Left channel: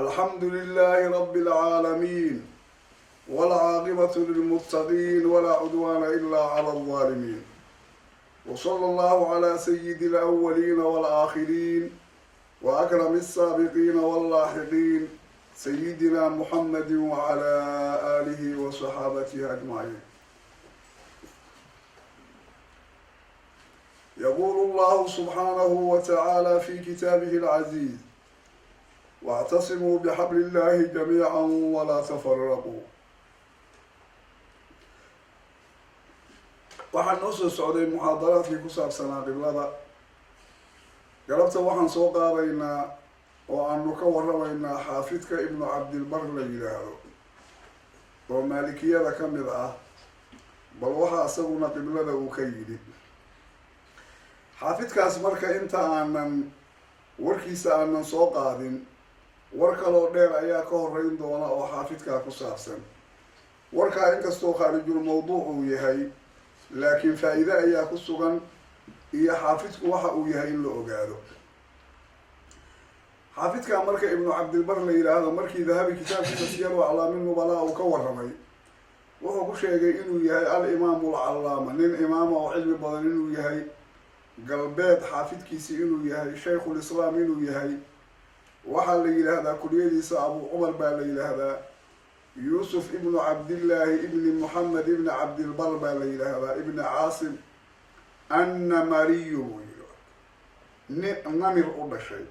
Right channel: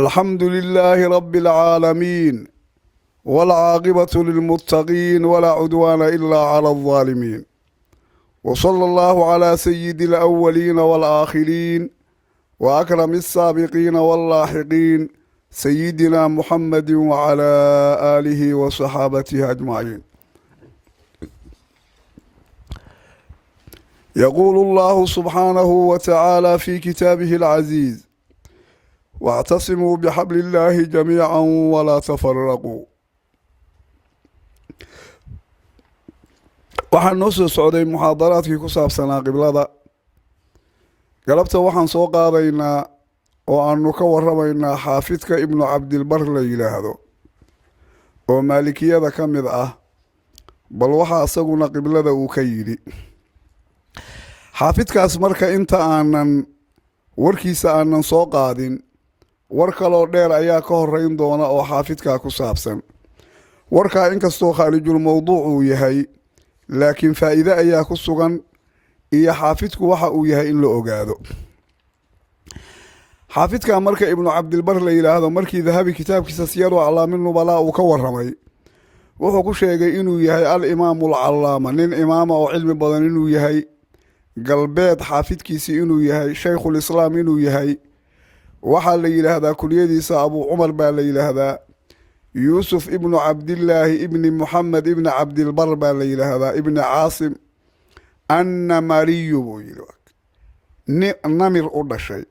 الحمد لله رب العالمين، والعاقبة للمتقين ولا عدوان إلا على الظالمين. وصلى الله على سيد الأولين والآخرين وأكرم السابقين واللاحقين سيدنا محمد وعلى آله وصحابته أجمعين. يقول الله سبحانه وتعالى في كتابه العزيز: واعتصموا بحبل الله جميعا ولا تفرقوا. waxaan noo soo socday muxaadaraadkii ku saabsanaa qiblada. galabta waxaan soo qaadaynaa oo aanu ka waramaynaa xaafidka ibnu cabdilbar la yidhaahdo oo maalikiyada ka mid ah, bal waxaa isaguna qiblada uu ka yidhi. xaafidkaas marka inta aanan warkiisa aanan soo qaadin, war kaloo dheer ayaa ka horeyn doona oo xaafidkaa ku saabsan. warkaa inkastoo khaarijul mawduuc uu yahay, laakiin faa-iide ayaa ku sugan iyo xaafidku waxa uu yahay in la ogaado. xaafidka marka ibnu cabdilbar la yidhaahdo, markii dahabi kitaabkiisa siyaru aclaami nubalaa uu ka waramay, wuxuu ku sheegay inuu yahay al-imaamu alcallaama, nin imaama oo cilmi badan inuu yahay, galbeed xaafidkiisii inuu yahay, shaykhul islaam inuu yahay. waxaa la yidhaahdaa kuliyadiisa abuu cumar baa la yidhaahdaa, yuusuf ibnu cabdillaahi ibni muxamed ibni cabdilbar baa la yidhaahdaa, ibni caasim annamariyu buu yidhi, namir u dhashay.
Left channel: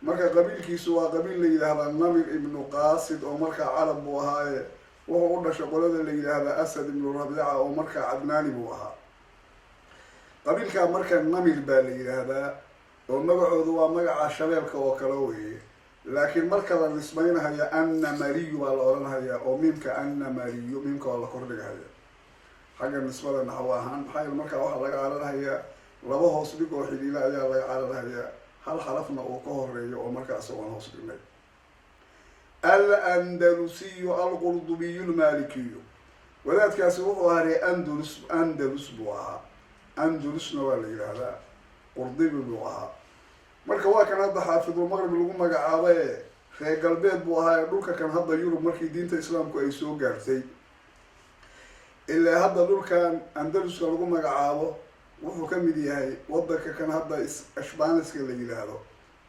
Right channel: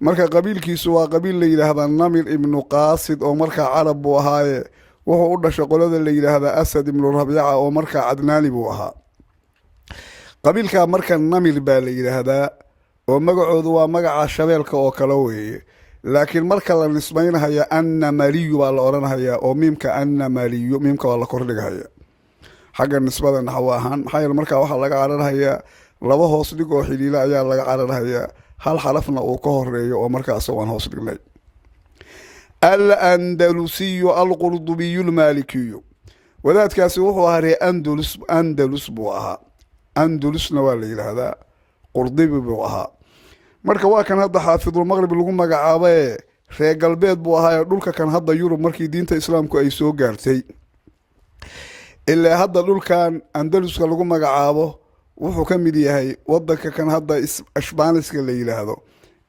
marka qabiilkiisu waa qabiil la yidhaahdaa namir ibnu qaasid oo markaa carab buu ahaaye wuxuu u dhashay qolada la yidhaahdaa asad ibnu rabiica oo markaa cadnaani buu ahaa. qabiilkaa marka namir baa la yidhaahdaa oo magacoodu waa magaca shabeelka oo kale weeye, laakiin marka la nisbaynahaya annamariyu baa la odhanhayaa oo miimka annamariyu miimka waa la kordhigahaya xagga nisbada naxwo ahaan. maxaa yeele markaa waxaa laga cararhayaa laba hoos dhig oo xidhiila ayaa laga cararhayaa, hal xarafna uu ka horeeyo oo markaa isagoon hoos dhignay. al-andalusiyu alqurdubiyu lmaalikiyu, wadaadkaasi wuxuu ahaa ree andalus buu ahaa. andalusna waa la yidhaahdaa, qurdibi buu ahaa. marka waa kan hadda xaafidulmaqrib lagu magacaabae reer galbeed buu ahaa ee dhulka kan hadda yurub markii diinta islaamku ay soo gaartay. ilaa hadda dhulkan andaluska lagu magacaabo wuxuu ka mid yahay wadanka kan hadda ashbaaniska la yidhaahdo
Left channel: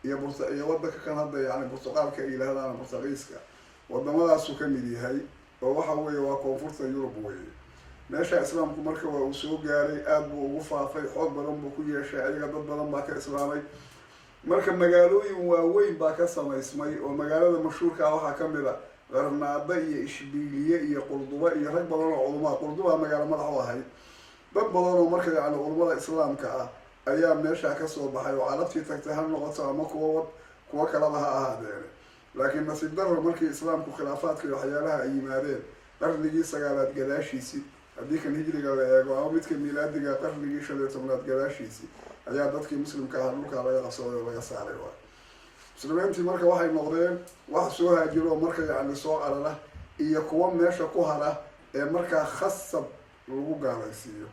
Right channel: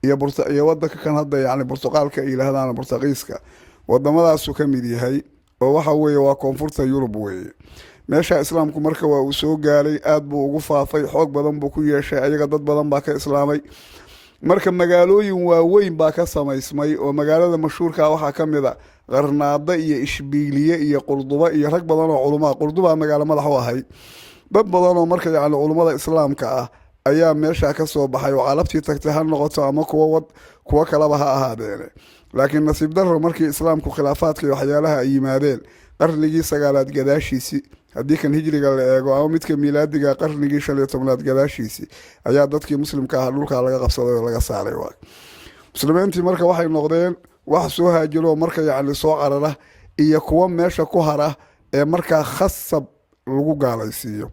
iyo wadanka kan hadda yani burtuqaalka ay yidhaahdaan burtaqiiska, wadamadaasuu ka mid yahay oo waxa weeye waa koonfurta yurub weeye. meesha islaamku marka waa uu soo gaaray, aada buu ugu faafay, xoog badan buu ku yeeshay, ayaga dad badan baa ka islaamay. marka magaalooyin waaweyn baa ka samaysmay oo magaalada mashhuurkaa waxaa ka mid a qarnaada iyo ishbiiliye iyo qurduba iyo rag badan oo culumaa. qurduba magaalo madax u ahay. dad badan oo marka yani culummada islaamka ah ayaa meeshaa kasoo baxay oo calabtii tagtay ha noqoto ama kuwo kalaba ha ahaadeene. laakiin nasiib darro markii islaamku khilaafaadka iyo waxyaalaha ay yimaadeen qarnigii 9aad gadaashiisii, haddii kan hijriga la eego ama midka miilaadiga qarnigii 15aad gadaashiisii, ayaa dadkii muslimka ahaa dhulkaa laga qabsaday oo laga saaray waay. muslimiintii marka waxay noqdeen wax soo haajiro oo marka yacni soo carara iyo kuwo meesha ku hara ee markaa khasab lagu gaalaysiiyo.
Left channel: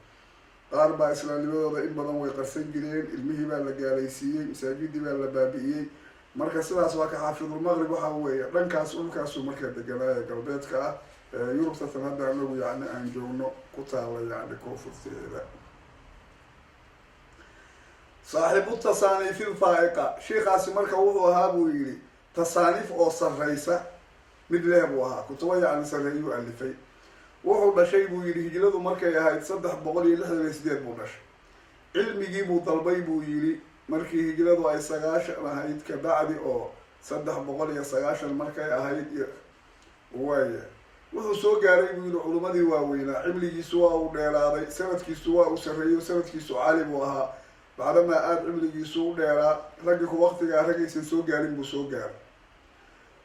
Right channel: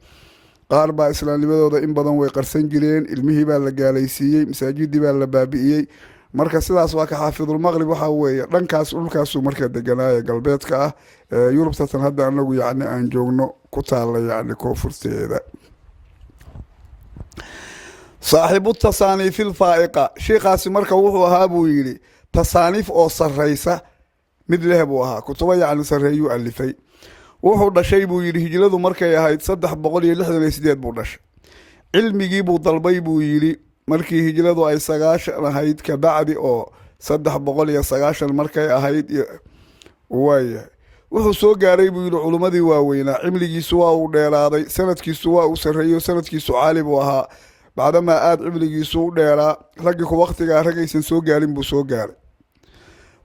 qaar baa islaamnimadooda in badan way qarsan jireen, ilmihii baa la gaalaysiiyey, masaajidii baa la baabi'iyey. marka sidaas waa ka xaafidulmaqrib waxaa weeye dhankaas dhulkaasuu marka deganaaye galbeedka ah ee yurubta tan hadda anagu yacni aan joogno ku taalla yacni koonfurteeda. saaxiibu tasaaniif ilfaa'iqa, sheikaasi marka wuxuu ahaa buu yidhi tasaaniif oo sarraysa mid leh buu ahaa, kutubo yacni sarreeyuu alifay. wuxuu dhashay buu yidhi hijradu markay ahayd 368 buu dhashay. cilmigii buu dalbay buu yidhi markii hijradu ay 9 ahayd, kabacdi oo 390 markay ahayd waaya wuxuu soo gaaray buu yidhi culummadii waaweynaa. cimligiisu waa uu dheeraaday, sanadkiisu waa uu sarreeyo, sanadkiisu caali buu ahaa. bacdamaa aada cimligiisu u dheeraa, raggii ku waqtigaa ragaysan soo gaarin buu soo gaaray.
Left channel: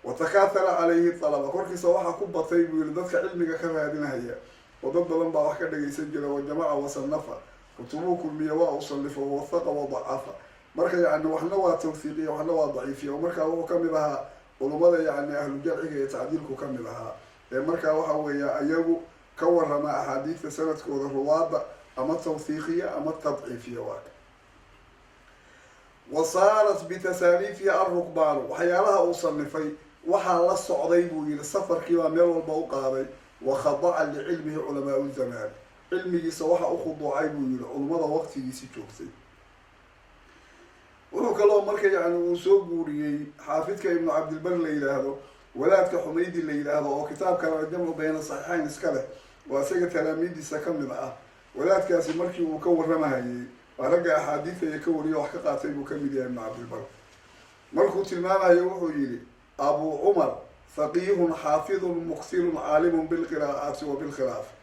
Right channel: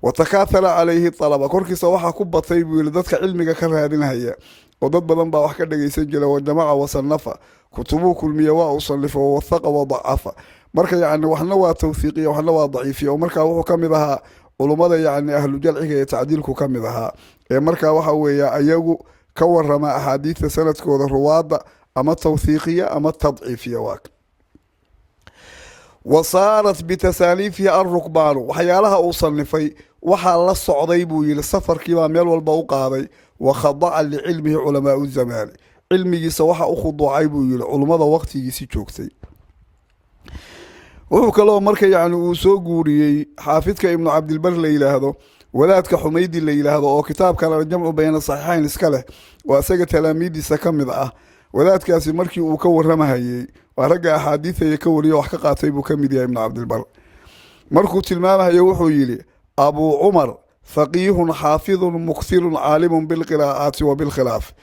watakaahara calayhi alaba, korkiisa waxaa ku batay buu yihi dadka cilmiga ka raadinhaya oo dad badan baa wax ka dhagaysan jira. wajamaca wasanafa, kutubuu kulmiya waa uu sallifo, wawahaqa wadacafa. marka yacni waxna waa tawhiiqiya waxna waa daciifiya oo markaa wuxuu ka mid ahaa culummada yacni ahlu jalciga ee tacdiilku ka mid ahaa ee markaa waxa weeye ayagu ka warama axaadiidta sanadkooda ruwaadda ama tawhiiqiya ama tadciifiya. waaka wasaarat bitasaaniifihi alrukbaanu waxyaalaha uu sanifay waxaa la socday buu yihi safarkiibaa meel walba u qaaday wakhadaca licilmihi culamaau zamaani cilmigiisa waxa u khuduucay buu yihi culummada waqtigiisi joogtay. wuxuu kaloo marka yani uu soo guuriyey xaafidka ibnu cabdilbar la yidhaahdo wadaadka xumaydi la yidhaahdo oo kitaabkan aljamcu bayna saxiixayn iska leh waa isaga talaamiidiisa ka mid ah. wadaadkaasi markii uu ka waramahayey waa ragga axaadiidaya ka wariyo wax ka qaatay buu ka mid yahay ibnu cabdilbar. markuu tilmaamahayo wuxuu yidhi abuu cumar faqiihun xaafidun mukthirun caalimun bilqiraa'aati wa bilkhilaaf.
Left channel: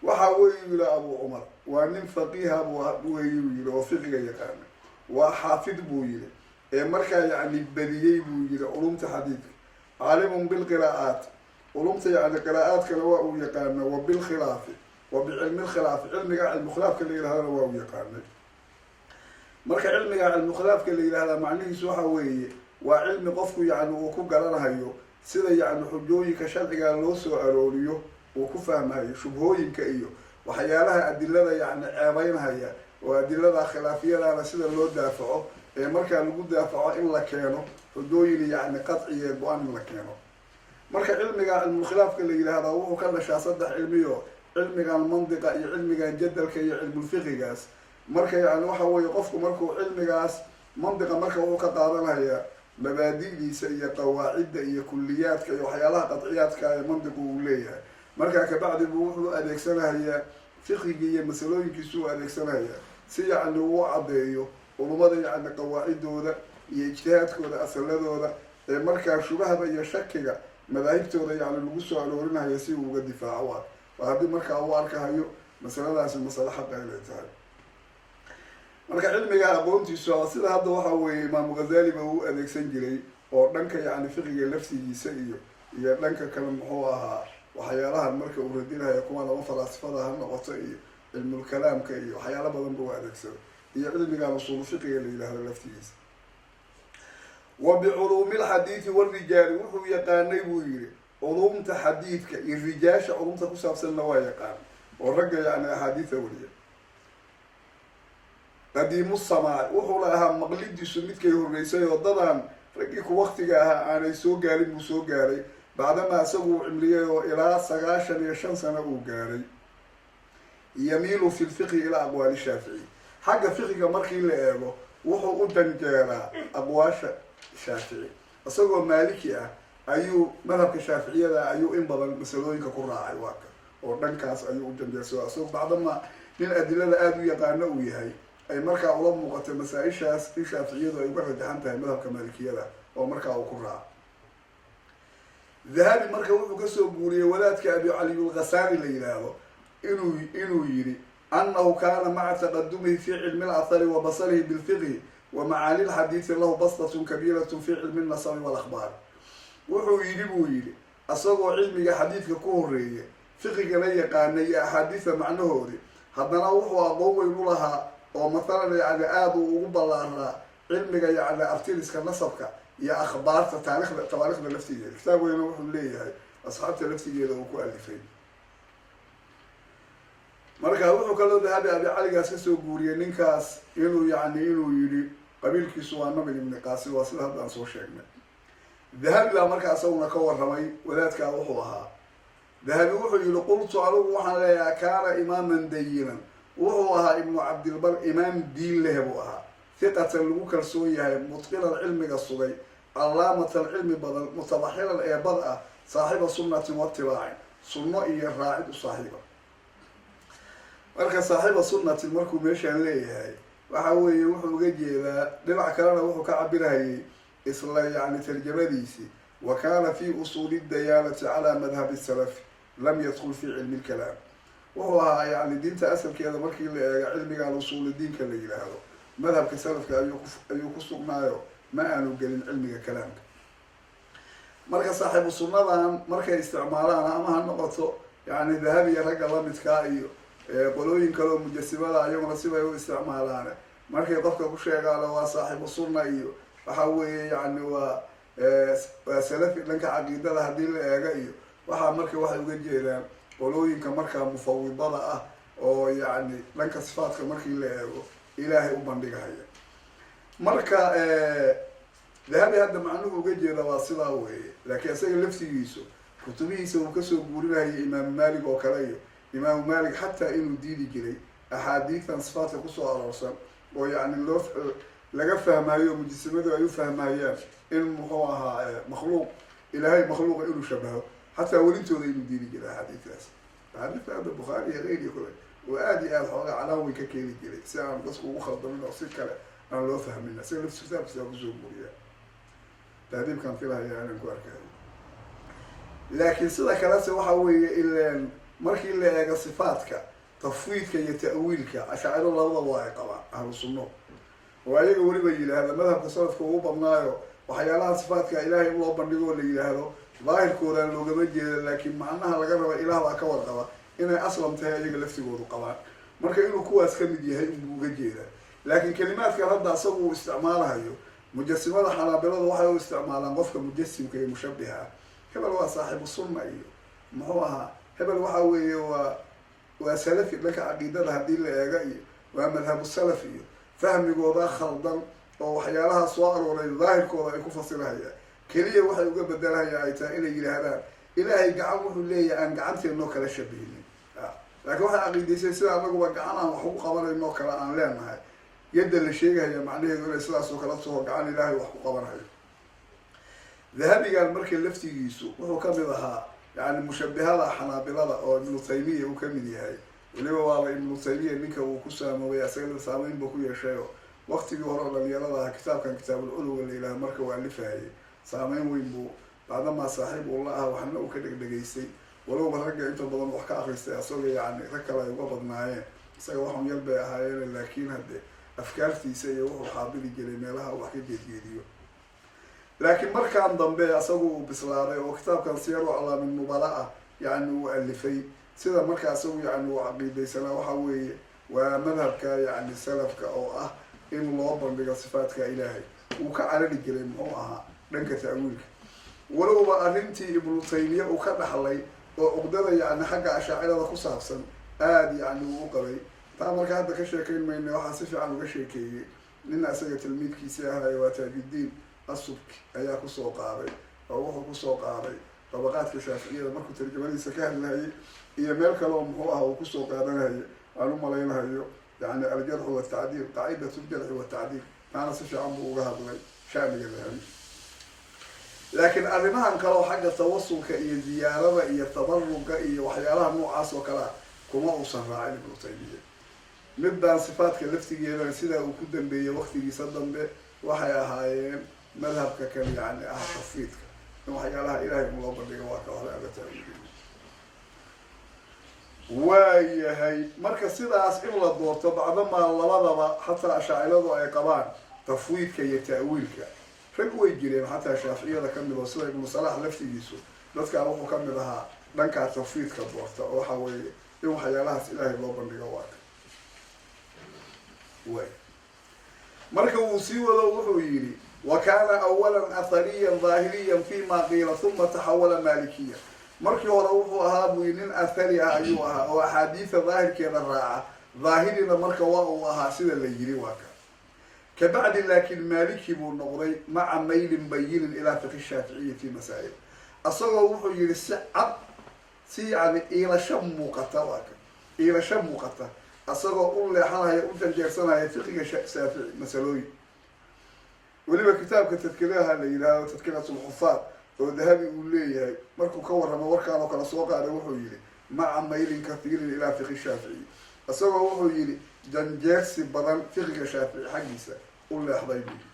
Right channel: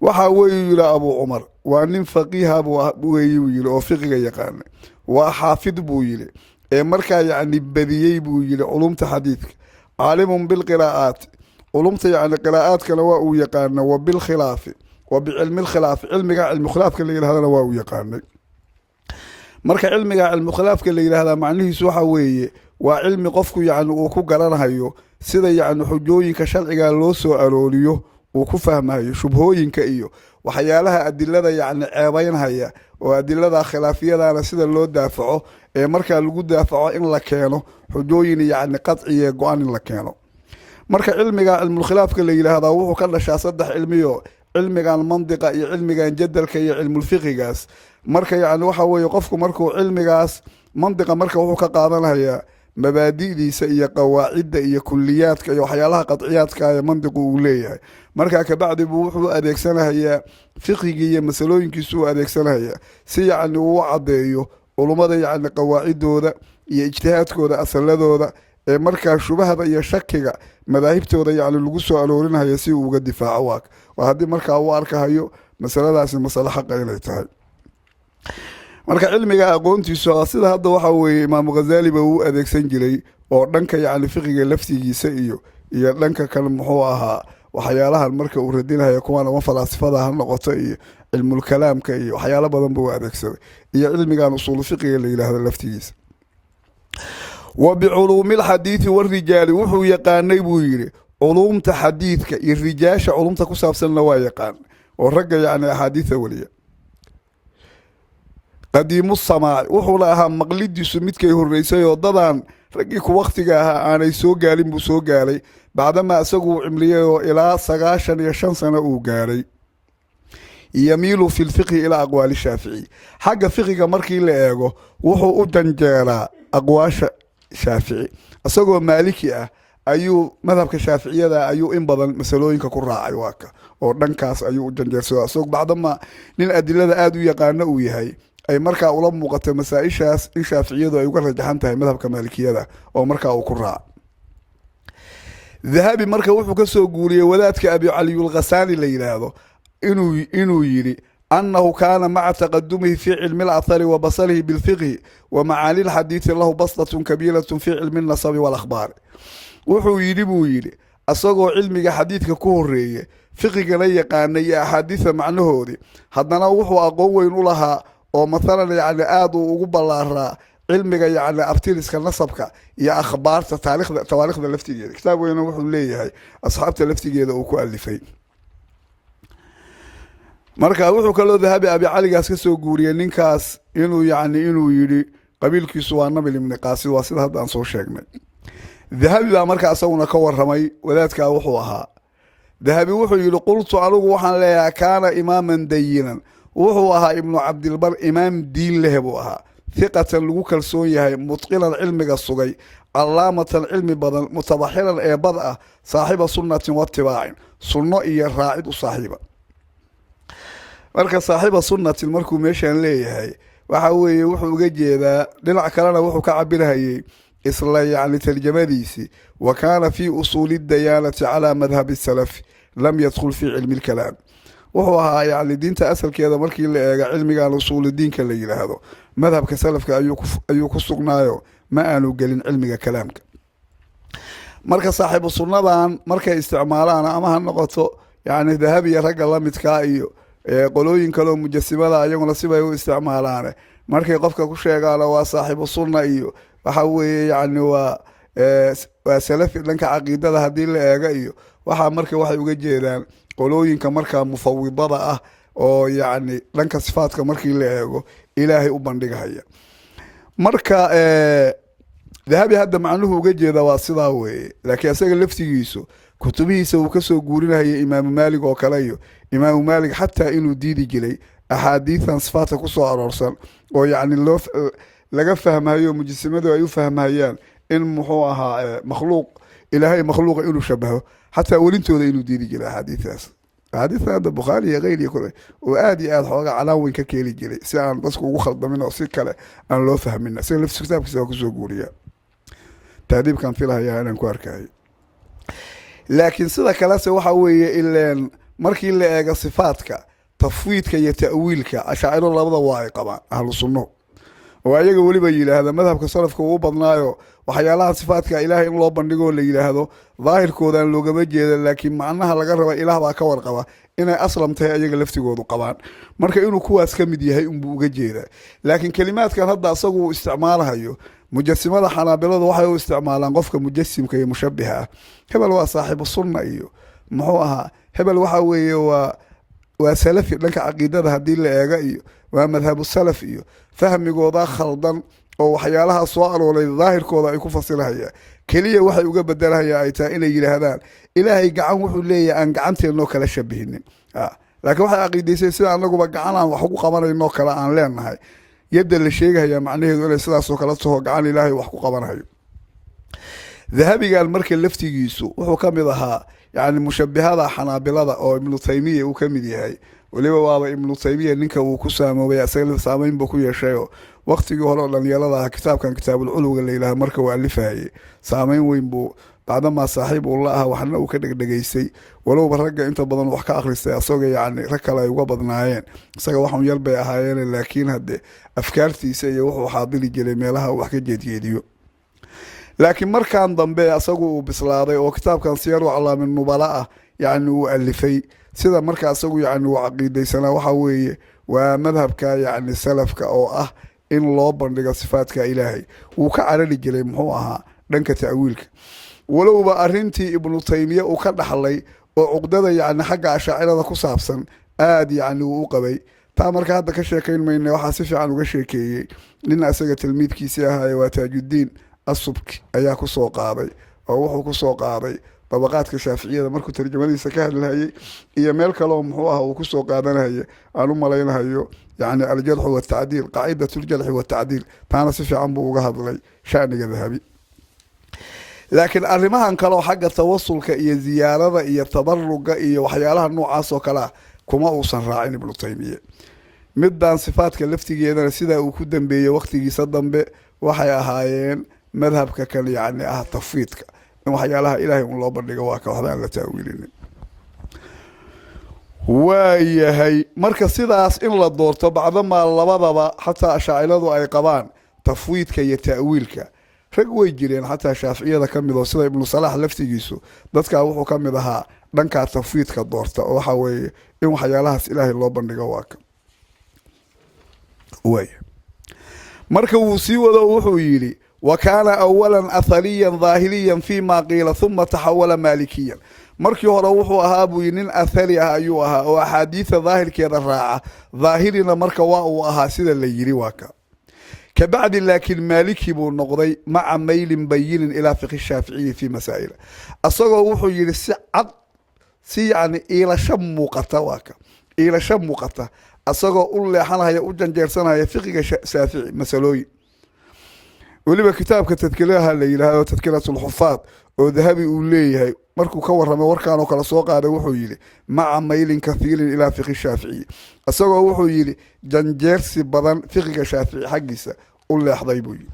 waxaa weyu yihi abuu cumar waa nin faqiiha weeye buu yihi oo fiqiga yaqaana, waa xaafid buu yihi ee markaa yacni badiyey buu yihi culumta xadiidka, caalimun bilqiraa'aati culumta yacni qiraa'aadkana waa uu yaqaana, wa bilkhilaafi wa bicilmi lkhilaafi cilmiga cilmu khilaafka la yidhahdana waa uu yaqaanay. marka cilmiga cilmu khilaafka la yidhahdaa macnihiisu waxa weeye waa cilmi qofku yacni uu ku garanayo sida yacni xujooyinka sharciga loo soo arooriyo uu ku fahmayo shubhooyinka iyo waxyaalaha adilada yacni ceebeynhaya oo adilada khilaafiyadana sida loo daafaco ee markaa lagu daafaco in la keeno xujooyin yacni qadciye go-an in la keeno. marka cilmiga cilmulkhilaafka la yidhaahdaa wuxuu ka dhashaa 3 cilmiyo cilmigan mandiqa iyo cilmigan jadalka iyo cilmulfiqigaas. marka yacni waxa weeye qofku markuu cilmigaas mandiqa marka wuxuu ka qaadanhayaa mabaadi'diisa iyo qawaacidda iyo kuliyaadka iyo waxyaalaha qadciyaadka ee mandiqu uu leeyahay. markaa kabacdi buu wuxuu adeegsanahayaa fiqigii iyo masalooyinkiisu u adeegsanahayaa si yacni uu caddeeyo culummada yacni qawaacidooda iyo ijtihaadkooda asaladooda ee markaa shubahada iyo shakiga madaahibtooda yacni lagu soo aroorinhayo si uu uga difaaco waa haddii markaa uu arkahayo masaladaasi masale xaqa inay tahay. marka cilmiga aqoontiisu sida hadda waxa weeye imaamu ghazaaliba uu adeegsan jiray oo dhanka yacni fiqiga laftigiisa iyo dhanka kale muxuu ahaa waxyaalahan marka uu radinhayo kuwan ama falaasifada ha noqoto iyo cilmulkalaamka iyo waxyaalo badan buu adeegsaday iyo cilmigan usuulu fiqiga la yidhaahdo laftigiisa. wa biculuumi lxadiidi warijaali wuxuu yaqaanay buu yidhi culuumta xadiidka iyo rijaasha culumta ku saabsanna waa yaqaan oo ragga yacni axaadiida weliya. qadiimu samaaci wuxuuna ahaa maqlidiisu midkay horreysay oo dadaan raggii ku waktiga ahaa aanay soo gaalin buu soo gaaray bacdamaa isagu uu cimriyay oo ilaa 95 sano uu gaaray. yamiilu fi lfiqhi ilaa aqwaali shaafici xagga fiqiga markii la eego wuxuu u janjeeraa aqwaasha shaafici. isagoo maaliki ah ayuu madhabka shaaficiyada ayuu in badan masalooyinka ku raacay waaka oo dhankaas ayuu u janjeersada isagoo bacdama nin adilada aada u yaqaano uu yahay ay markaa ula muuqata masaa-ishaas in shaaficiyadu ay uga rajaxan tahay madhabka maalikiyada oo markaa uu ku raaco. dahabi marka wuxuu kasoo guuriyey wadaadka abi caliyulkhasaani la yidhaahdo inuu yidhi annahu kaana maca taqadumihi fi cilmi alahari wa basarihi bilfiqhi wa macaani lxadiidi lahu baslatun kabiiratun fi cilmi nasabi walakhbaari. wuxuu yidhi buu yidhi isagoo cilmiga xadiidka ku horeeye fiqigana yaqaanay iyo axaadiida macnahoodii haddana wuxuu aqoon weyn u lahaa oo mathalan yacni aada uu ugu ballaaraa cilmiga yacni abtiriska nasabka iyo akhbaarta tawaarikhda laftigeeda. kitaab weyna wuxuu leeyahay asxaabta laftigeeda uu ku alifay. marka wuxuu kaloo dahabi abi caligaas kasoo guuriyey ninkaas inuu yidhi qabiilkiisu waa nabil ibni qaasid waa sida hadda aan soo sheegnay. dahabi baa markaa isaguna ka waramay wadaadkaa wuxuu ahaa. dahabi wuxuu yidhi qultu anigu waxaan leeyahay kaana imaaman dayinan wuxuu ahaa ibnu cabdilbar imaam diin leh buu ahaa, hiqatan lagu kalsoon yahay, mutqinan cilmiga sugay, calaamatan cilmi badan, mutabaxiran ee bad ah, saaxiiba sunnatin watibaacin sunno iyo raacid u saaxiiba. marka saaxiiba sunnatin markuu meeshaan leeyahay waxa weeye wuxuu uga jeedaa dhinac kalena wuxuu ka cabirhayay isla yacni tarjamadiisii wa kaana fii usuuli dayaanati calaa madhabi salafi lam yadkhul fii cilmi lkalaam. wuxuu ahaa yacni diinta asalkeeda markii la eega cilmigan usuuli diinka la yidhaahdo madhabka salafka ayuu ku sugnaayo ma aanu gelin cilmiga kalaamka. marka saaxiibu sunnadan markay isticmaalaan ama ha noqoto yacni dahabiya ragga lamidkaa iyo qolooyin kaleo mujasimada ayaguna sibay u isticmaalaane markay qofka ku sheegaan waa saaxiibu sunna iyo waxa weeye yacni waa salafi dhanka caqiidada haddii la eega iyo waxaa marka waxay uga jeedaan qolooyinka markaa mufawidada ah oo yacni dhanka sifaadka markii la eego ilaahay u bandhigahaya. marka dahabi hadda macnuhu uga jeeda waa sidaa weeye laakiin isaga laftigiisu kutubihiisa uu kasoo guurinayay imaamu maalig oo kale iyo imaamu maalig xataa inuu diidi jiray axaadiidan sifaadka kusoo aroorsan oo yacni loo laga fahmayo mujasimadu ay u fahmayaan in muxuu ahaa makhluuq ilaahay makhluuqa inuu shabaho xataa welintooda inuu diidi jiray axaadiidaas axaadiidta hadda bukhaari iyo keyr iyo kule oo aada iyo aada xoogaa calaan weyn ka keeni jiray si aan dadku ugu khaldamin oo si kale aan loo fahmin isaga laftiisa kitaabkiisa waa kusoo guuriya taadiibkaan filahayaa inaan ku arkayo laakiin sida kalese waxa weeye ileen markii la eego sifaadka tafwiidka iyo ta'wiilka ashaaciro labada waa ay qabaan ahlu sunno oo ayaga weliba yidhaahda madhabka salafka ugu badnaayo waxyaalaha sifaadka ilaahay in loo bandhigo la yidhaahdo daahirkoodaan loogama jeeda laakiin macnaha laga raba ilaah baa ka warqaba inay aslam tahay ayaga laftigoodu qabaan marka inuu kuwaas ka mid yahay unbuu uga jeedaa laakiin kelimaadkan hadda isagu uu isticmaalahayo mujasimada xanaabiladu waxay u isticmaalaan qofka mujasimka iyo mushabiha ah hebel waa saaxiibu sunna iyo muxuu ahaa hebel waxa weeye waa salafi dhanka caqiidada haddii la eega iyo waa madhabu salaf iyo fahmigooda khaldan oo waxyaalaha soo arooray daahirkooda ay ku fasilahayaan keliya waxay uga bedelahayaan ay tahay inay yidhaahdaan ilaahay gacan wuxuu leeyahay aan gacanteennoo kala shabihinin laakiin waxay caqiidaysay sida anaguba gacan aan wax ugu qabanaynoo kale aan leenahay yadda la sheegahaya macnaheedu inay sidaasoo kala taho gacan ilaahay wax ku qabanayo dahabigan marka laftigiisu wuxuu ka mid ahaa yani mushabihada xanaabilada oo ibnu taymiya uu ka mid yahay weliba waaba ibnu taymiya ninka uu ku saamoobay isaga saameyn buu ku yeeshayoo waqtigii hore oo dhalinyarada ah kitaabkan kitaabulculwiga la yidhaha marka uu alifahayay saameyn weyn buu bacdamaa saaxiib uu la aha waxna uu ka dhegdhegaystay walowba ragga inta badan wax ka akhristay isaga yacni rag kale ay uga badnaayeen isaga waxun yar bay ahaayeen laakiin hadde afkaartiisa iyo wuxuu xaadiri jiray meelaha uu wax ka jeedjeediyo laakiin markaan dambe isagu uu bislaaday oo kitaabkan siyaru aclaamin nubala ah yacni uu alifay sida marka isagu yacni uu caqiidaysanaa waxa weeye waa madhabka yacni salafka oo ah in loo bandhigo sifaadka ilaahay wuu ka carari jiray muxuu ahaa dhanka ta'wiilka walowba arrintii ibnu taymiya uu ka dhaxlay oo cuqdada yacni xagga ashaacirada ku saabsan aada yacni uu u qabay taa marka hadda ka sheekayn mayna waxaa si fiican uga sheekeeyey nin isaga tilmiidkiisii ahaaye waa taajuddiin asubki ayaa kusoo qaaday oo wuxuu kusoo qaaday dabaqaadka shaaficiyada markuu tarjamadiisa ka hadlahayay iyo meel kaleoo muxuu ah uu kusoo qaadanahaya aan u malaynahayo yani aljarxu watacdiil qaacidat ljarxi watacdiil taana si fiican buu uga hadlay shaniga dahabi laakiin arrimahan kaleoo xagga tawasulka iyo ziyaarada iyo tabaruga iyo waxyaalaha noocaas oo kale ah kuma uusan raacin ibnu taymiya midaan sifaadka laftigeedana sidaa uu ku dambeeyey waqtigiisa dambe waxay ahaayeen madhabka kale yacni ah tafwiidka in waxyaalaha ilaahay un loo bandhigo waa ka waxba aan la taawiilinin waayahay marka sidaas in la doorto bacdamaa labadaba xataa ashaaciradu ay qabaan tafwiidka iyo ta'wiilka rag way jireen xataa shaaficiyada ka mid oo sida ibnu salaax laftigiisu dadkaa wuxuu ka mid ahaa dhankaa tafwiidka doorta oo waxa weeye in waxyaalahaas ilaahay loo bandhigo waa ka waaya marka wuu sii wado wuxuu yidhi wa kaana awalan athariyan daahiriyan fi ma qiila huma taxawala maalikiyan markii hore wuxuu ahaa buu yii nin athari ah ayuu ahaa oo axaadiida daahirkeeda raaca daahirina marka waa uu ahaa sida la yidhi waa ka kabacdi laakiin maaliki buu noqday maca maylin bayinin ilaa fiqhi shaaficiyi fi masaa'il isagoo wuxuu yidhi si cad si yacni iilasho muuqata waa ka iilasho muuqata isagoo u leexanaya u janjeersanaya fiqiga shaafici masalooyin weliba kitaabka tadkiraha la yidhaahdo tadkiratulxufaad oo dahabi uu leeyahay markuu ka warramay warkaan oo kale soo qaaday wuxuu yidhi maca maylin kathiirin ilaa fiqhi shaaficiyi isagoo wuxuu yidhi janjeersi badan fiqiga shaafici xaggiisa u leexday buu yidhi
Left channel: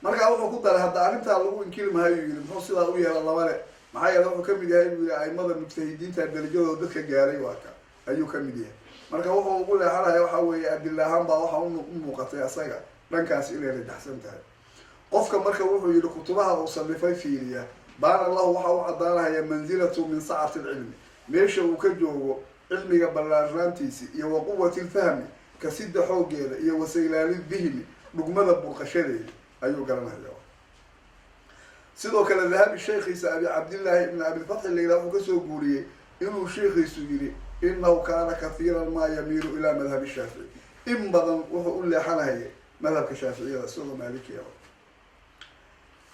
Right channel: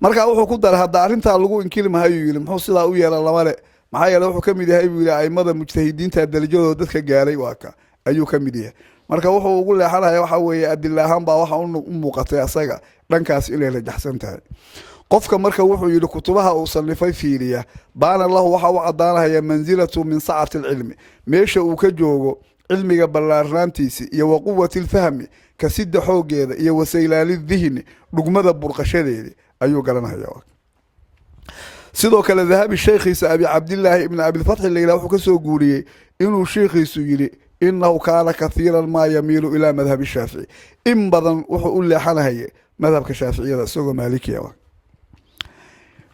markaa wuxuu ku daray hadda arrintaa lagu inkiri mahayuu yidhi muxuu sidaa u yeela lama le maxaa yeele wuxuu ka mid yahay buu yidhi aimada mujtahidiinta darajadooda dadka gaaray waa ka ayuu ka mid yahay marka wuxuu ugu leexanaya waxa weeye adila ahaan baa waxa u muuqatay asaga dhankaas inay rajaxsan tahay qofka marka wuxuu yidhi kutubaha uu sanifay fiiriya baana lahu waxa u caddaanahaya mansilatu min sacati alcilmi meesha uu ka joogo cilmiga ballaarnaantiisi iyo wa quwati lfahmi kasida xoogeeda iyo wasaylaali dihni dhugmada burqashadeedi ayuu garanaya sidoo kale dahabi sheekhiisa abi cabdillaahi ibn abilfatxi layla wuxuu kasoo guuriyey inuu sheekhiisu yidhi inahu kaana kathiiran maa yamiilu ilaa madhabi shaafici in badan wuxuu u leexanahaya madhabka shaaficiyada isagoo maalikiya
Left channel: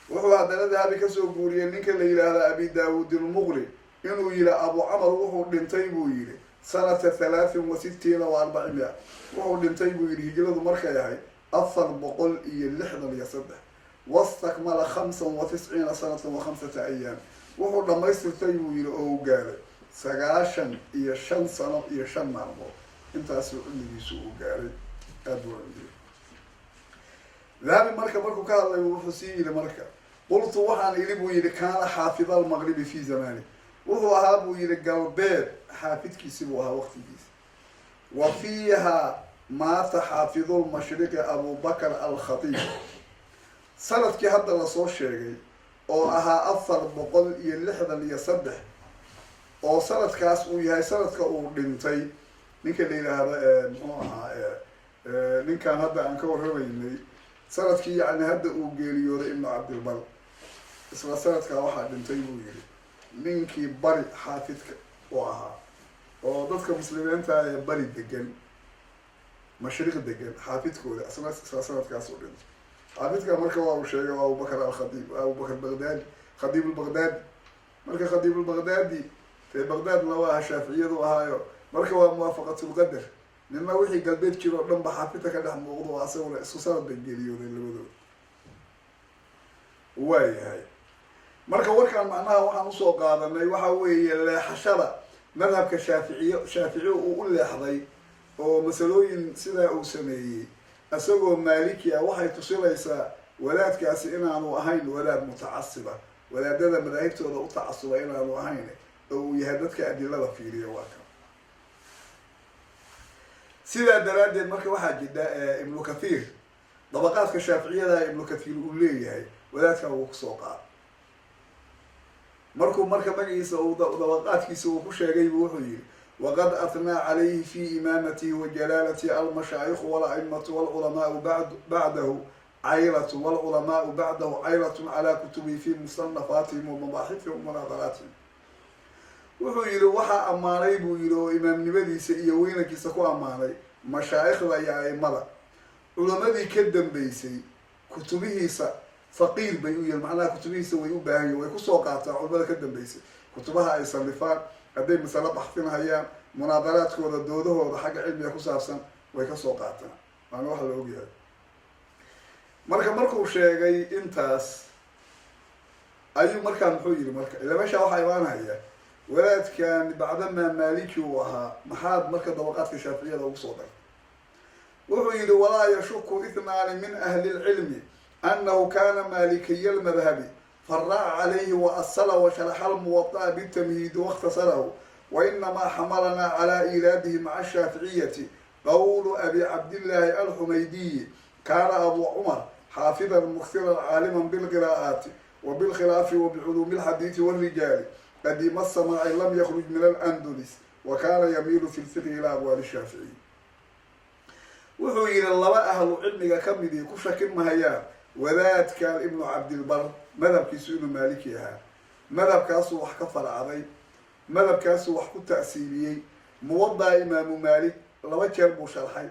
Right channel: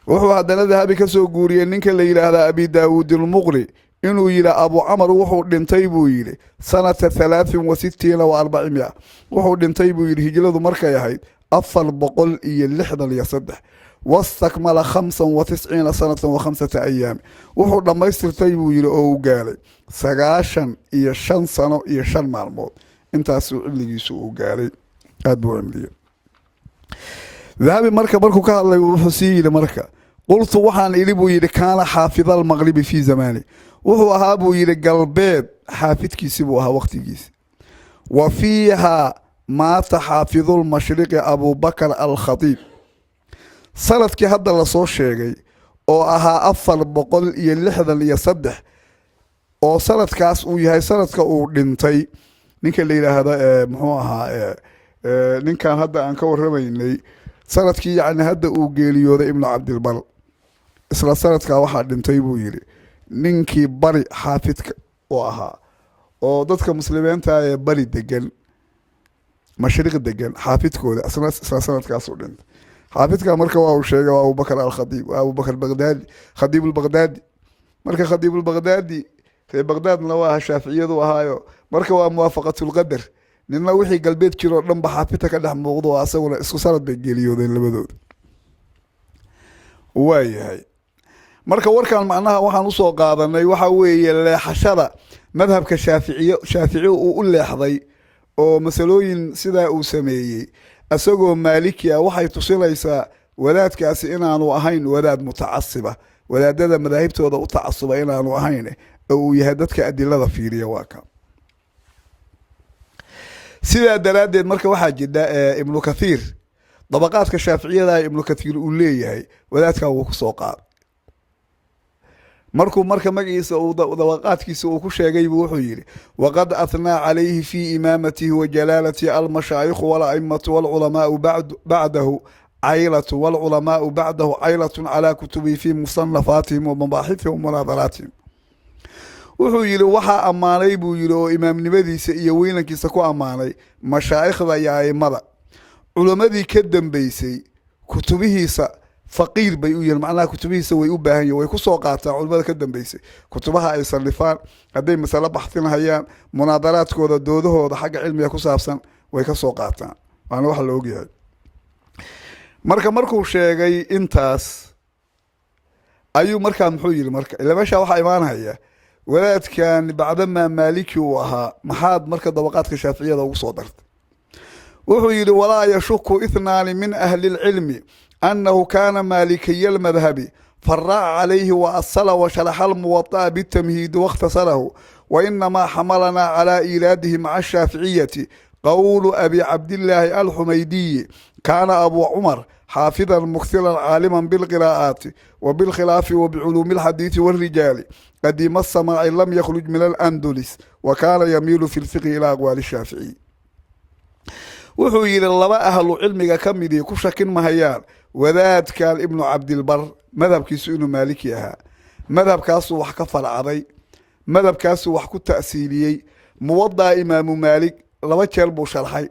wuxuu haddana dahabi kasoo guuriyey ninka la yidhaahda abi daawuud ilmuqri inuu yidhi abu camar wuxuu dhintay buu yidhi sanata 63 wuxuu dhintay buu yidhi hijradu markay ahayd 463 wastakmala 95 sanatan wa5 ayaam wuxuu dhammaystirtay buu yidhi oo uu gaaray 95 sano iyo 5 maalmood intaasuu cimrigiisu uu gaaray aada buu cimriyey dahabi markuu ka hadlay wuxuu sii yidhi marka qultu waxaan idhi buu yidhi kaana xaafida almaqribi fii zamani wuxuu ahaa buu yidhi galbeed xaafidkiisi buu ahaa waqtigiisi wa fiiha maata xaafidulmashriqi abubakar alkhatiib sanadkii hadda lasoo sheegay oo ahaa 463 oo sanadkaas uu yahay sanadka uu dhintay ninka la yidhaahdo muxuu ahaa ninkan hadda aan ka warramaynay sanadkii yacni hadda uu geeriyooday ibnu cabdilbar isla sanadkaa waxaa dhintay buu yidhi ninkii bari xaafidka u ahaa oo dadka muslimiinta ee bari degan mashriq degan xaafidkooda isla sanadkaasuu dhintay xaafidka marka waa uu sheegay waa abubakar alkhadiib waa abubakar bagdaadi khadiib ulbagdaadi marka khadiib ulbagdaadi ree bagdaadna waa aha shaaficiyadu ahaayo marka waa muwaafaqatulqadar ninna wixii galbeed jiroo dhan ba xaafidka ka dhex muuqdo oo asaguna isku sanad bay geeriyoodeen labadooda waayahay marka warkaan macnaha waxaan usoo qaadanay waxa weeye leexashada madhabka shaafici uu u leexday oo masalooyin sidaa uu sameeyey isagoo maaliki ah waxay tusinaysaa wadaadkaasi inaanu ahayn wadaad mutacasiba wadaadada madaahibtooda u tacasuba inaanu ahayn oo uu yahay dadka adilada fiiriya waa kan sidaa daraaddeed marka waxaa jira ibnu kathiir dabaqaadka shaaficiyada ibnu kathiir uu leeyahay wadaadkaa wuu kusoo qaada markuu marka magaciisa dabaqaadkiisa uu ku sheegay buu wuxuu yidhi waqad athnaa calayhi fi imaamatihi wa jalaalatihi almashaayikhu walaimatu walculamaau bacdahu caylatu walculamaau bacdahu caylatun calaa kutubihi fi musanafaatihim wa mabaaxifihim wa munaadaraatihim wuxuu yidhi waxaa ammaanay buu yidhi oo imaamnimadiisa iyo weynankiisa ku ammaanay mashaa'ikhda iyo aimada culamadii ka dambeysay kutubihiisa faqiir bay u yihiin macnaha kutubihiisa way u baahan yihin way kusoo qaataan culamada ka dambeysay kutubaha ay sallifaan hadday masalo baxtinhayaan munaadaraadkooda doodahooda xagga cilmiga ku saabsan way kasoo qaataan waana wax la ogyahay markuu sheegay intaas ayuu markaa muxuu yidhi marka ila meeshaa waxaa imaanhaya wadaadkan bacdamaa maaliki uu ahaa maxaad marka dabaqaadka shaaficiyada ugu soo dartay wuxuu yidhi walaa yashuku ithnaani min ahli lcilmi annahu kana maalikiya almadhabi faraaca calayhi wa asala wa sharaxa almuwada'a bitamhiidi waاkhtasalahu wa inamaa xamalanaa calaa iiraadihi maca ashaaficiyati qowlu abi cabdillaahi alxumaydiyi kaana abu cumar xaafidan muksiran caaliman bilqiraa'aati wa bilkhilaafi wa biculuumi alxadiidi walrijaali qadiima asamaaci lam yakhruj min alandulis wa kaana yamiilu fi lfiqhi ilaa aqwaali shaaficiyi wuxuu yidhi laba ahlu cilmiga ka midii ku shakin mahayaan wadaadkan ibnu cabdilbar madhabkiisu inuu maaliki ahaa madhabkaasuu wax ka farcaday madhabkaasuu wax ku ta'siiliyey muwadaa imaamu maalik 2 jeer buu sharxay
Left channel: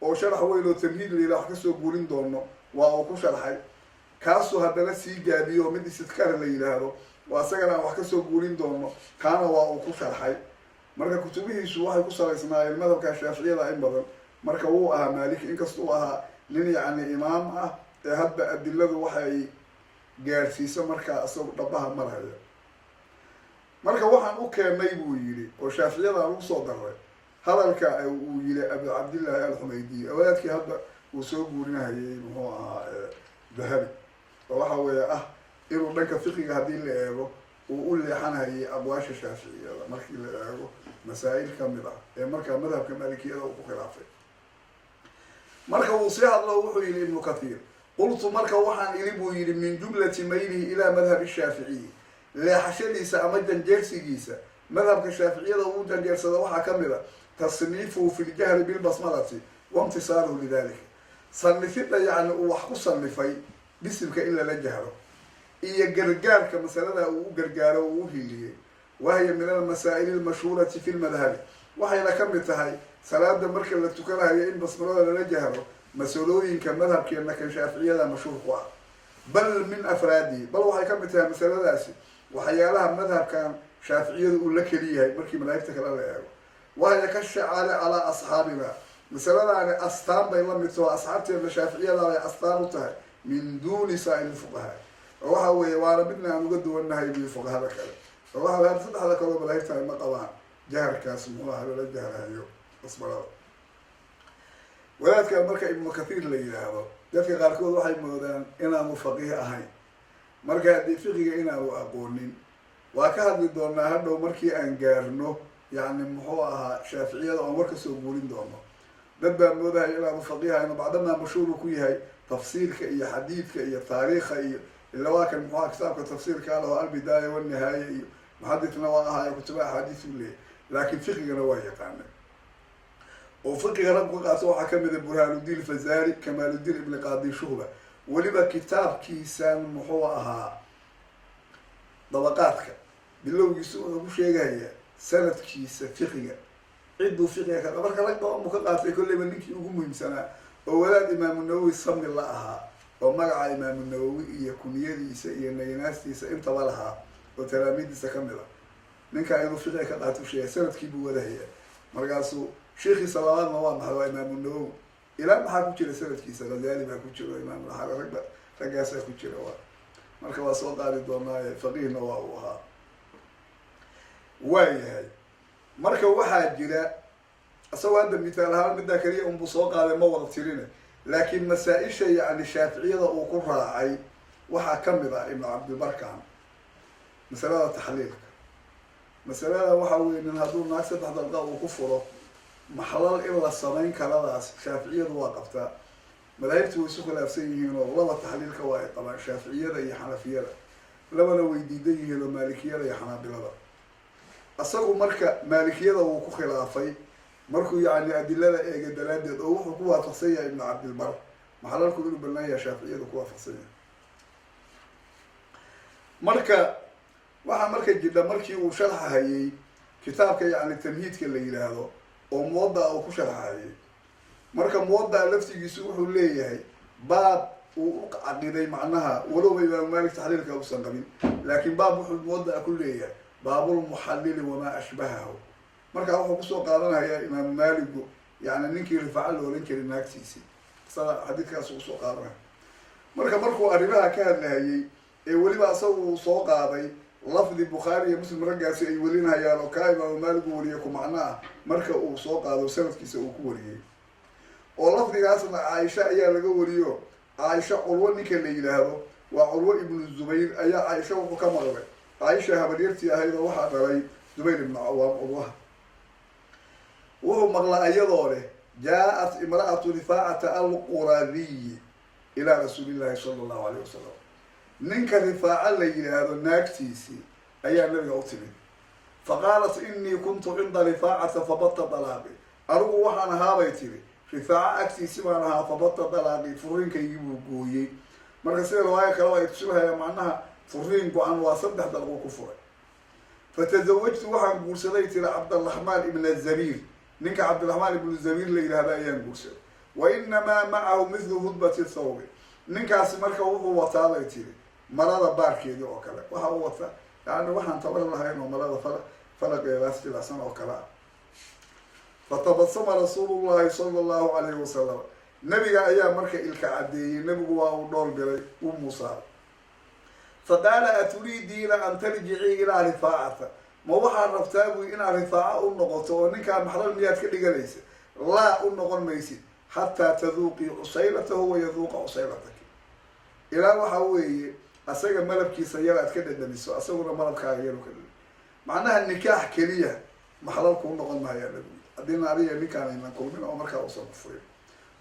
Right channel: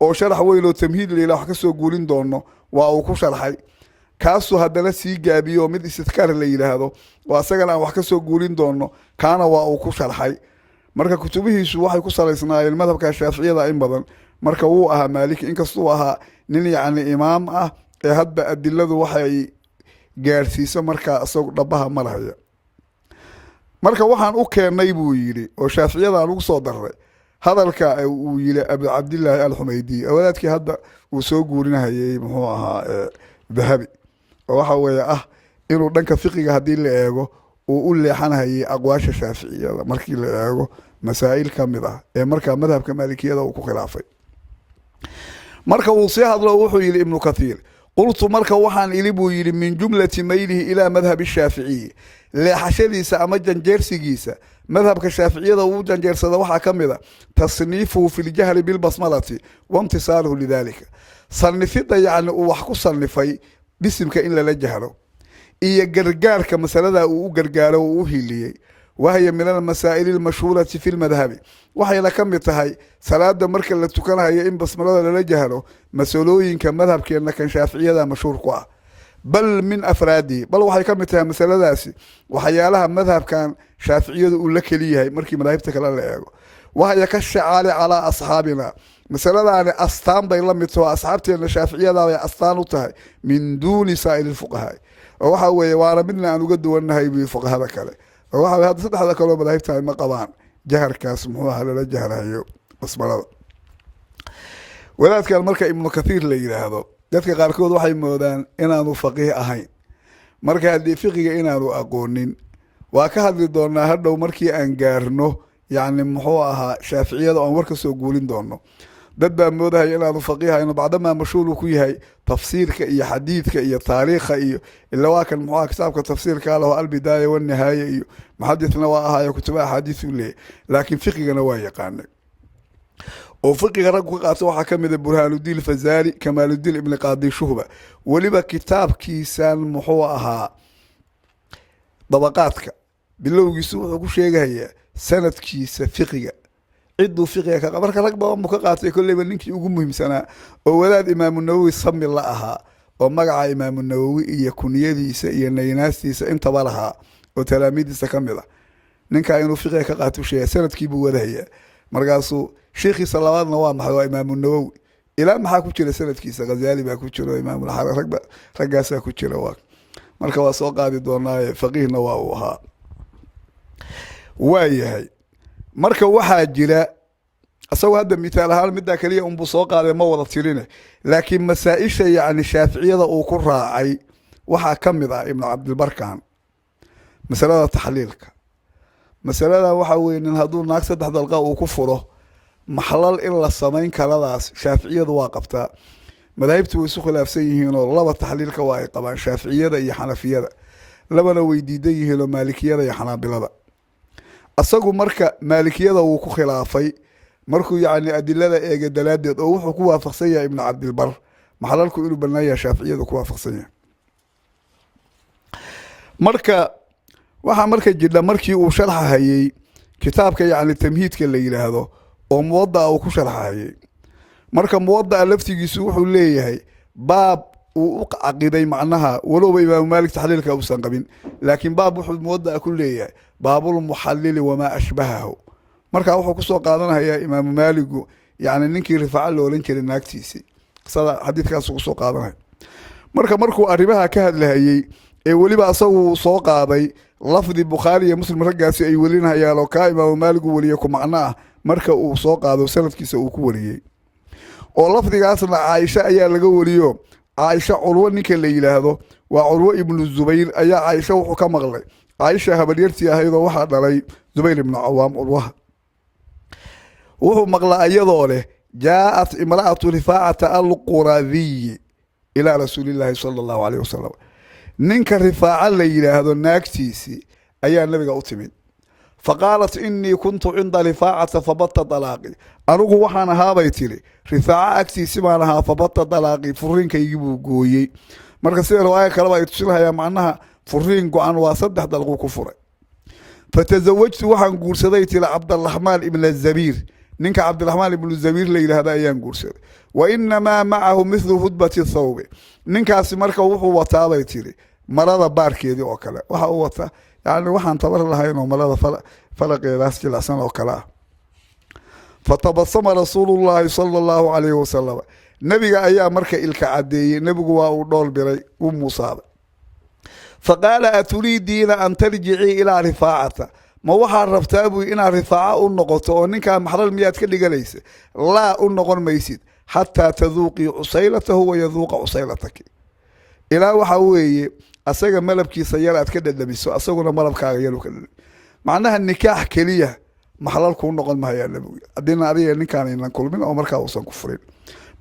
oo sharax weyn oo tamhiid layla wax kasoo guurin doono waa uu ku sharxay kaasuu haddana sii gaabiyo mid istidkaar la yidhaahdo oo asagana aan wax kasoo guurin doono kaana waa uu ku sharxay marka kutubihiisu waxay ku salaysnaayeen madhabka shaaficiyada in badan marka wuu ahaa maaliki inkastuu ahaa nin yacni imaam ah ee hadba adiladu waxay gaadhsiiso markaa isagu dhabaha marhaya marka waxaan u keennay buu yidhi oo shaaficiyadaan ugu soo darray hadalka uu yidhi abu cabdillaahi alxumaydiy wadaadkii hadda uu soo guurinahayay muxuu ahaa dahabi oo waxa weeye ah inuu dhanka fiqiga haddii la eego uu u leexanhayay aqwaasha shaaficiyada markii la eego masaa'il ka mid ah ee markaa madhabka maalikiyada uu ku khilaafay marka uu sii hadlo wuxuu yidhi ibnu kathiir qultu marka waxaan ili buu yidhi min jumlati maylihi ilaa madhabi shaaficiyi leexashadiisa ama janjeersigiisa madhabka shaaficiyada uu janjeersada waxaa ka mid a tasniifuhu fi ljahli bilbasmalati waimtisaaluhu lidalika sanifidda yacni uu wax ku sanifay bisimka in lala jahro iyo gargaarka masalada uu u gargaaro uu u hiliyey wahya min almasaa'ili almashhuurati fi lmadhabi waxayna ka mid tahay salaada marka la tukanayo in basmalada lala jahro مسؤولين كمذهب كأن كان شافعية ذا مشهور قوا بل من أفرادي بل وحي كمتها مسألة داسي وحيالها مذهب كان شافعية يقول لك ليها مركي مذاهبتك لا وهي كالشعار على أصحابنا مسألة يعني أستان بين متوا أصحابتي أن الشافعية لا أستان وتهي من دون سائر الفقهاء وحوي وانا بدنا أن نقد والنهي بفقهاء كله وحوي هذا صدق هذا كله مذاهبتها ما قبان جهر كاسمه هذا لا جهر هيو اسمه wadaadkan marka ibnu kathiir la yiraahdo dadka qaarkood waxay moodaan inaanu faqiih ahayn marka hadii fiqiga inaanu aqoonin waa ka hadli doonaa hadhow markii aan gaarno yani muxuu ahaa shaaficiyada oo warka soo guulin doono dad baa moodaya inaanu faqiih ahayn bacdama mashhuur ku yahay tafsiirka iyo xadiidka iyo taariikha iyo illa waa kan muxuu kitaabka tafsiirka lahu al-bidaaya wan nihaaya iyo muhaddithna waa ahaa kutuba xadiis u leeyahay laakiin fiqigana waa yaqaanay وفقه رجل قاطع وحكم برهان الدين الفزاري كمال الدين ابن قاضي شهبة ولما كتاب كيسان محوها طبقاتك بالله يسوع أقول شيء هي سنة كيس فقه عدوا فقه كبرك رقبة مكقاطع كل من نك يقوم مهم سنة وولاد إمام النووي صم اللهها ومقع إمام النووي يكون يدي يناس أنت برها وتلاميذ سكملة نك إنه فقه كقاطع شيء سنة كيبو وده هي مرقاسو شيخي صلوات نوام حوا إمام النووي إلى ما حكوا كل سنة كيسة غزالي ما كوتشلو إمام الحرم رجع كوتشلو واق مركب سوق هذه دورنا فقيه نواوها وياي مركب واحد جرا أسوي هذا مثال هالمدة كلية بسوق هذا ما وضع تيرينه لكن مسائش يعني الشافعية أو كرها أي وحكم ذا ابن عبد البركان مسألة تحليلك مسألة وحوي إن هذول ناقص تحت القاء وكفره محلل إلا الصمين كلاس شافعية واقفتا مذاهبته ويسوق الأفسيين والله التحليل كواي طبعا شافعية يا حنفية لما لو يديه لو مالكية يا حنابلة أصدقوا مركا مالكية وكو خلافي مركو يعني أدلة إيه دلالة أو حكوا فقسية ابن عبد البر محلل كيلو بنايا شافعية وكوا فقسية مركا waxa markay jidda markii uu sharxayay kitaabka yani tamhiidka la yiraahdo oo muwadda uu ku sharxayay marka muwadda laftigiisu wuxuu leeyahay baab uu aqiday macnaha walow imaam maalik taxliilka uu san qabin laakiin baab wuxuu muwadda ku leeyahay baabul muhallil wama ashbahahu marka wuxuu ku soo qaadanayaa imaam maalik yani ninkii rifaaca loo oran jiray naagtiisi sida xadiidkaas uu soo qaadanay markuu arrimaha ka hadlayay ee waliba asagu soo qaaday لفظ البخاري مسلم رجع أي ولينها يا لو كائما ومالك وليكم معناه مركا وصوق هذا سنة كيس وكوري ولفظ أصلا عائشة أيا لقوا وليو عائشة عروة نكلي هذا وعروة ابن الزبير أيا عائشة وحكم أغلى عائشة هبليرتي هيدا واحد علي زبير بن عوام عروة وهو مغلى أيضا جاءت امرأة رفاعة القرظي إلى رسول الله صلى الله عليه وسلم ننك رفاعة ليلى هذا الناكتيسي أيها النبي أتمد فقالت إني كنت عند رفاعة فبط طلاقي أروح وحنا هابيتلي رفاعة أكتيسي معناها فبط طلاقي فرين كي يجيبوا قوي مركز سير رواية كلام يتصلها يا معناها فرين قوان وصدح دلقو كفر فتزوجت وحن قرصديت لعبد الرحمن ابن الزبير ننك عبد الرحمن ابن الزبير ليلى هذا أيام قرصد وإنما معه مثل هدبة الثوب ninkaasi marka wuxuu wataa bay tiri marada baarkeedii oo kale waxa uu wataa yani waxaan tabar lahayn oo marada falaqeedaas jilasan oo kale fatabassama rasuulullaahi sallallahu alayhi wasallam nabiga ayaa marka ilka cadeeyay nabigu waa uu dhool biray uu muusaabay faqala aturidiina an tarji'i ila rifaa'ata ma waxa rabtaa buu ina rifaa'a u noqoto oo ninka maxral miyaad ka dhiganaysa la u noqon maysid حتى تذوقي عصيلته ويذوق عصيلتك إلى وحوي أسجى ملبكي سيارة كده دبيسو أسجى ملبك عيالو كده معناها النكاح كليه محلال كون نقل ما هي النبي أدينا عليه النكاح إن كل من أمريكا وصل كفرين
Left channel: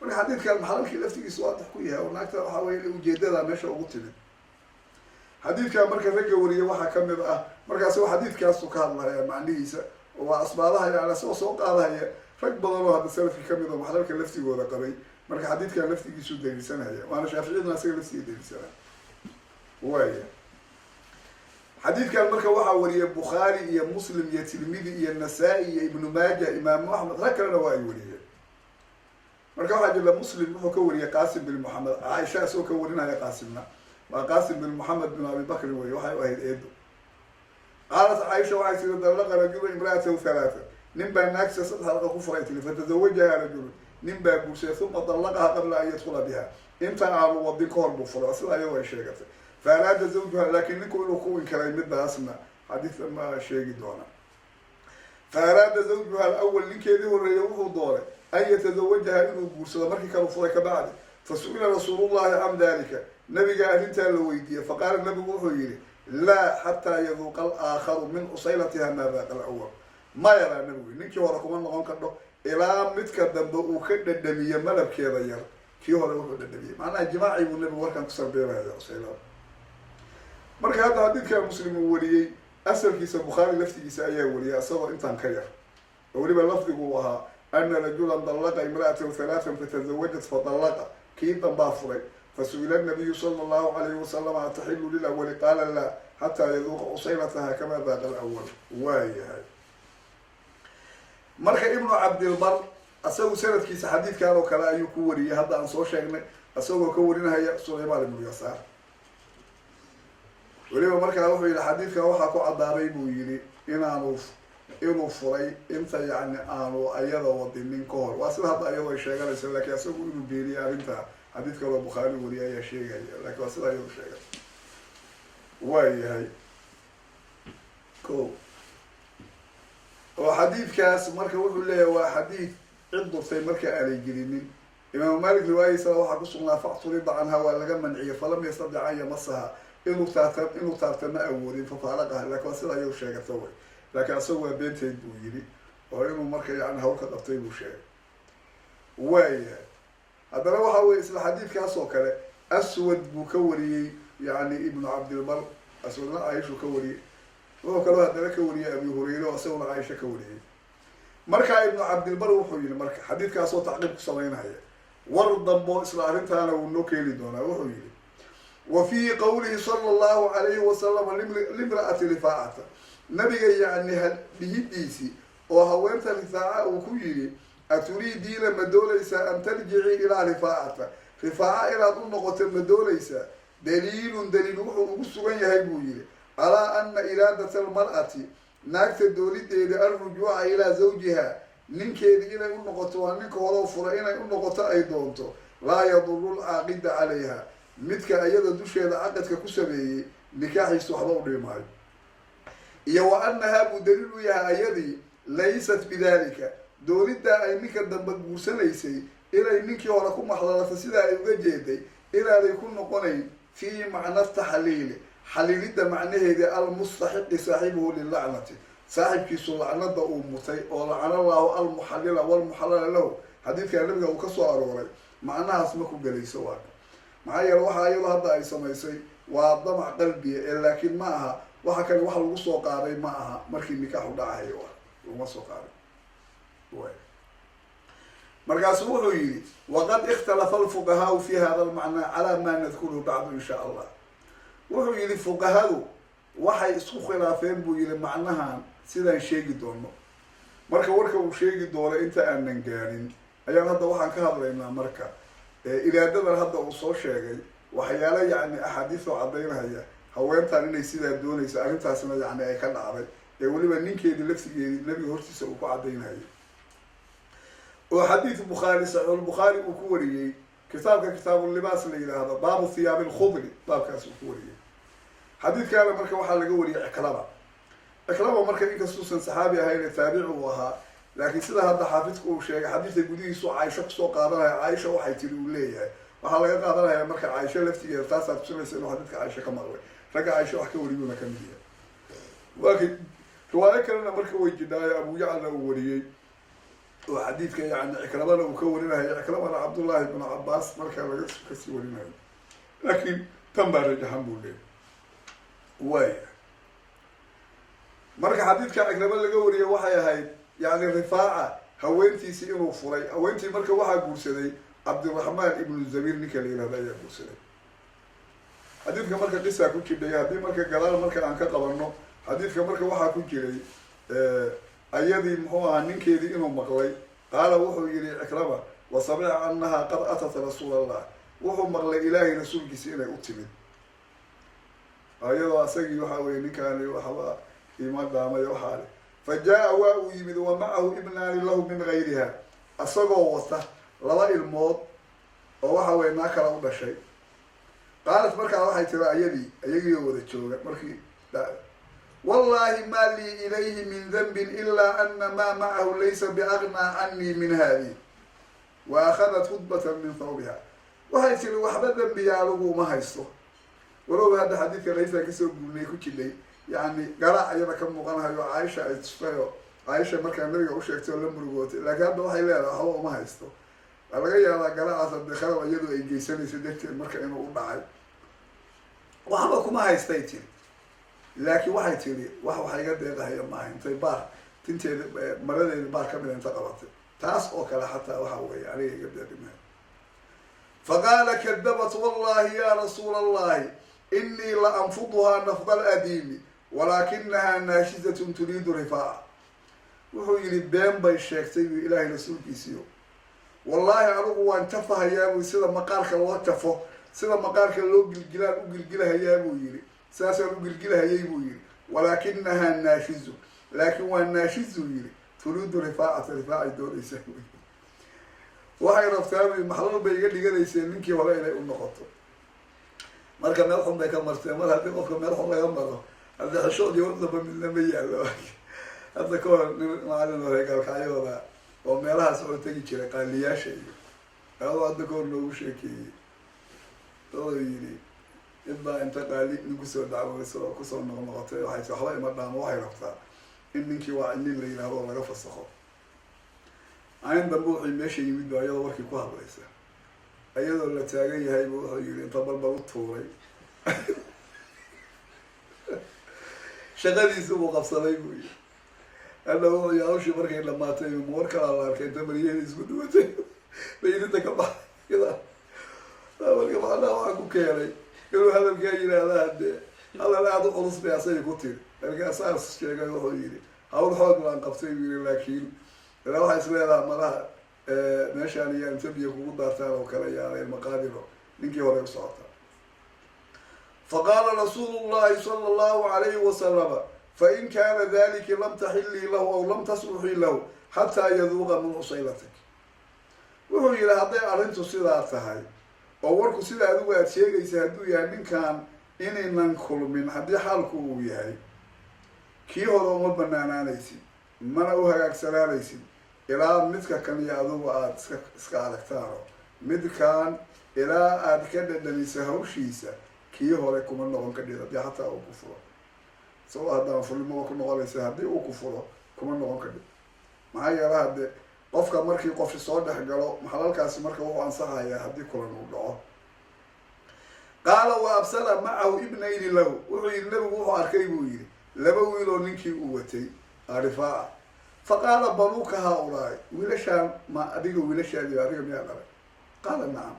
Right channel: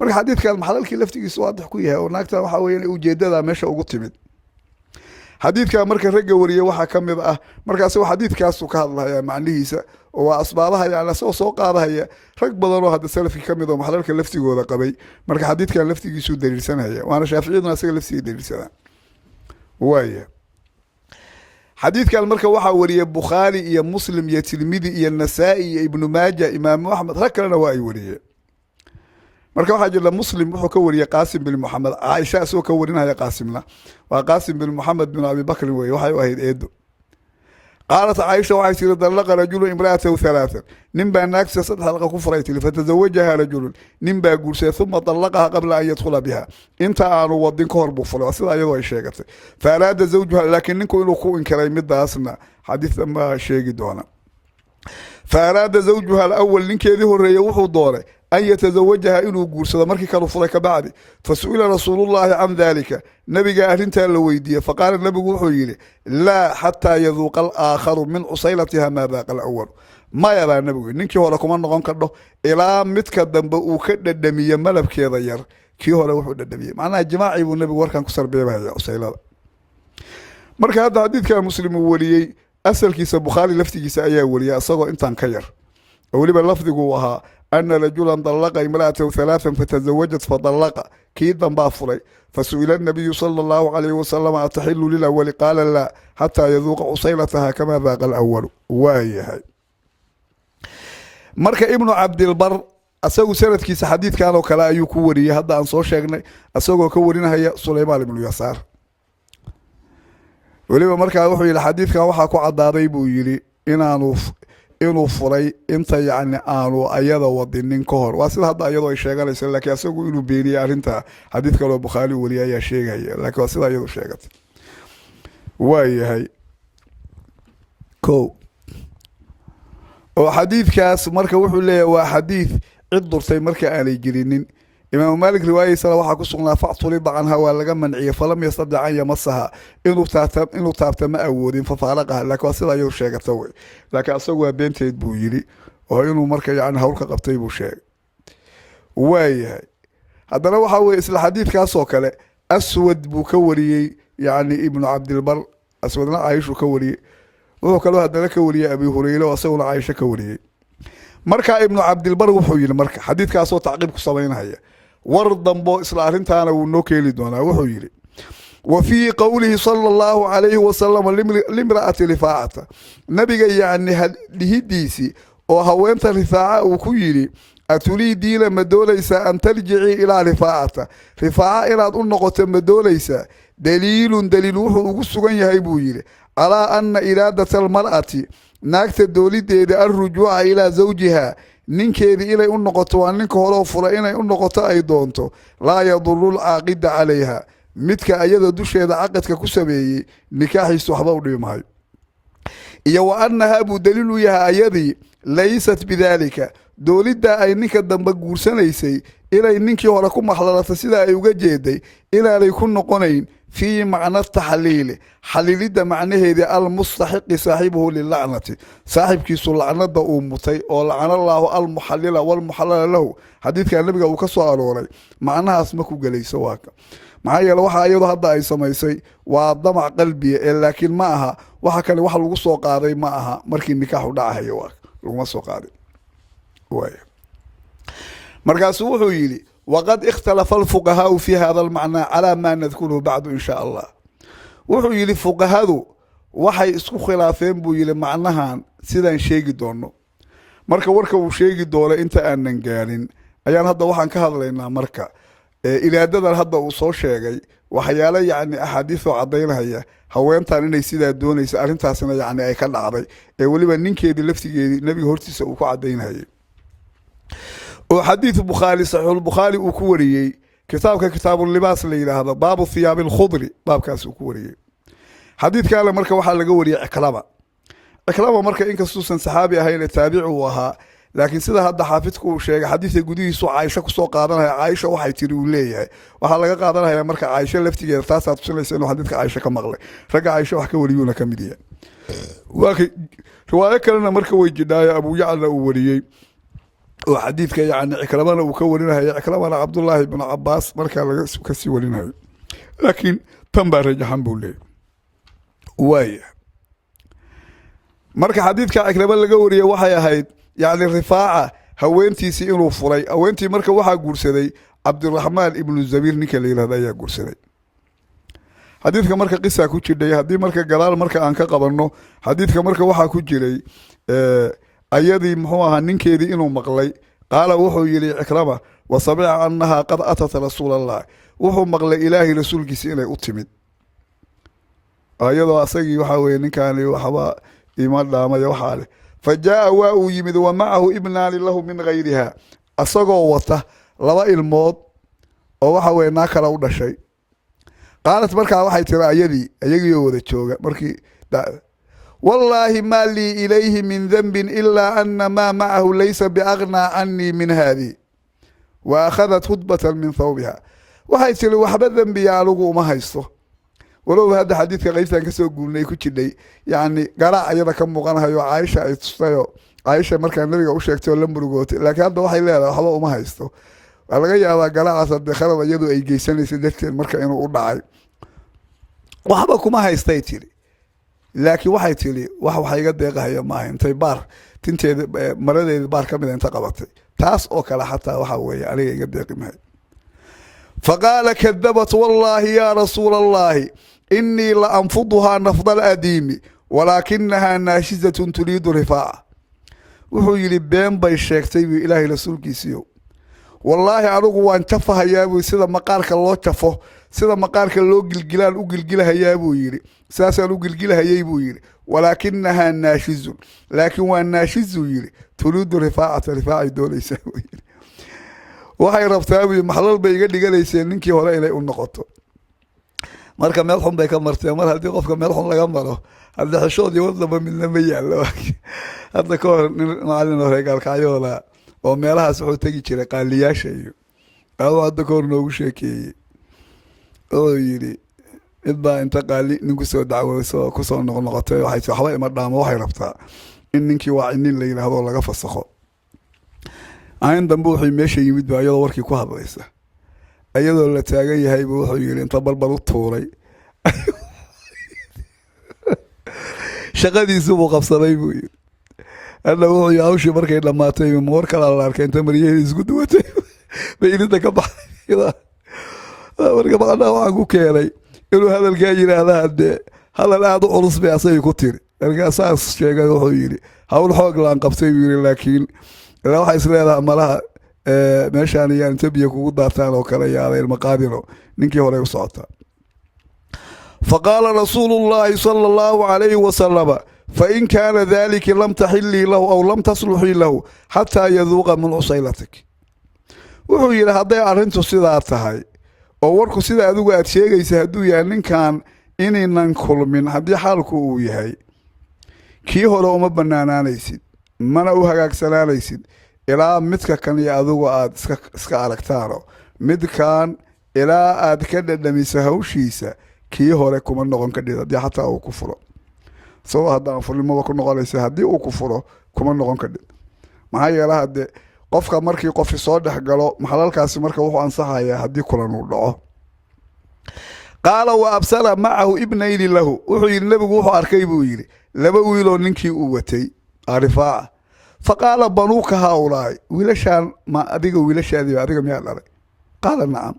مرة حديث كان محلال كي لفتي سؤال تحكيها وناكتر وحوي وجدة ماشى وقتمد حديث كان مركز رجع وريه وحكم بقى مركز سوى حديث كاسو كهذا يعني معنيه وأسبابها يعني سوق هذا هي rag badan oo hadda salafki kamid oo maxalka laftigooda qabay marka xadiidkan laftigiisu daliilsanaya waana shaafiiciyaduna asaga laftigiisa daliilsana waaya xadiidkan marka waxa wariyay bukhari iyo muslim iyo tirmidhi iyo nasaa'i iyo ibn maajah imaam ahmed rag kalena waa ay wariyeen marka waxaa jira muslim wuxuu ka wariyay qaasim bin moxamed caaisha asoo ka warinaya qaasimna waa qaasim bin moxamed bin abi bakrin weye waxay u ahayd eedo qaalat caaisha waxay tiri dallaqa rajulu imra'atahu halaathan nin baa naagtiisa saddex dalqa ku furay tiri fatazawajaha rajulun nin baa guursaday uma dallaqaha qabla an yadkhula biha inta aanu wadin ka hor buu fulay waa sida iyadoo ay sheegatay fa araada zawjuha laakiin ninku inuu ku inkiray midaasna xadiidkan baa sheegi doona fa araada zawjuha alawal ninkeedii horeeyey wuxuu doonay an yatazawajaha inuu guursado markii kanu furay ka bacdi fasu'ila rasuulullahi can dalika nabiga arrintaa la weydiiyey faqaala nabigu wuxuu yidhi laa xataa yaduuqa alaakharu min cusaylatiha maa daaqa alawal maya baa nabigu ninkii hore kuma noqon kadho ilaa midka dambe uu ka dhadhamiye malabkeeda yar kii hore wuxuu dhadhamiyey macnaha jimaacii buu nabigu warkan ku sarbeebahaya cusaylada marka hadda xadiidkaa muslim uu wariyey asalkiisa bukhaari laftigiisa ayaa wariyay isagoo intaan ka yar oo weliba lafdigu ahaa ana rajulan dallaqa imra'atahu halaathan fatazawajat fadallaqa kii dambaa furay fasu'ila nabiyu sala allahu calayhi wasalam ataxilu lilawali qaala laa xataa yaduuqa cusaylataha kamaa daaqa alawalu waayahay marka ibnu cabdilbar isagu sanadkiisa xadiidkan oo kale ayuu ku wariyey hadda aan soo sheegnay isagoo ka warinahaya sulaymaan ibnu yasaar weliba markaa wuxuu yihi xadiidkan waxaa ku caddaaday buu yidhi inuu furay inta yacni aanu ayada wadinin ka hor waa sida hadda iyadoo ay sheeganayso laakiin isagu inuu beeniyey arrinta xadiid kaloo bukhaari wariyay ayaa sheegaya laakiin waa sida iyadu sheegatay waayahay ko oo xadiidkaas marka wuxuu leeyahay waa xadiid cid durtay marka aanay jirinin imaamu maalik riwaayadiisana waxaa ku sugnaa facturida canha waa laga manciyey falam yastadic an yamasaha inuu taabta ma awoodin fafaaraqaha laakiin waa sida iyadu sheegata wey laakiin asagu waa beenteed buu yidhi oo inuu marka yani hawlka qabtay buu sheegay waayahay haddana waxaa weye isla xadiidkaas oo kale aswad buu ka wariyey yani ibnu cabdilbar aswadna caaishuu ka wariyey wuxuu kaloo haddana ka wariyey abi hureyre oo isaguna caaisho ka wariyey marka ibnu cabdilbar wuxuu yihi marka xadiidkaasoo tacqiib ku samaynhaya war dambo isla arrintaana wuu noo keeni doonaa wuxuu yihi wa fii qowlihi sala allahu calayhi wasalam limra'ati rifaacata nabiga yacni dhihidiisii oo haweenta rifaaca uu ku yidhi aturiidiina ma doonaysaa an tarjicii ilaa rifaacata rifaaca inaad u noqoto ma doonaysaa daliilun daliil wuxuu ugu sugan yahay buu yidhi calaa ana iraadata almar'ati naagta doonideeda alrujuuca ilaa zawjiha ninkeedii inay u noqoto waa ninka horeo fura inay u noqoto ay doonto laa yaduru lcaaqida calayha midka ayada dusheeda caqadka ku sameeyey nikaaxiisu waxba u dhibi maayo iyo wa annahaa buu daliil u yahay ayadii laysat bidaalika dooniddaa ay ninka dambe guursanaysay inay ninkii hore ku maxlalatay sidaa ay uga jeeday inaanay ku noqonayn fii macna taxliili xaliilidda macnaheedii almustaxiqi saaxibuhu lilacnati saaxibkiisu lacnada uu mutay oo lacana allaahu almuxallila walmuxallala lahu xadiidkaa nabiga uu ka soo arooray macnahaas ma ku gelayso waaka maxaa yeele waxa iyadoo hadda ay samaysay waa damac qalbiya ee laakiin ma aha waxa kale wax lagu soo qaaday ma aha markii nikaaxu dhacahayo waa laguma soo qaaday waay markaasuu wuxuu yidhi waqad ikhtalafa alfuqahaau fi hada almacnaa calaa maa nadkuruhu bacdu in shaa allah wuxuu yidhi fuqahadu waxay isku khilaafeen buu yidhi macnahan sidaan sheegi doono marka warka uu sheegi doono inta aanan gaarin ayaan hadda waxaan ka hadlaynaa marka iraadadan hadda uu soo sheegay waxyaalo yacni axaadiisoo caddaynhaya haweentan inay sidaa doonayso arrintaasna yacni ay ka dhacday ee weliba ninkeedii laftigeedii nabiga hortiisa uu ku caddaynhayay oo xadiid bukhaari saxiixulbukhaari uu ku wariyey kitaabka kitaabulibaas la yidhaahdo baabu thiyaabi alkhudri baabkaas uu ku wariyey xadiidkaale marka waxaa laga wariyey ciklaba marka inkastuusan saxaabi ahayn ee taabici uu ahaa laakiin sida hadda xaafidku uu sheegay xadiidka gudihiisu caaisho kusoo qaadanaya caaisha waxay tiri uu leeyahay waxaa laga qaadanaya marka caaisho laftigeeda taasaa tusinaysa inuu xadiidka caaisho ka maqlay ragga caaisho wax ka wariyuuna ka mid yahay waa kay riwaayo kalena marka way jidhaayo abu yacla uu wariyey oo xadiidka yacni cikramana uu ka warinayo cikramana cabdullaahi ibnu cabaas markaa laga kasii warinayo laakiin tan baa rajaxan buu leeyahy waaya marka xadiidka cikrama laga wariyey waxay ahayd yacni rifaaca haweentiisii inuu furay haweentii marka waxaa guursaday cabdiraxmaan ibnu zabiir ninka la yihahda ayaa guursaday xadiidka marka qisaa ku jidhay haddii marka gadaal marka aan ka qabanno xadiidka marka waxaa ku jiray ayadii muxuu ahaa ninkeedii inuu maqlay qaala wuxuu yihi cikrama وسمع أنها قد أتت رسول الله وهو مغلى إلهي رسول كيسيني أتمد أيضا أسقي وحاوي نكاني وحوا إيمان دام يوحاله فجاء واو يمد ومعه ابنان له من غيرها أسقوا وته لبا الموت أو وحاوي ناكل أو شيء قالت مركا waxay tiri ayagii wada jooga markii والله ما لي إليه من ذنب إلا أن ما معه ليس بأغنى عني من هذه وأخذت خطبة من ثوبها waxay tiri waxba dambi yaalagu ma haysto walow hada xadiidka qaybtan ka soo guulnay ku jidhay yani garaac ayada ka muuqanayo Aisha ay tustayo Aisha markaa nabiga u sheegtay la murugootay laakiin hadda waxay leedahay waxba uma haysto laga yaabaa garaacaas hadda khalad iyadu ay geysanayso dadkeen marka inuu u dhacay waxba kuma haystay tiri laakiin waxay tiri wax iga deeqayo ma intay baar tinteeda maradeeda baar ka mid inta qabatay taas oo kala xataa waxa weeye aniga iga deeqi maayo فقال كذبت والله يا رسول الله إني لأنفضها نفض الأديم ولكنها ناشزة تريد رفاعة وهو يلي بين باي شيكتي إلهي رسول كيسيو والله أروغو أن تفها يابو سيدا مقارك الله تفه سيدا مقارك الله قلقلان وقلقلها يابو يري ساسا وقلقلها يابو يري ولكنها ناشز لكن والناشز يري تريد رفاعة دولي يساوي يري waxay rabtaa maxalal bay iga dhiganayseen ninkii hore ilay u noqoto marka meel xun bay ka martay mar hadii qofka meel xun laga maro hadda xishood iyo wadaba midna ma yaalo hadda ka hor maalin hore gaalkacayoola oo meelahaas wuxuu tagi jiray qaaliyaasha iyo hadda ka hor noogu sheekeeyey oo yiri idba inta qaali ninku soo dacwooso ku soo noqotay waxay waxba ima dhaamo waxay rabtaa in ninkii waa in la yiraahdo laga fasakho aan dambe wuxuu meesha yimid baa iyadoo warkii ku hadlaysa iyadoo la taagan yahay buu wuxuu yiri inta balbal u tuuray shaqadiisu buu qabsaday buu yiri alla wuxuu yaawshi markay dhamaatay moor kala la arkay inta mariyay isku duwatay bayinta ka baxay marka baqada waxaan ku keenay inuu hadalka yiraahdo hadal aad u culus bay asay ku tiri marka saas sheegay wuxuu yiri hawl xoog laan qabtay yiri laakiin لا واحد يسأله مالها ماشان يعني تبي يكون دارتان أو كلا يا هذا المقابر نيجي هراء وصعتها فقال رسول الله صلى الله عليه وسلم فإن كان ذلك لم تحلي له أو لم تصلحي له حتى يذوق من عصيلتك وهو يرى هذا أرنتو سيداتها هاي أو وركو سيدا أدوغا أتشيغا يسهدو يعني كان إني ننكل من هذه حالكو ويهاي كي هراء مبنانا نيسيد mana u hagaagsanaalaysid ilaa midka kan iyo adigu aad iska aragtaano midkan ilaa aad ka dhadhamiso hawshiisa kii hore kuma noqon ka dhida hadii xataa uu ku furo soo haddaan fulimada ku noqonaysa haddii uu ku furo kuma noqon ka dhid maxaa yeelay hadde qofka markii qof soo dhex galo maxalalkaasi marka wuxuu ansaxayaa haddii kulan uu dhaco qaala wa absara macahu ibnayni lahu wuxuu yidhi nabigu wuxuu arkay buu yidhi laba wiiloo ninkii uu watay رفاعة فقال بنوك هؤلاء ولشان ما أديك ولشان دي أديك مياه لك قال نعم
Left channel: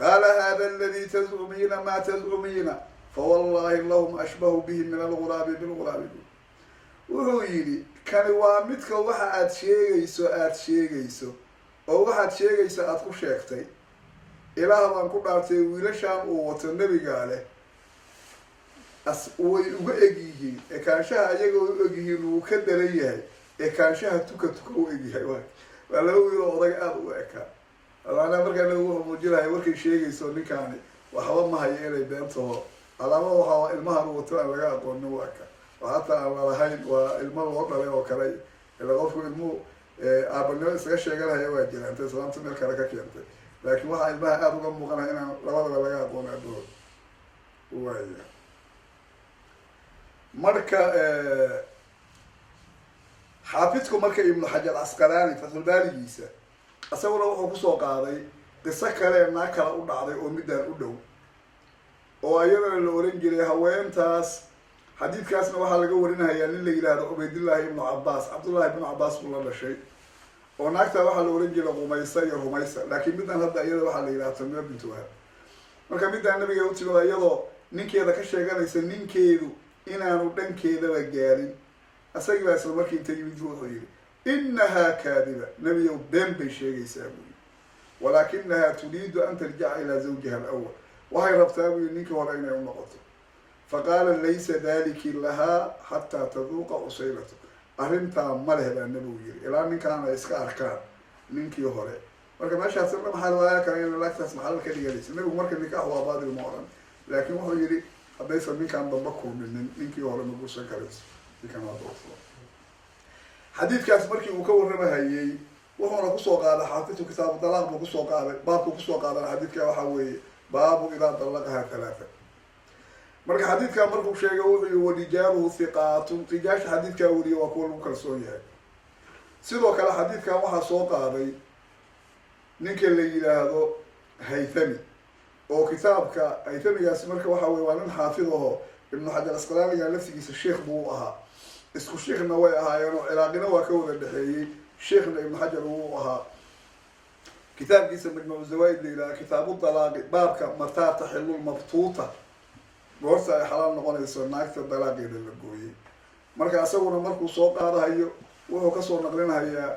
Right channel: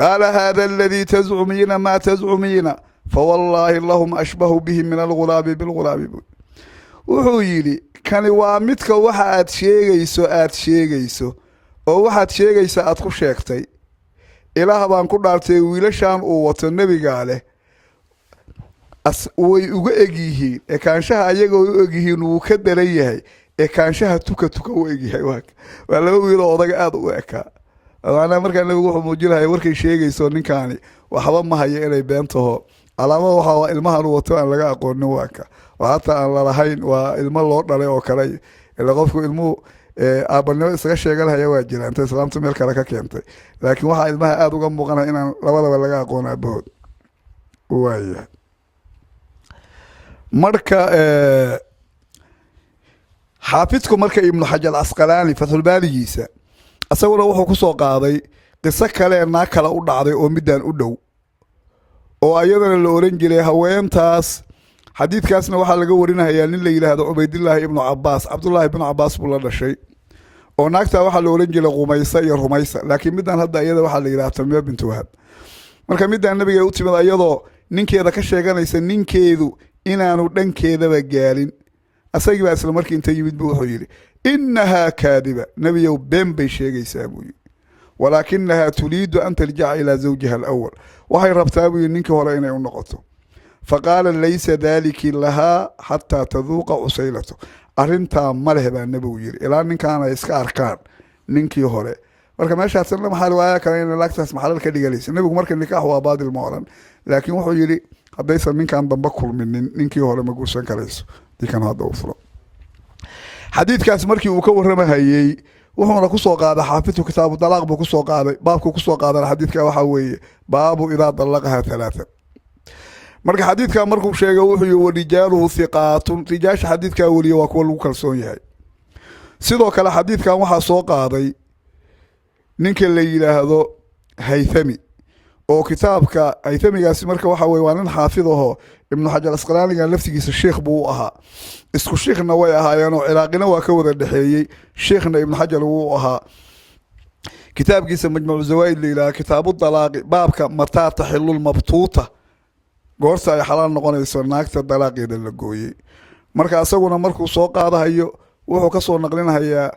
قال هذا الذي تزعمين ما تزعمين فوالله اللهم أشبه به من الغراب بالغراب وحويلي كان وامتك واحد شيغيسو أو واحد شيغيسو أدخل شيكتي إله بان كدارتي ولشان أووات النبي قاله way uga egyihiin ee kaanshaha ayaga u egyihiin uu ka daran yahay ee kaanshaha tuka u egyahay waa laba wiil oo odaga aad u ekaa waana markaa nabigu wuxuu muujinahay warkay sheegayso ninkaani waxba ma hayo inay beentaho alaamada waxaa ilmahan wato aan laga aqoonin waaka oo hataa aan lalahayn waa ilmo loo dhalay oo kale ila qofku ilmuhu aabanimo isaga sheeganaya waa jira inta islaamta meel kale ka keentay laakiin waxaa ilmaha aad uga muuqanaya inaan labadaba laga aqoon aabahood waaya marka xaafidku marka ibnu xajar asqalaani fathul baarigiisa asaguna wuxuu ku soo qaaday qiso kale ee kala u dhacday oo midaan u dhow oo ayadana la oran jiray haweentaas xadiidkaasna waxaa laga warinayaa nin la yiraahdo Ubaydillah ibn Abbas Abdullah ibn Abbas buu la dhashay oo naagta waxaa la oran jiray Qumaysa iyo Rumaysa laakiin midaan hadda ayada waxaa la yiraahdaa Tamiya bint Wahab marka midaan nabiga u timid ayadoo ninkeeda ka sheeganaysa ninkeedu inaanu dhankeedaba gaarin asagii baa isla markii inta yimid buu wuxuu yiri innaha kaadiba nabiyow been bay sheegaysaa buu yiri ولكنها تريد أن ترجع إلى زوجها الأول وهي ربتابي إنك هرين النقطة فقال ليس ذلك لها حتى تذوق عسيلته أرنتا مرهبا النبي إلى أن كان يسكار كان نينكي هوري marka meeshaas lama xal waaya kan in laagtaas maxal ka dhigalaysa nabigu marka nikaax waa baadil mooran laakiin wuxuu yiri hadaysan ninkan damba kulminin ninkii hore ma guursan karayso dikan hada u furo xadiidkaas markii uu ka warramahayay wuxuuna ku soo qaaday xaafidku kitaabu dalaaq buu ku soo qaaday baabku ku soo qaaday xadiidka waxa weeye baabu idaa dalaqaha thalatha marka xadiidka markuu sheegay wuxuu yiri rijaaluhu thiqaatun rijaasha xadiidka wariyo waa kuwa lagu kalsoon yahay sidoo kale xadiidkan waxa soo qaaday ninka la yiraahdo haythami oo kitaabka haythamigaasi marka waxa weeye waa nin xaafid ah ibn hajar asqalaaniga laftigiisa sheekh buu ahaa isku sheekhna way ahaayeen oo ciraaqina waa ka wada dhaxeeyay sheekhna ibn hajar uu ahaa kitaabkiisa majmuuc zawaid la kitaabu dalaaqi baabka mataa tahillul mabtuuta goorta ay xalaal noqonayso naagta dalaaqeeda la gooyay marka asaguna markuu soo qaadahayo wuxuu ka soo naqlinayaa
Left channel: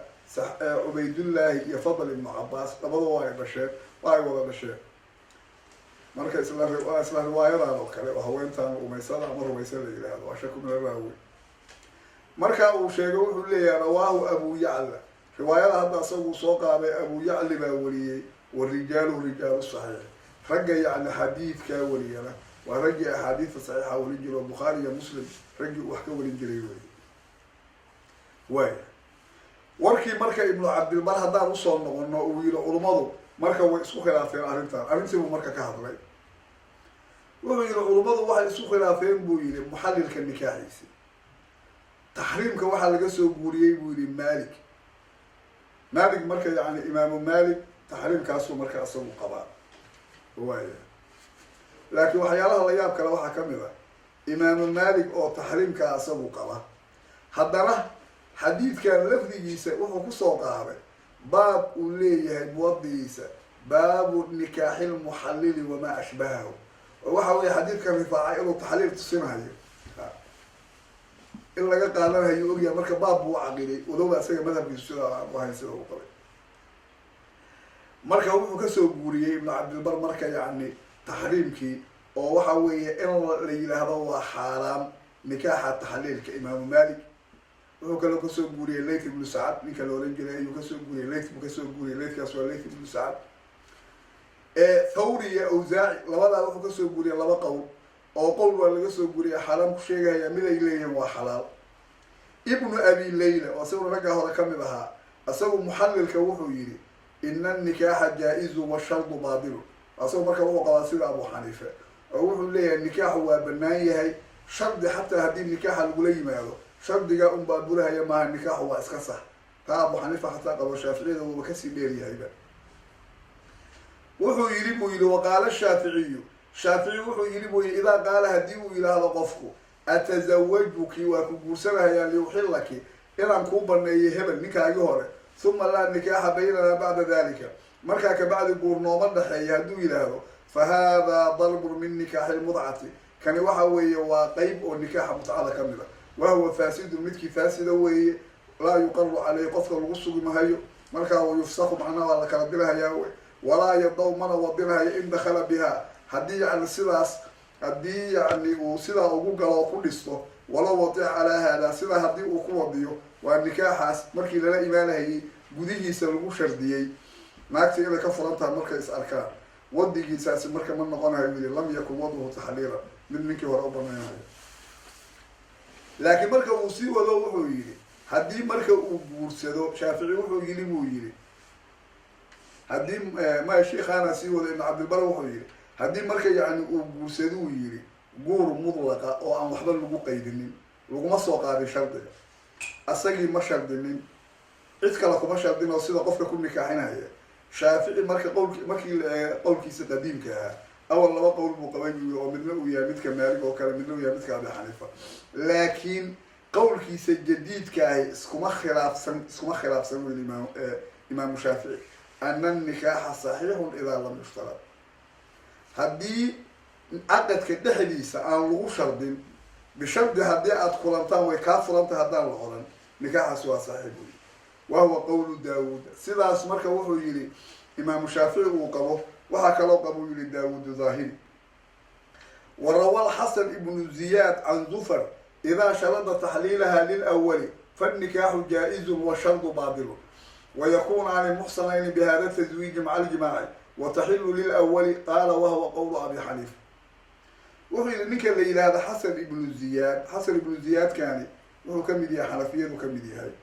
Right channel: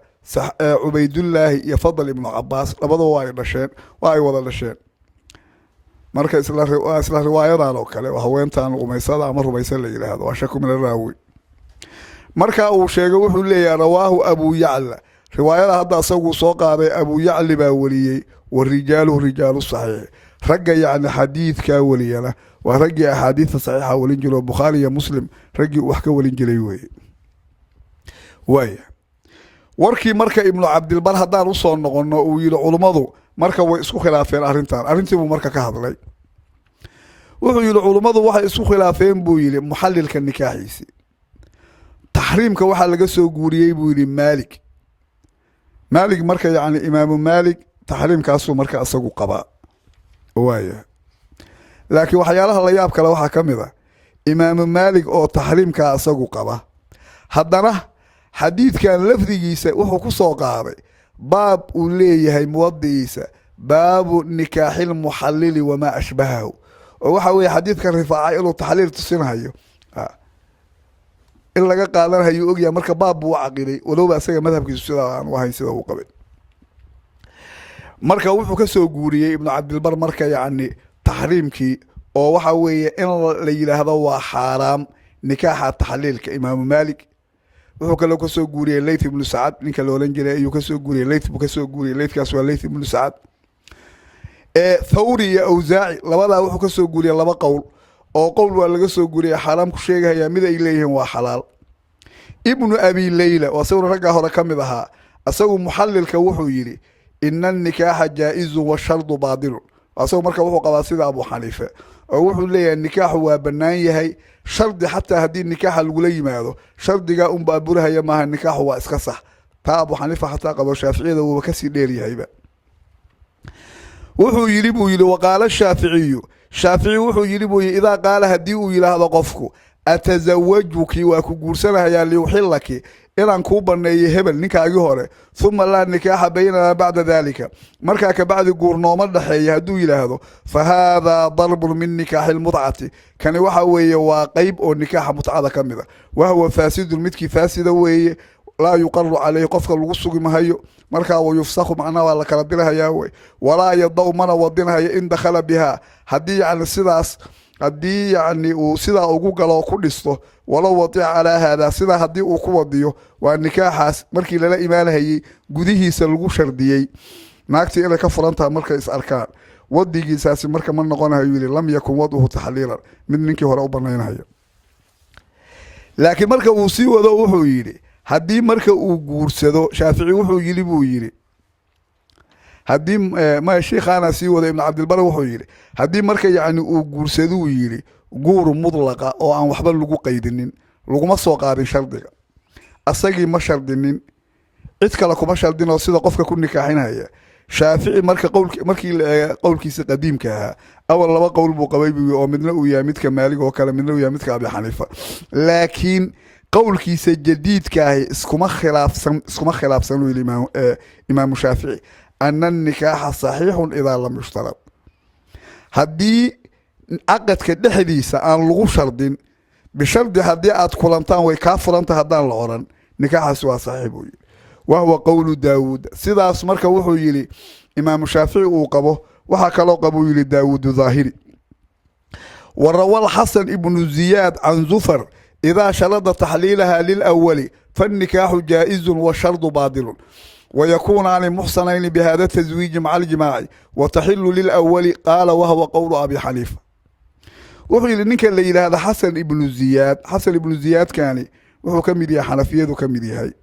Ubaydullah iyo Fadl ibn Abbas labadoo way dhasheen way wada dhasheen marka isla riwaayada oo kale waxa weyntaan umaysada ama rumaysan la yiraahdo waa shaku min raawi marka uu sheegay wuxuu leeyahay rawaahu Abu Ya'la riwaayada hadda asagu soo qaaday Abu Ya'la baa wariyay rijaalu sahih ragga yani xadiidka wariyana waa ragga ahadiith saxiixa walin jiro Bukhari iyo Muslim raggi wax ka walin jiray way warkii marka ibnu Abdul Bar hadaan u soo noqono uu yiri culimadu marka way isku khilaafeen arrintii uu marka ka hadlay wuxuu yiri culimadu waxay isku khilaafeen buu yiri muhallilka nikaaxiisi tahriimka waxa laga soo guuriyay buu yiri Malik marka yani Imam Malik tahriimkaas marka asagu qaba waaya laakiin waxyaalaha la yaab kale waxa kamid ah Imam Malik oo tahriimka asagu qaba haddana xadiidkan lafdigiisa wuxuu ku soo qaaday baab uu leeyahay muwaddiisa baabu nikaaxil muhallili wama ashbahahu oo waxa weeye xadiidkan rifaaca inuu taxliil tusinayo in laga qaadanayo ogyahay marka baab uu aqilay walow asaga madhabkiisu sida aan wahayn sida uu qabay marka wuxuu ka soo guuriyay ibn Abdul Bar marka yani tahriimkii oo waxa weeye in la yiraahdo waa xaraam nikaaxa taxliilka Imam Malik wuxuu kale ka soo guuriyay Layth ibn Sa'ad ninka la oran jiray ayuu ka soo guuriyay Layth buu ka soo guuriyay Laythkaas waa Layth ibn Sa'ad Thawri iyo Awzaa'i labada wuxuu ka soo guuriyay laba qowl oo qowl waa laga soo guuriyay xaraam ku sheegaya mid ay leeyihiin waa xalaal ibn Abi Layla oo sawir ragga hore kamid ahaa asagu muhallilka wuxuu yiri inna nikaaha jaa'izu wa shardu baadil asagu marka wuxuu qabaa sida Abu Hanifa oo wuxuu leeyahay nikaahu waa banaan yahay shardi hatta hadii nikaaha lagu yimaado shardiga baaburaha maaha nikaahu waa iska sax taa Abu Hanifa hatta qabo Shaafiicida uu ka sii dheer yahayba wuxuu yiri buu yiri waqala Shaafici wuxuu yiri buu ida qaala hadii uu yiraahdo qofku atazawwajuki wa ku guursanayaa li uhillaki inaan ku baneeyay hebel ninkaagi hore thumma la nikaaha baynana ba'da dhalika marka ka bacdi guurnooma dhaxeeyo haduu yiraahdo fa hada darb min nikah al-mut'ati kani waxa weeye waa qayb oo nikaaha mut'ada kamida wa huwa fasid midki fasida weeye la yuqarru alayhi qofka lagu sugi mahayo marka uu yufsakhu macna wala kala dilahayaa way wala yadaw mana wadinahayo in dakhala biha hadii yani sidaas hadii yani uu sida ugu galo ku dhisto wala wadi ala hada sida hadii uu ku wadiyo waa nikaaxaas markii lala iimaanayay gudihiisa lagu shardiyay naagtii inay ka furantaa marka is arkaan wadigiisaasi marka ma noqonayo yiri lam yakun waduhu tahliila mid ninkii hore u banaynayo laakiin marka uu sii wado wuxuu yiri hadii marka uu guursado Shaafici wuxuu yiri buu yiri hadii ma sheekhana sii wado ibn Abdul Bar wuxuu yiri hadii marka yani uu guursado yiri guur mudlaqa oo aan waxba lagu qaydinin laguma soo qaadin shardiga asagii ma shardinin cid kale kuma shardino sida qofka ku nikaaxinaya Shaafici marka qowlkiisa qadiimka ahaa awal laba qowl buu qabay oo midna uu yahay midka Maalik oo kale midna uu yahay midka Abi Hanifa laakiin qowlkiisa jadiidka ah iskuma khilaafsan uu Imam Shaafici anna nikaaha sahihun idha lam yushtarat hadii aqadka dhexdiisa aan lagu shardin bishardi hadii aad kulantaan way ka furanta hadaan la oran nikaaxaas waa sahih buu wa huwa qawlu Daawud sidaas marka wuxuu yiri إمام الشافعي وقبه وحكى قبو يلي داود ظاهري. وروى الحسن ابن زياد عن زفر إذا شرط تحليلها للأول فالنكاح جائز والشرط باطل ويكون عن المحصنين بهذا التزويج مع الجماع وتحل للأول قال وهو قول أبي حنيفة. وحي لنك الليلة هذا حسن ابن زياد. حسن ابن زياد كان وهو كمدي حنفية وكمدي هاي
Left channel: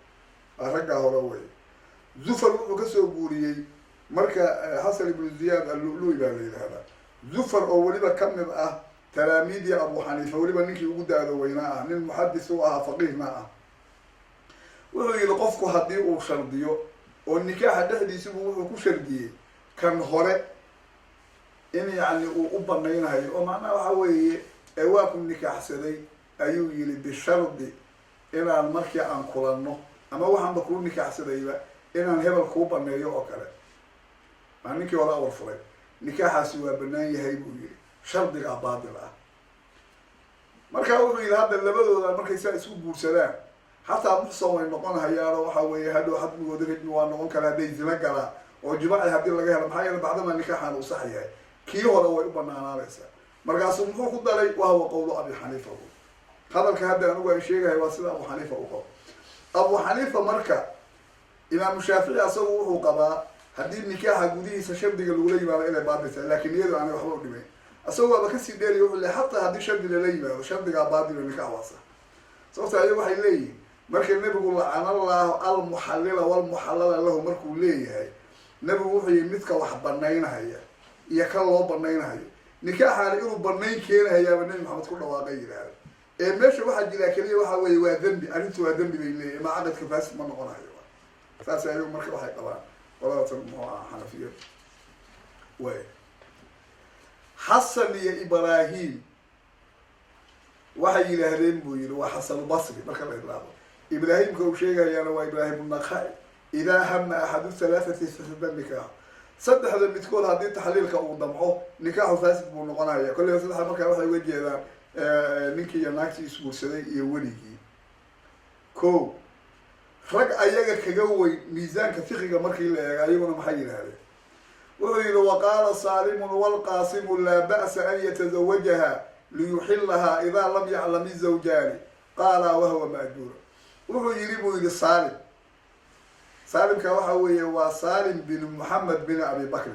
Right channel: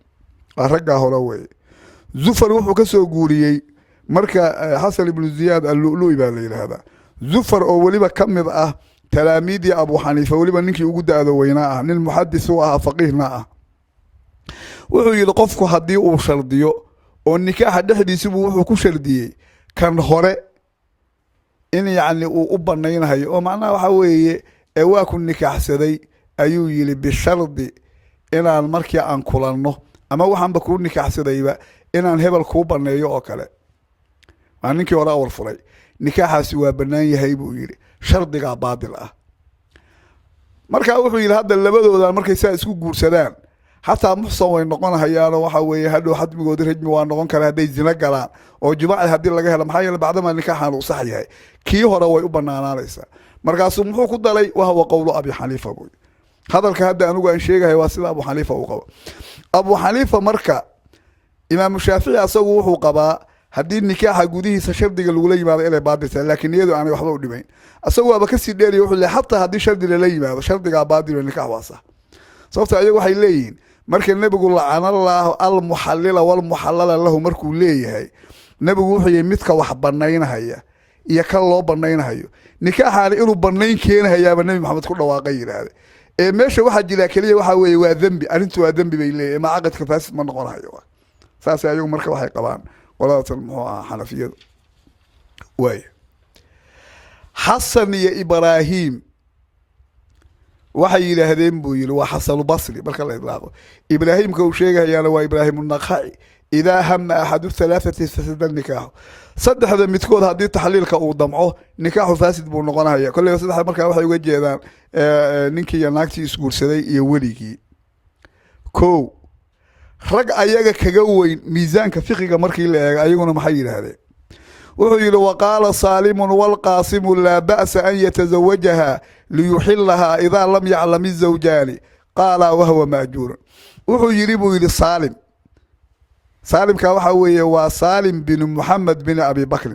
أرجع هروي زفر وحو كسو قولي مركا حسن ابن زياد اللؤلؤي بالليلة هذا زفر أو وليبا كمد تلاميذ أبو حنيفة وليبا نك يوجد هذا ويناه للمحدث هو فقيه معه وحو يلقفك هدي وشرديو والنكاح دحدي سبو وحو كشرديي كان هوري إن يعني وبنين هاي ومعناه وحوي أواكن نكاح سدي أيو يلي بالشرد إن المركي عن كلانه أما وحن بكون نكاح سدي بقى إن الهبل كوبا نيو أكله عنك وراء ورفري نكاح سوى بناي هيبو يلي شرد قا باطل مركا وحو يلي هذا اللي بدو المركي ساسكو جورسدان حتى محصن وين نقون هيانا وحوي هادو حد بيقول رجمي وان نقون كلا هدي زنا قلا أو جماعة هدي لقى هلا محايا بعد ما النكاح عنو صحيح كي هو روي وبنانا ليس مركز محو كدلي وهو قول أبي حنيفة بوي هذا الكهذا أنا قاعد شيء هي واسطة أبو حنيفة وقبا أبو حنيفة مركا إمام الشافعي أسوه وقبا هدي النكاح جوديه سشرد الأولى بعد إلى بعد لكن يدو أنا وحده ودمين أسوه بكسي ديري يقول حتى هدي شرد الأولى بعد شرد بعد النكاح واسع صوت أيه واحد لين مركز النبي يقول عن الله المحلل والمحلل له مركو ليه هاي النبي يقول يمتك وحبناين هيا يكال الله بناين هيو نكاح على إنه بناين كين هيا النبي محمد كله واقعي هذا ماشي واحد جلا كليه واحد وذنبي أنتوا ذنبي بيلي ما عقد كفاس من قرها هيو فاس يوم مركب واحد قبان ولا تنمو حنفية وين حسن يا إبراهيم وحي لهذين بويل وحسن البصري برك الله يبلغه إبراهيم كوشيغا يا لو إبراهيم النخعي إذا هم أحد الثلاثة فسد النكاح صدق هذا متكود هذه تحليل كأو ضمعه نكاح فاسد بونقنا هي كل يوم صدق مركب واحد يوجد جدًا نينكي يناكتي يسقول سدي يوليكي كو رجع أيجا كجوي ميزان كفقه مركي لا أيجونا محيل هذا وحيل وقال صالم والقاسم لا بأس أن يتزوجها ليحلها إذا لم يعلم الزوجان قال وهو مأجور وحيل بويل صالم سالم كوحوي وسالم بن محمد بن أبي بكر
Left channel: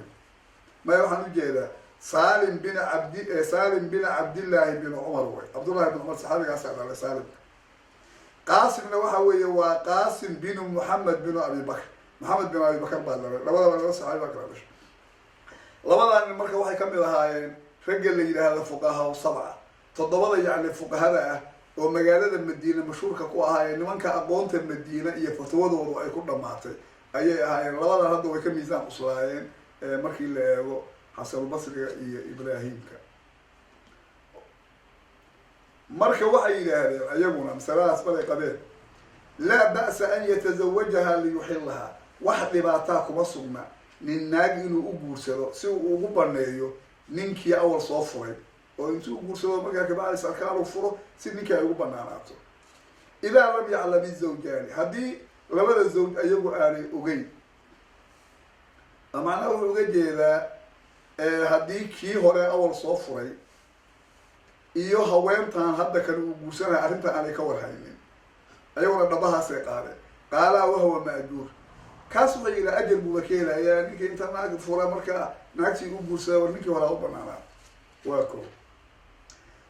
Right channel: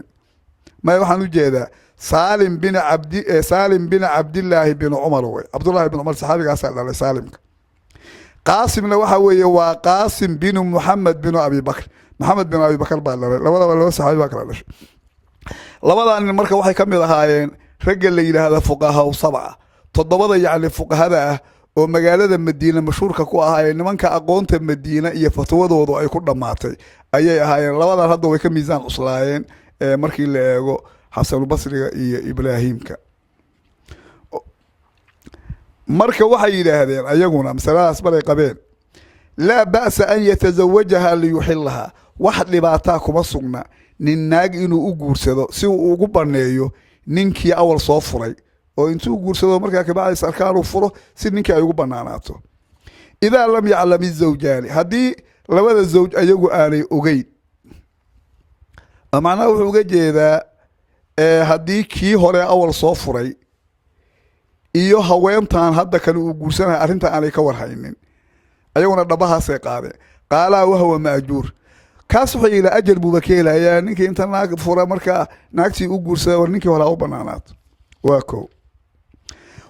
ما يوحنا جيدا سالم بن عبد الله بن عمر عبد الله بن عمر صحابي قاسم على سالم قاسم لوحوي وقاسم بن محمد بن أبي بكر محمد بن أبي بكر بالله لولا صحابي بكر ليش لولا أن المركب واحد كمل هاين رجل لي هذا فقهاء وسبعة تضبط يعني فقهاء ومجالات المدينة مشهور كقوة هاي إن من كأقونت المدينة يفتوى ذو أي كل دماتي أي هاي لولا هذا ويكون ميزان أصلاين مركي اللي حسن البصري إبراهيم ك مركب واحد إلى هذين أيقونا مثلا أسباب قبيل لا بأس أن يتزوجها ليحلها واحد لبعتاكم الصنع نناج إنه أجور سو أجبرنيه ننكي أول صفري وإنتو قرصوا مركا كبعض سركان وفره سنك أيقو بناناته إذا لم يعلم الزوجان هدي لو هذا الزوج أيقو آلي أغيد أمعناه وحوجد إذا هدي كي هوري أول صفري إيو هوينتان هدا كانوا قرصنا أرنتا عليك ورهينين أيقونا دبها سيقاده قال وهو مأجور كاسو إلى أجل بوبكيلا يا نيكي إنت ناك فرا مركا ناكتي قرصوا ورنيكي ولا بنانات واكو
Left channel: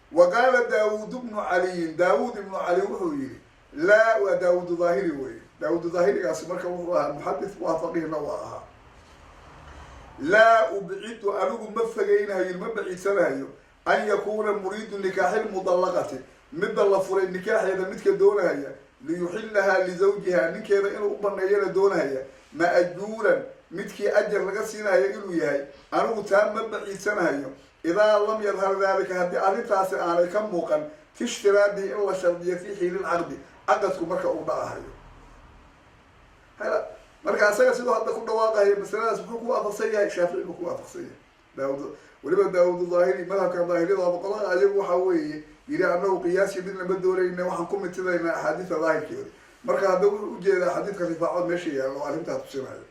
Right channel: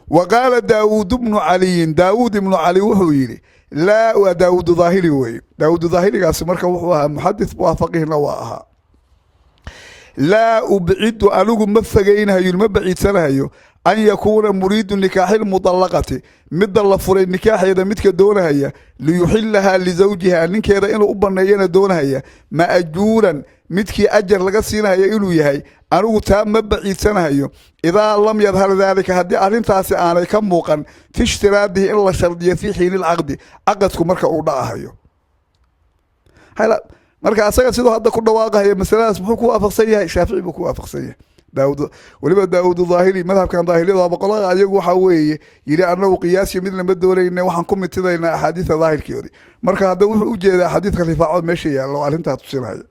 وقال داود بن علي داود بن علي وحويلي لا وداود ظاهري وي داود ظاهري قاس مركا وحوها محدث وافقه نواها لا أبعد أنو مفقينها يلمبعيد سنها أن يكون مريد النكاح المطلقة مد الله فري النكاح إذا متك دونها هي ليحلها لزوجها نك إذا إنه أبنينا دونها هي مأجورا متك أجر لقصينها يقولوا يهي أنو تام مبعيد سنها إذا لم يظهر ذلك هدي أرنتاسي أنا كم موقن في اشتراده إلا شرطية في حين العقد عقدكم مركا أوضاعها هلا مركا أساقا سيدو هذا كل واقع هي مثلا اسمه كو أفقسية الشافعي بكو أفقسية داود ولما داود ظاهري مذهب كان ظاهري ضابا قلاغ أيقو حوي يلي أنه قياسي مثل ما بدوري إنه وحنكم متدين أحاديث ظاهر كيوري مركا هذا وجد أحاديث خليفة عود ماشي يعني لو أرنتها تصير هاي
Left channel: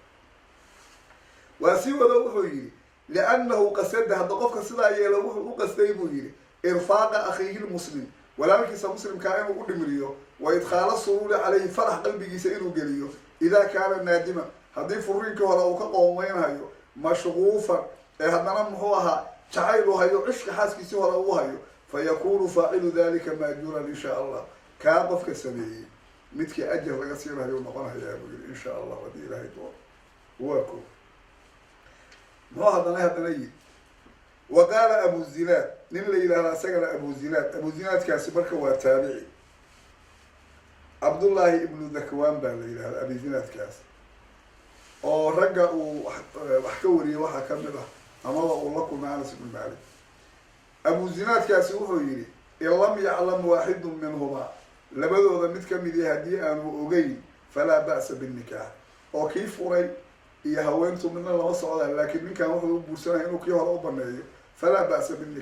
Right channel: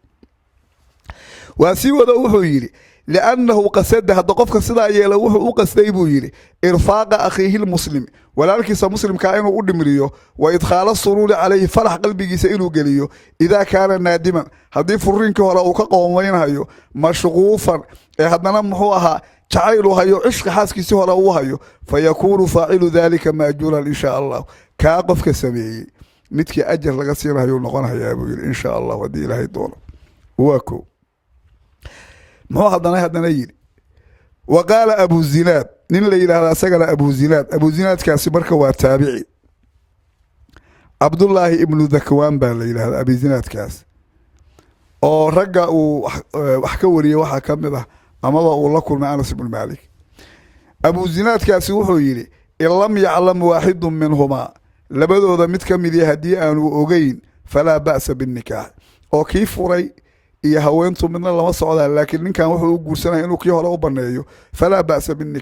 واسيوده وحو يري لأنه قصد هذا قفك صدا يلا وحو قصدي بو يري إرفاق أخيه المسلم ولكن مسلم كائنه قدمريو وإدخال السرور عليه فرح قلبي سئلو قليو إذا كان نادما هذي فرينك وراء كقومين هايو مشغوفا هذا محوها تعايلو هايو عشق حاسك سهر هايو فيكون فاعل ذلك مأجورا إن شاء الله كاقفك سمي متك أجر لقصير هايو نقونها يا أبو إن شاء الله ودي لهي دون واكو ما هذا يجري وقال أبو الزناد نين اللي هذا سجل أبو الزناد كاسبرك وتابعي عبد الله ابن ذكوان بالليل هذا أبي الزناد كاس أو رجع وحكوري وحكم به أما الله كل مع أنس بن مالك أبو الزناد كاس وحيري إن لم يعلم واحد منهما لبدو ذا متكمل هدي أن أجين فلا بأس بالنكاح أو كيف رأي iyo haweentu midna lama socdaan laakiin ninkan wuxuu u guursanay inuu kii hore u baneeyo fala ba'sa bin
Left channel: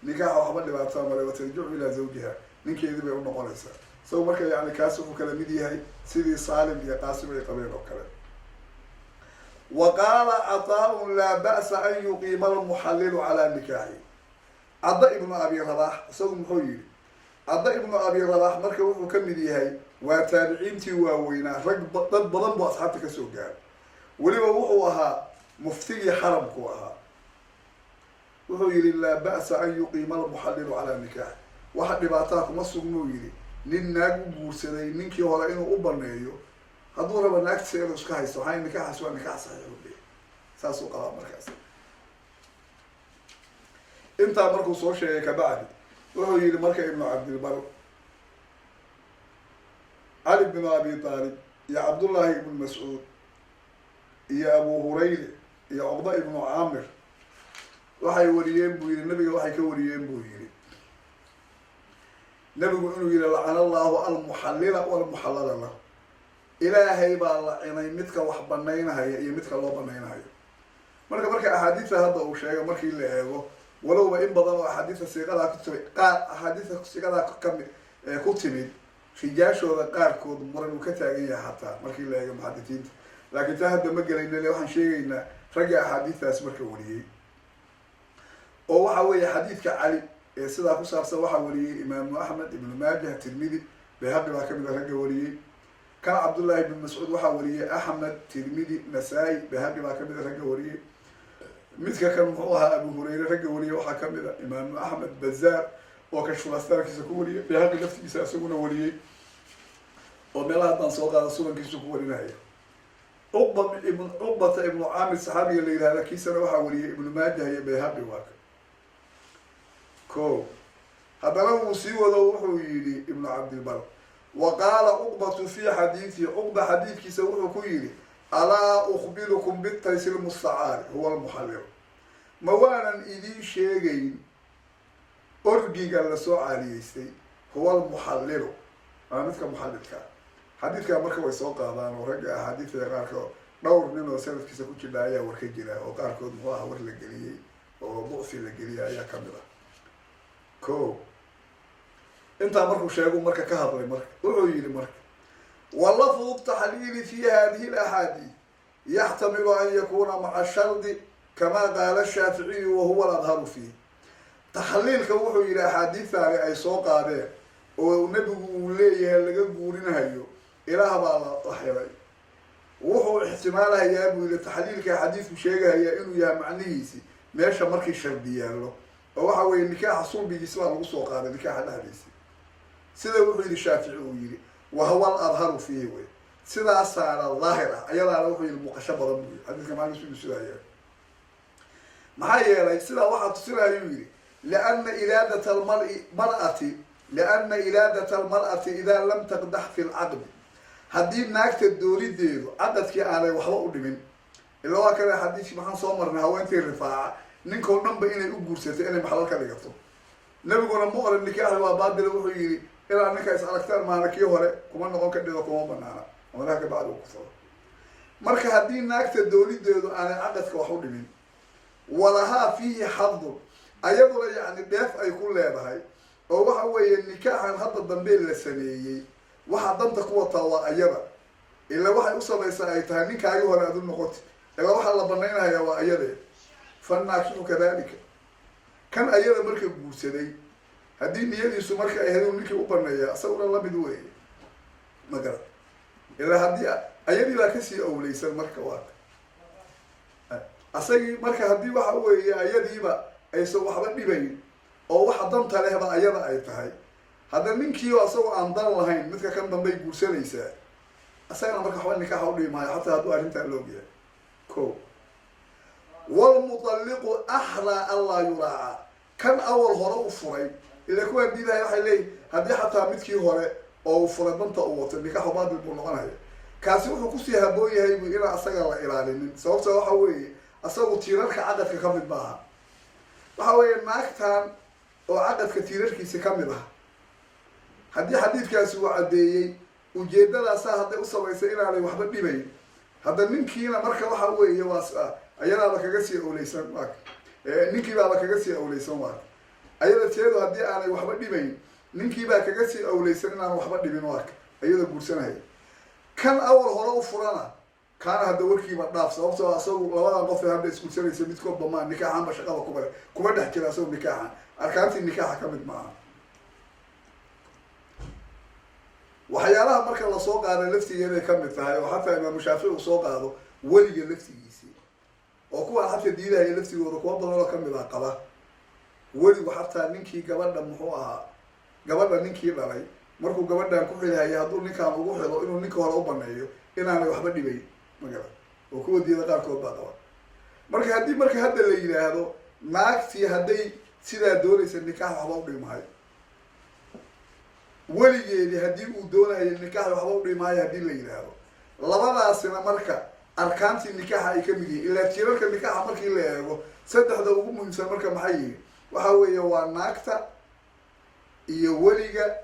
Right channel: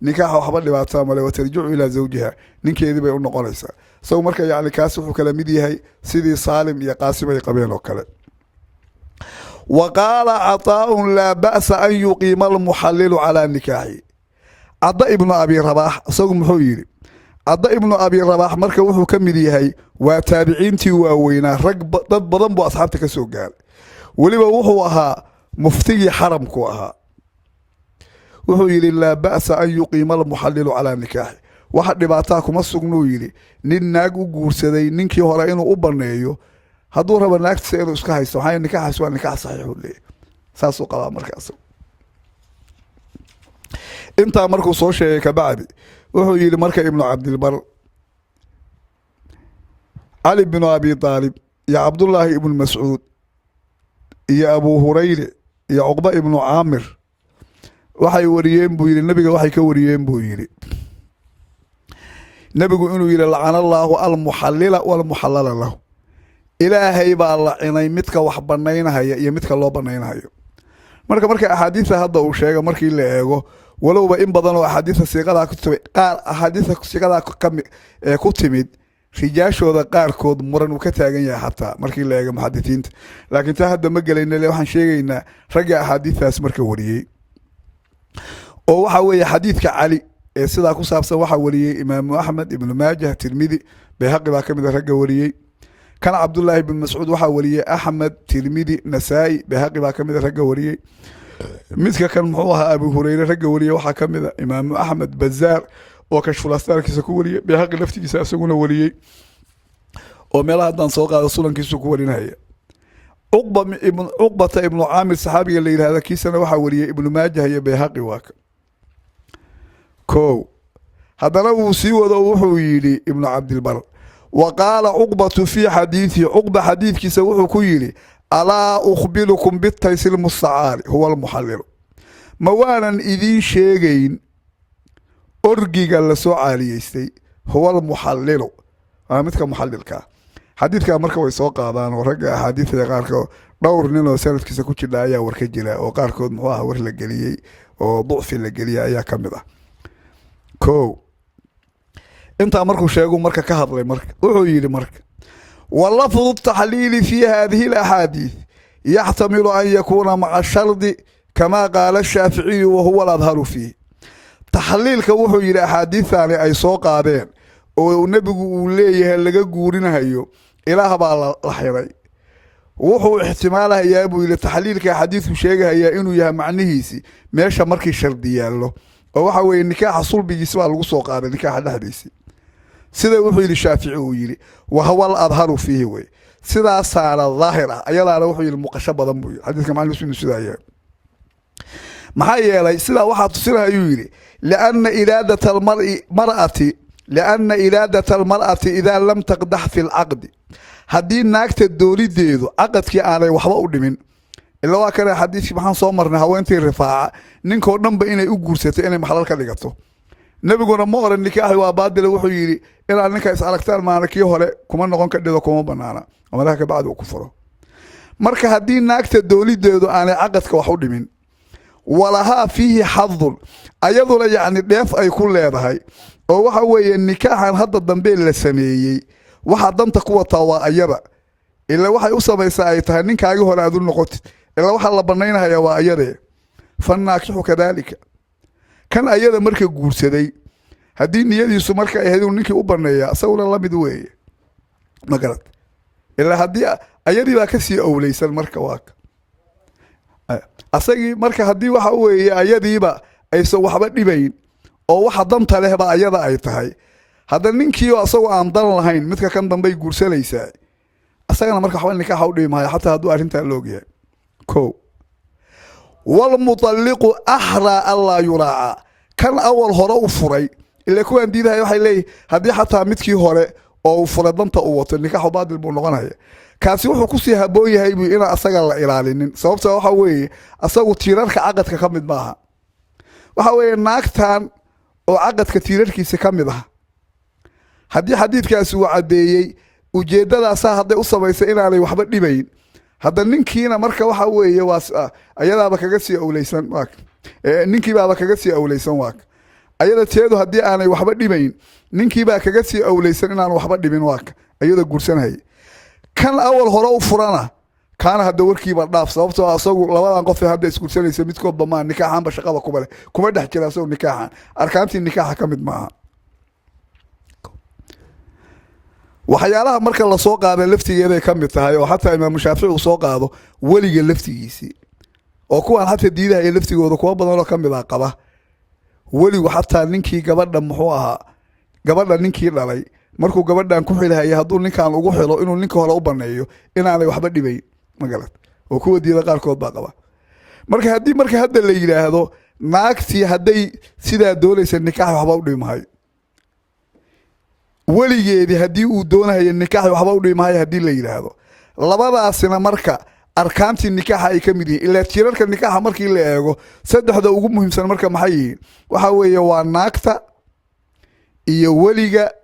nikah waxba dhibaato ma leh watarji'u ila zawjiha ninkeedii bay u noqonaysaa soo marka yaani kaas wuxuu kala mid yahay sidii Saalim iyo Qaasim ay qabeen oo kale وقال عطاء لا بأس أن يقيم المحلل على نكاحه عطاء ابن أبي رباح سوق محويري عطاء ابن أبي رباح marka wuxuu ka mid yahay waa taabiciintii waaweynaa rag dad badan boo asxaabta ka soo gaar ولما وحوها مفتي حرم كوها وهو يلي لا بأس أن يقيم المحلل على نكاح واحد لبعتاكم السجنو يلي نناق وجورسدي ننكي هراينو أبرنيو هدور بناك تسألوا إسكاه يستوحي النكاح سواء النكاح صحيح ولا ساسو قلام مركز أنت مركو صوشي كبعد وهو يلي مركا ابن عبد البر علي بن أبي طالب يا عبد الله ابن مسعود يا أبو هريرة يا عقبة ابن عامر waxay wariyeen buu yiri nabiga waxay ka wariyeen buu yiri nabigu inuu yiri la'ana Allahu al-muhallila wal muhallala lahu ilaahay baa la'inay midka wax banaynaya iyo midka loo banaynayo marka ahadiisa hadda uu sheegay markii la eego walowba in badan oo ahadiisa siiqada ku tibay qaar ahadiisa siiqada ku timid rijaashooda qaarkood muran uu ka taagan yahay hatta markii la eego muhaddisiinta laakiin taa hadda ma galayna waxaan sheegaynaa ragga ahadiisaas marka wariyay oo waxa weeye xadiidka cali ee sida ku saabsan waxa wariyay imaam ahmed ibn maajah tirmidhi bayhaqi baa kamid ragga wariyay kan abdullah ibn mas'ud waxa wariyay ahmed tirmidhi nasaa'i bayhaqi baa kamid ragga wariyay midka kan muxuu ahaa abu hurayra ragga wariyay waxa kamid imaam ahmed bazaar oo kashful astarkiisa ku wariyay bayhaqi laftigiisa asaguna wariyay oo meelaha dan soo qaada sulankiisa ku warinaya عقبة ابن عامر صحابي اللي هذا كيسنا وحوري ابن ماجه هي بيهقي واك كو هذا لو سوى وحويلي ابن عبد البر وقال عقبة في حديثي عقبة حديث كيسوه كويلي ألا أخبركم بالتيسير المستعار هو المحلل موانا إذين شيئين أرجي قال سؤالي يستي هو المحلل أنا متك محلل كا حديث كان مركب يسوق هذا ورجع حديث يقارك دور نينو سالت كيسا كوتشي لا يا وركجلا وقاركود محوها ور لجليي وضعف لجليي أيا كمذا كو أنت مركو شيء مركا كهض لي مرك وعيلي مرك واللفظ التحليل في هذه الأحاديث يحتمل أن يكون مع الشرط كما قال الشافعي وهو الأظهر فيه تحليل كوحو إلى أحاديث ثانية أي سوق هذين والنبي يقول ليه اللي جورينا هيو إله بالحيري وحو احتماله يا أبو إلى تحليل كحديث وشيء هي إنه يا معنيهسي ماشى مركي شردية له وحو النكاح حصول بجسمه الوسوق هذا نكاح الحديثي سيدا وحو إلى الشافعي ويلي وهو الأظهر فيه وي سيدا صار الظاهرة أيلا وحو إلى المقشبة ضمبوي حديث كمان نسمي سيدا يا محايا سيدا واحد تصيرها يويلي لأن إرادة المرأة إذا لم تقدح في العقد هذه ناكت الدوري ديدو عقد كي علي وحبا قدمين إلا هو كان حديث محان صومرنا هوانتي الرفاعة ننكو نمبا إني أقرسيتي إني محلال كاليغتو نبي قونا مغر النكاح وابادل وحو يري إلا أنك إسألك تال مانك يهوري كمان نغن كديدو كمان بنانا وما ذاك بعد وكفره مركا هذه ناكت الدوري ديدو أنا عقد كوحو دمين ولها فيه حظ أيضا يعني ديف أي كل هذا oo waxa weeye nikaaxan hadda dambe la sameeyay waxa danta ku wata waa ayaba ila waxay u sameeyay ay tahay ninkaagi hore aad u noqotid إلا وحا الله بنينها يا وأيده فالناكح كذلك كان أيده مركا قرسدي هدين يديسو مركا أهدو نيكي أبنيا أسولا الله بدوي ما قرأت إلا هدي أيدي لا كسي أو ليس المركا واك أساقي مركا هدي وحا وي أيدي با أيسو وحبا ديبين أو وحا دمتا له با أيدا أي تهي هذا نينكيو أسو عن دان لهين متكا كان دنبي قرسليسا أساقنا مركا حوال نكاح ودي ماي حتى هدو أرنتا اللوغيا كو والمطلق أحرى الله يراعى كان أول هراء فري اللي كوان ديدها يوحي ليه هدي حتى متكي هراء أو فرضنتا أوت النكاح بعد البنغان هي كاسي وحو كسي هبوي هاي بي إنا أساق الله إلالين سببتا وحا وي أساقو تيرارك عقدك كمد باها وحا وي ناكتان أو عقدك تيراركي سكمد باها هدي حديث كاسي وعديي وجيدادا أسا هدي أصبايسا إنا علي وحبا ديبين هذا نينكينا مركا waxa weeye waa ayadaaba kaga sii awleysan waak ninkii baa kaga sii awleysan waak ayada teedu hadii aanay waxba dhibayn ninkii baa kaga sii awleysan inaan waxba dhibin waak ayada guursanahay kan awal hore u furana kaana hada warkiiba dhaaf sababtoo asagu labadan qof hadda isguursanaysa midkood bamaan nikaaxan ba shaqada kuma dhex jira asagu nikaaxan arkaantii nikaaxa kamid maaha waxyaalaha marka la soo qaado laftigeeda ka mid tahay oo xataa imaam Shaafici uu soo qaado waliga laftigiisi oo kuwan xataa diidahay laftigooda kuwa badan oo kamid ah qaba waligu xataa ninkii gabadha muxuu ahaa gabadha ninkii dhalay markuu gabadhan ku xilahay haduu ninkan ugu xilo inuu ninka hore u baneeyo inaanay waxba dhibay magalad oo kuwa diida qaar kood baa qaba marka hadda la yiraahdo naagtii haday sida doonaysa nikaax waxba u dhimahay waligeedii hadii uu doonayo nikaax waxba u dhimahay hadii la yiraahdo labadaasina marka arkaantii nikaaxa ay kamid yihiin ilaa tirarka nikaaxa markii la eego saddexda ugu muhiimsan marka maxay yihiin waxa weeye waa naagta iyo waliga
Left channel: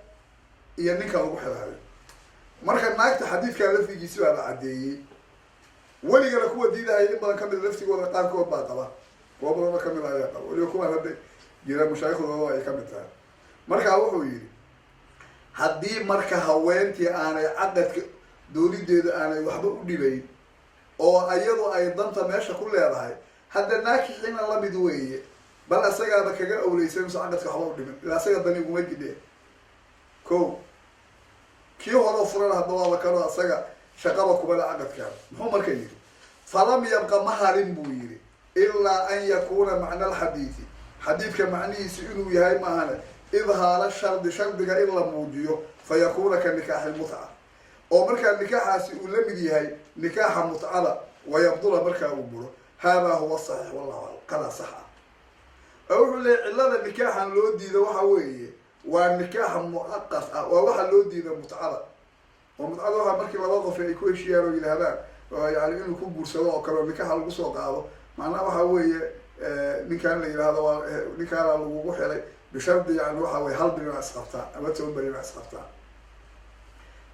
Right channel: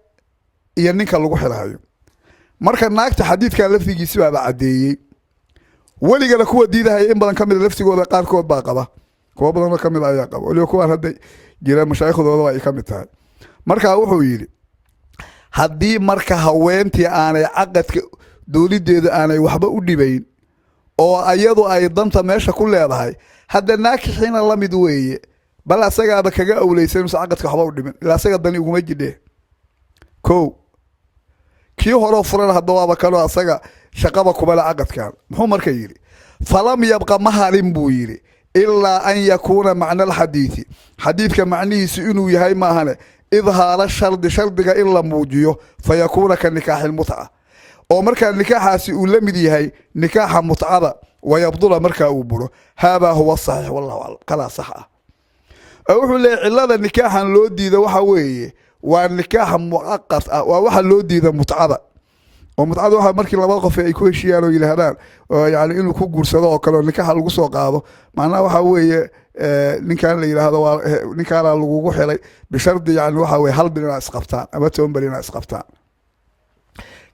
iyo ninka lagu xilayo marka naagta xadiidka laftigiisa baa cadeeyay waliga la kuwa diidahay in badan kamid laftigooda qaar kood baa qaba kuwa badan kamid ayaa qaba waliga kuwa hadda jira mashaayikhdooda ay kamid tahay marka wuxuu yiri haddii marka haweentii aanay caqadka dowladeedu aanay waxba u dhibayn oo ayadu ay danta meesha ku leedahay hadda naakixiina la mid weeye bal asagaaba kaga awleysan caqadka waxba u dhiban ilaa asaga dani uguma jidhe ko kii hore furan hadda waaba kalo asaga shaqaba kubala caqadkan muxuu marka yiri falam yabqa maharin buu yiri ilaa an yakuna macna alxadiisi xadiidka macnihiisu inuu yahay maahane إظهار الشرط شرطك إلا موجيه فيكون كنكاح المتعة أو مركا النكاح سيولمدي هي نكاح متعة ويبطل مركا أوبره هذا هو الصحيح والله أعلم قال صح أقول لي علاذ النكاح اللودي ذا وحوي والنكاح مؤقت وواحد اللودي ذا متعة ومتعة واحد مركي لما وقف يكون شيء إلى هذا يعني إنه كون جرسده وكله النكاح القصة قاضه معناه وحوي ninkan la yiraahdo ninkan lagu xilay bishardi yani waxa way hal bil inaad isqabtaan ama 10 bil inaad isqabtaan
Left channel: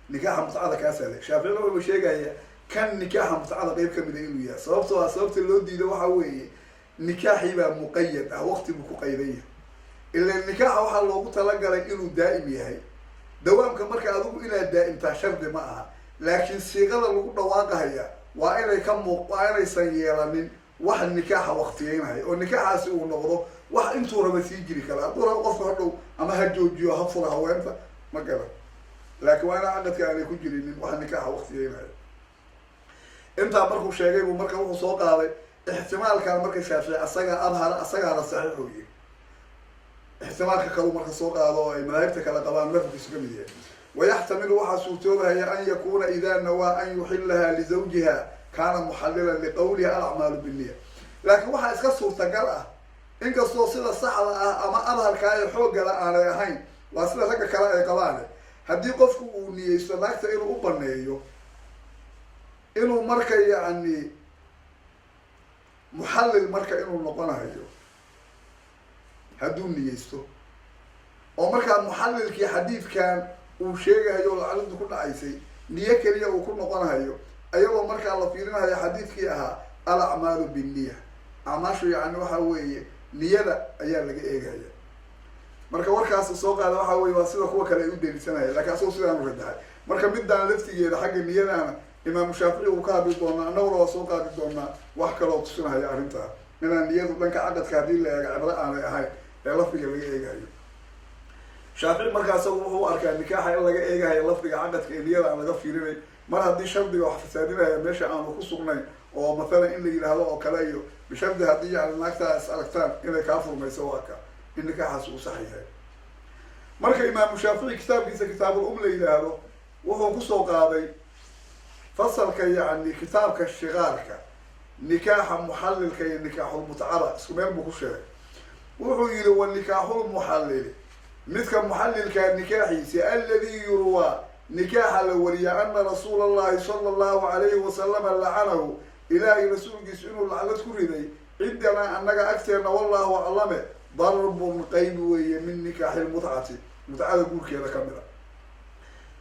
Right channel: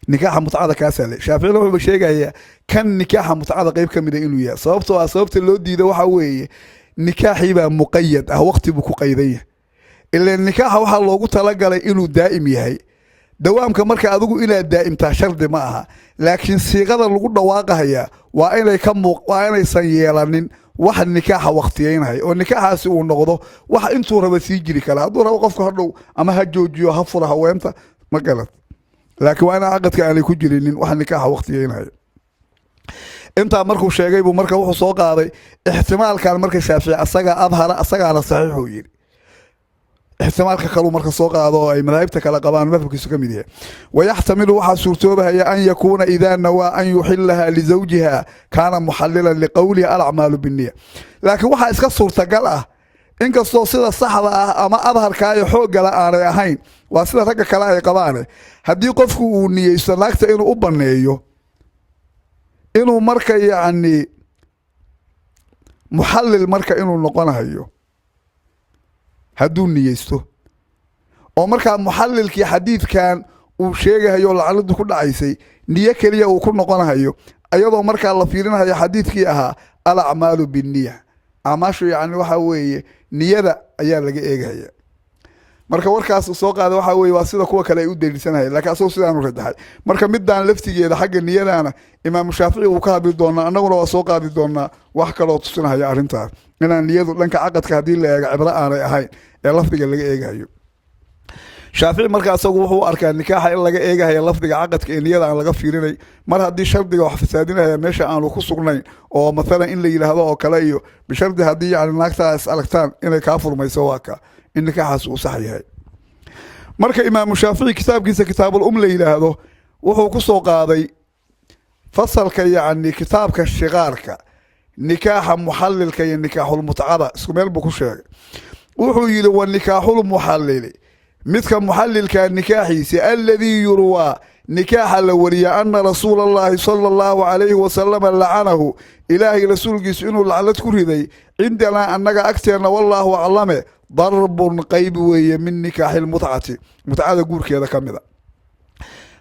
nikaaxa mutcada kaasale Shaafici wuxuu sheegaya kan nikaaxa mutcada qayb kamid ah inuu yahay sababtoo ah sababta loo diiday waxa weeye nikaaxi baa muqayyad ah waqti buu ku qayday ilaa nikaaxa waxa loogu talagalay inuu daa'im yahay dawaamka marka adigu inaad daa'imtaa shardi ma aha laakiin siiqada lagu dhawaaqaya waa inay san yeelanin واحد نكاح وقتين هاي والنكاح سوى النقضه واحد انتو ربا سيجري كلا هدو ربا قفك هدو اما هجوجيو هفرها وامتا ما قالت لكن وانا عقد كان يكون جرينين واحد نكاح وقتين هاي انت مركو شيغاي بو مركا وحو سو قاداي احتمال كان مركا شافعي اسغا اظهر اسغا على صحيح ويري احتمال كلو مركا سو قادو اي مذاهبته كلا قبان مذهبكيسو كميديه ويحتمل واحد صورتوبه هي ان يكون اذا نوى ان يحلها لزوجها كان محللا لقوله الاعمال بالنيه لكن waxa iska suurtagal ah in kasto sida saxda ah ama adharka ay xoog gala aanay ahayn waa sida ragga kale ay qabaan hadii qofku uu niyeysto laagta inuu u baneeyo inuu marka yaani muhallil marka inuu noqonayo haduu niyeysto oo marka muhallilkii xadiidkan uu sheegayo lacaladu ku dhacaysay niyo kaliya uu ku noqonayo ayadoo marka la fiirinayo xadiidkii ahaa al-a'malu bin-niyya amashu yaani waxa weeye niyada ayaa laga eegaya marka warkaas soo qaada waxa weeye waa sida kuwa kale ay u daliisanahay laakiin asoo sidaan u rajaxay marka midaan laftigeeda xagga niyadaana imaam shaafici uu ka hadli doonaa annaguna waa soo qaadi doonaa wax kaloo tusinaya arrintaas inaan niyadu dhanka caqadka haddii la eego cibro aanay ahayn ee lafdiga laga eegayo shaafici marka asagu wuxuu arkaa nikaaxa in laga eegahayo lafdiga caqadka ee niyada aan laga fiirinay mar haddii shardiga wax fasaadinaya meesha aanu ku sugnayn oo mathalan in la yidhaahdo oo kale iyo bishardi haddii yani naagtaa is aragtaan inay kaa furmayso waa ka in nikaaxaas uu sax yahay marka imaamu shaafici kitaabkiisa kitaabul la yidhaahdo wuxuu kusoo qaaday fasalka yacni kitaabka shiqaarka nikaaxa muxallilka iyo nikaaxulmutcada isku meel buu ku sheegay wuxuu yidhi wa nikaaxulmuxallili midka muxallilka nikaaxiisa alladii yurwaa nikaaxa la wariya ana rasuula allahi sala allahu calayhi wasalama lacanahu ilaahay rasuulkiisu inuu lacnad ku riday cindanaa annaga agteenna wallaahu aclame darbun qayb weeye min nikaaxi lmutcati mutcada guurkeeda ka mida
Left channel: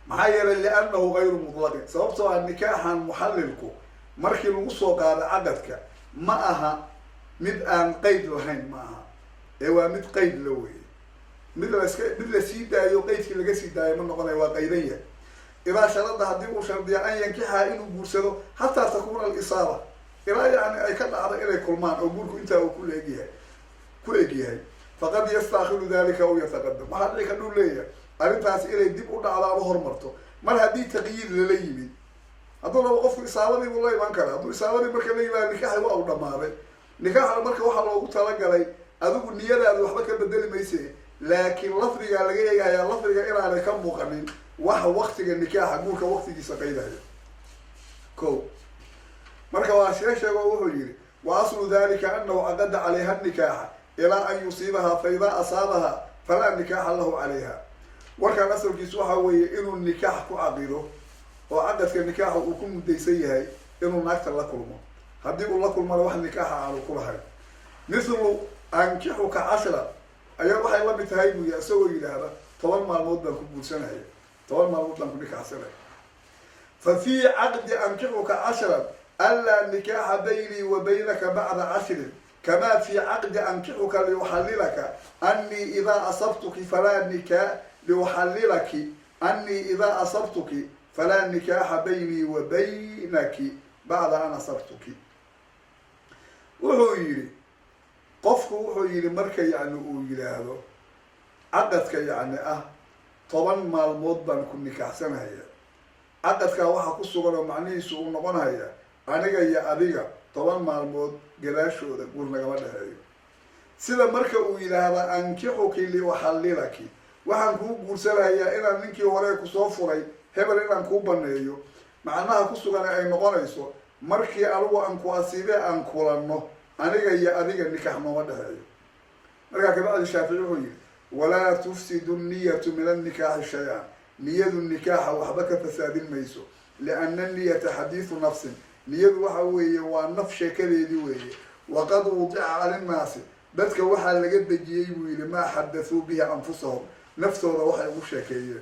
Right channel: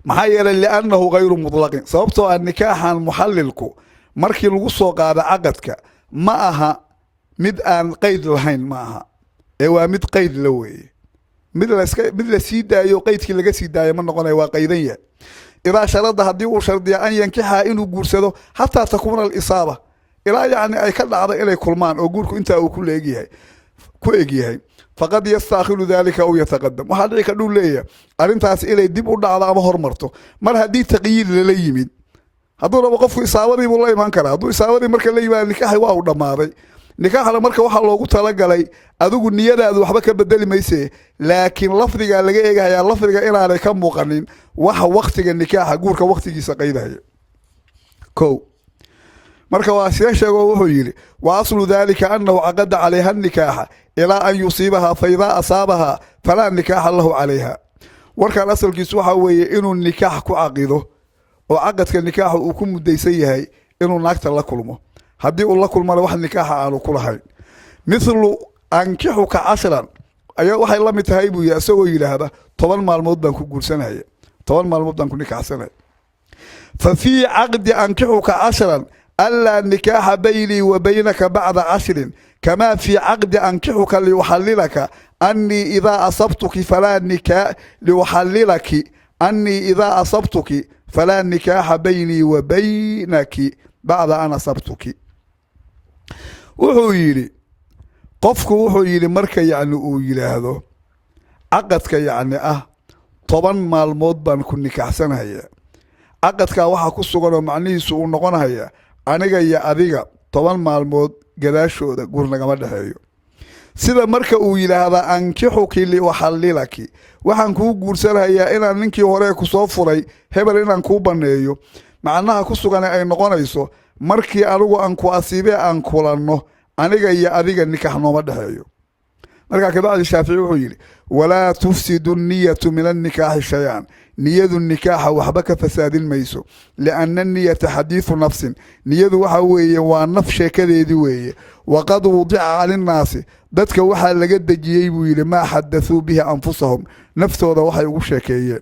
maxaa yeelay liannahu gayru mutlaqin sababtoo ah nikaaxan muxallilku markii lagu soo qaado caqadka ma aha mid aan qeyd lahayn ma aha ee waa mid qeyd la weeye mid la sii daayo qeydkii laga sii daayo ma noqonayo waa qaydan yahay idaa sharada haddii uu shardiya an yankixaa inuu guursado xataa takuuna alisaaba ilaa yacni ay ka dhacdo inay kulmaan oo guurku intaa uu ku egyahay faqad yastaakhiru dalika aw yataqadam waxaa dhici kadhuu leeyahay arrintaas inay dib u dhacdo ama hormarto mar haddii taqyiid lala yimid hadduu rabo qofku isaabadii buu la imaan karaa hadduu isaabadii marka la yimaado nikaaxi waa uu dhammaaday nikaaxna marka waxaa loogu talagalay adigu niyadaadu waxba ka bedeli mayse laakiin lafdigaa laga eegahayaa lafdiga inaanay ka muuqanin waxa waktiga nikaaxa guurka waktigiisa qaydahaya ko marka waa sida sheego wuxuu yidhi wa aslu dalika anahu caqada calayha nikaaxa ilaa an yusiibahaa fa idaa asaabahaa falaa nikaaxa lahu calayha warkaan asalkiisu waxaa weeye inuu nikaax ku caqido oo caqadka nikaaxa uu ku mudaysan yahay inuu naagta la kulmo haddii uu la kulmana wax nikaaxa aanu ku lahayn mithlu ankixuka cashran ayaa waxay la mid tahay buu yii isagoo yidhaahda 10 maalmood baan ku guursanaya 10 maalmood baan ku nikaaxsanaya fa fii caqdi ankixuka cashran anlaa nikaaxa baynii wa baynaka bacda 10 kamaa fii caqdi ankixuka liuxallilaka annii idaa asabtuki falaa nikaa liuxallilaki annii idaa asabtuki falaa nikaaxa baynii wa baynaki bacda an asabtuki wuxuu yidhi qofku wuxuu yidhi marka yacni uu yidhaahdo caqadka yacni ah 10 maalmood baan ku nikaaxsanaya caqadkaa waxaa ku sugan oo macnihiisu uu noqonaya aniga iyo adiga 10 maalmood gadaashooda guur nagama dhexeeyo sida marka uu yidhaahdaa ankixuki liuxallilaki waxaan kuu guursanayaa inaan ninkii hore kusoo furay hebel inaan kuu baneeyo macnaha ku sugan ay noqonayso markii anigu aan ku asiibee aan kulanno aniga iyo adiga nikax nooma dhexeeyo markaa kabacdi shaafici wuxuu yidhi walaa tufsidu niyatu min annikaaxi shay-an niyadu nikaaxa waxba ka fasaadin mayso lianna niyata xadiidu nafsin niyadu waxa weeye waa naf sheekadeedii weeye waqad wudica calinnaasi dadka waxaa laga dejiyey buu yidhi maa xadathuu bihi anfusahum naftooda waxay ugu sheekeeyeen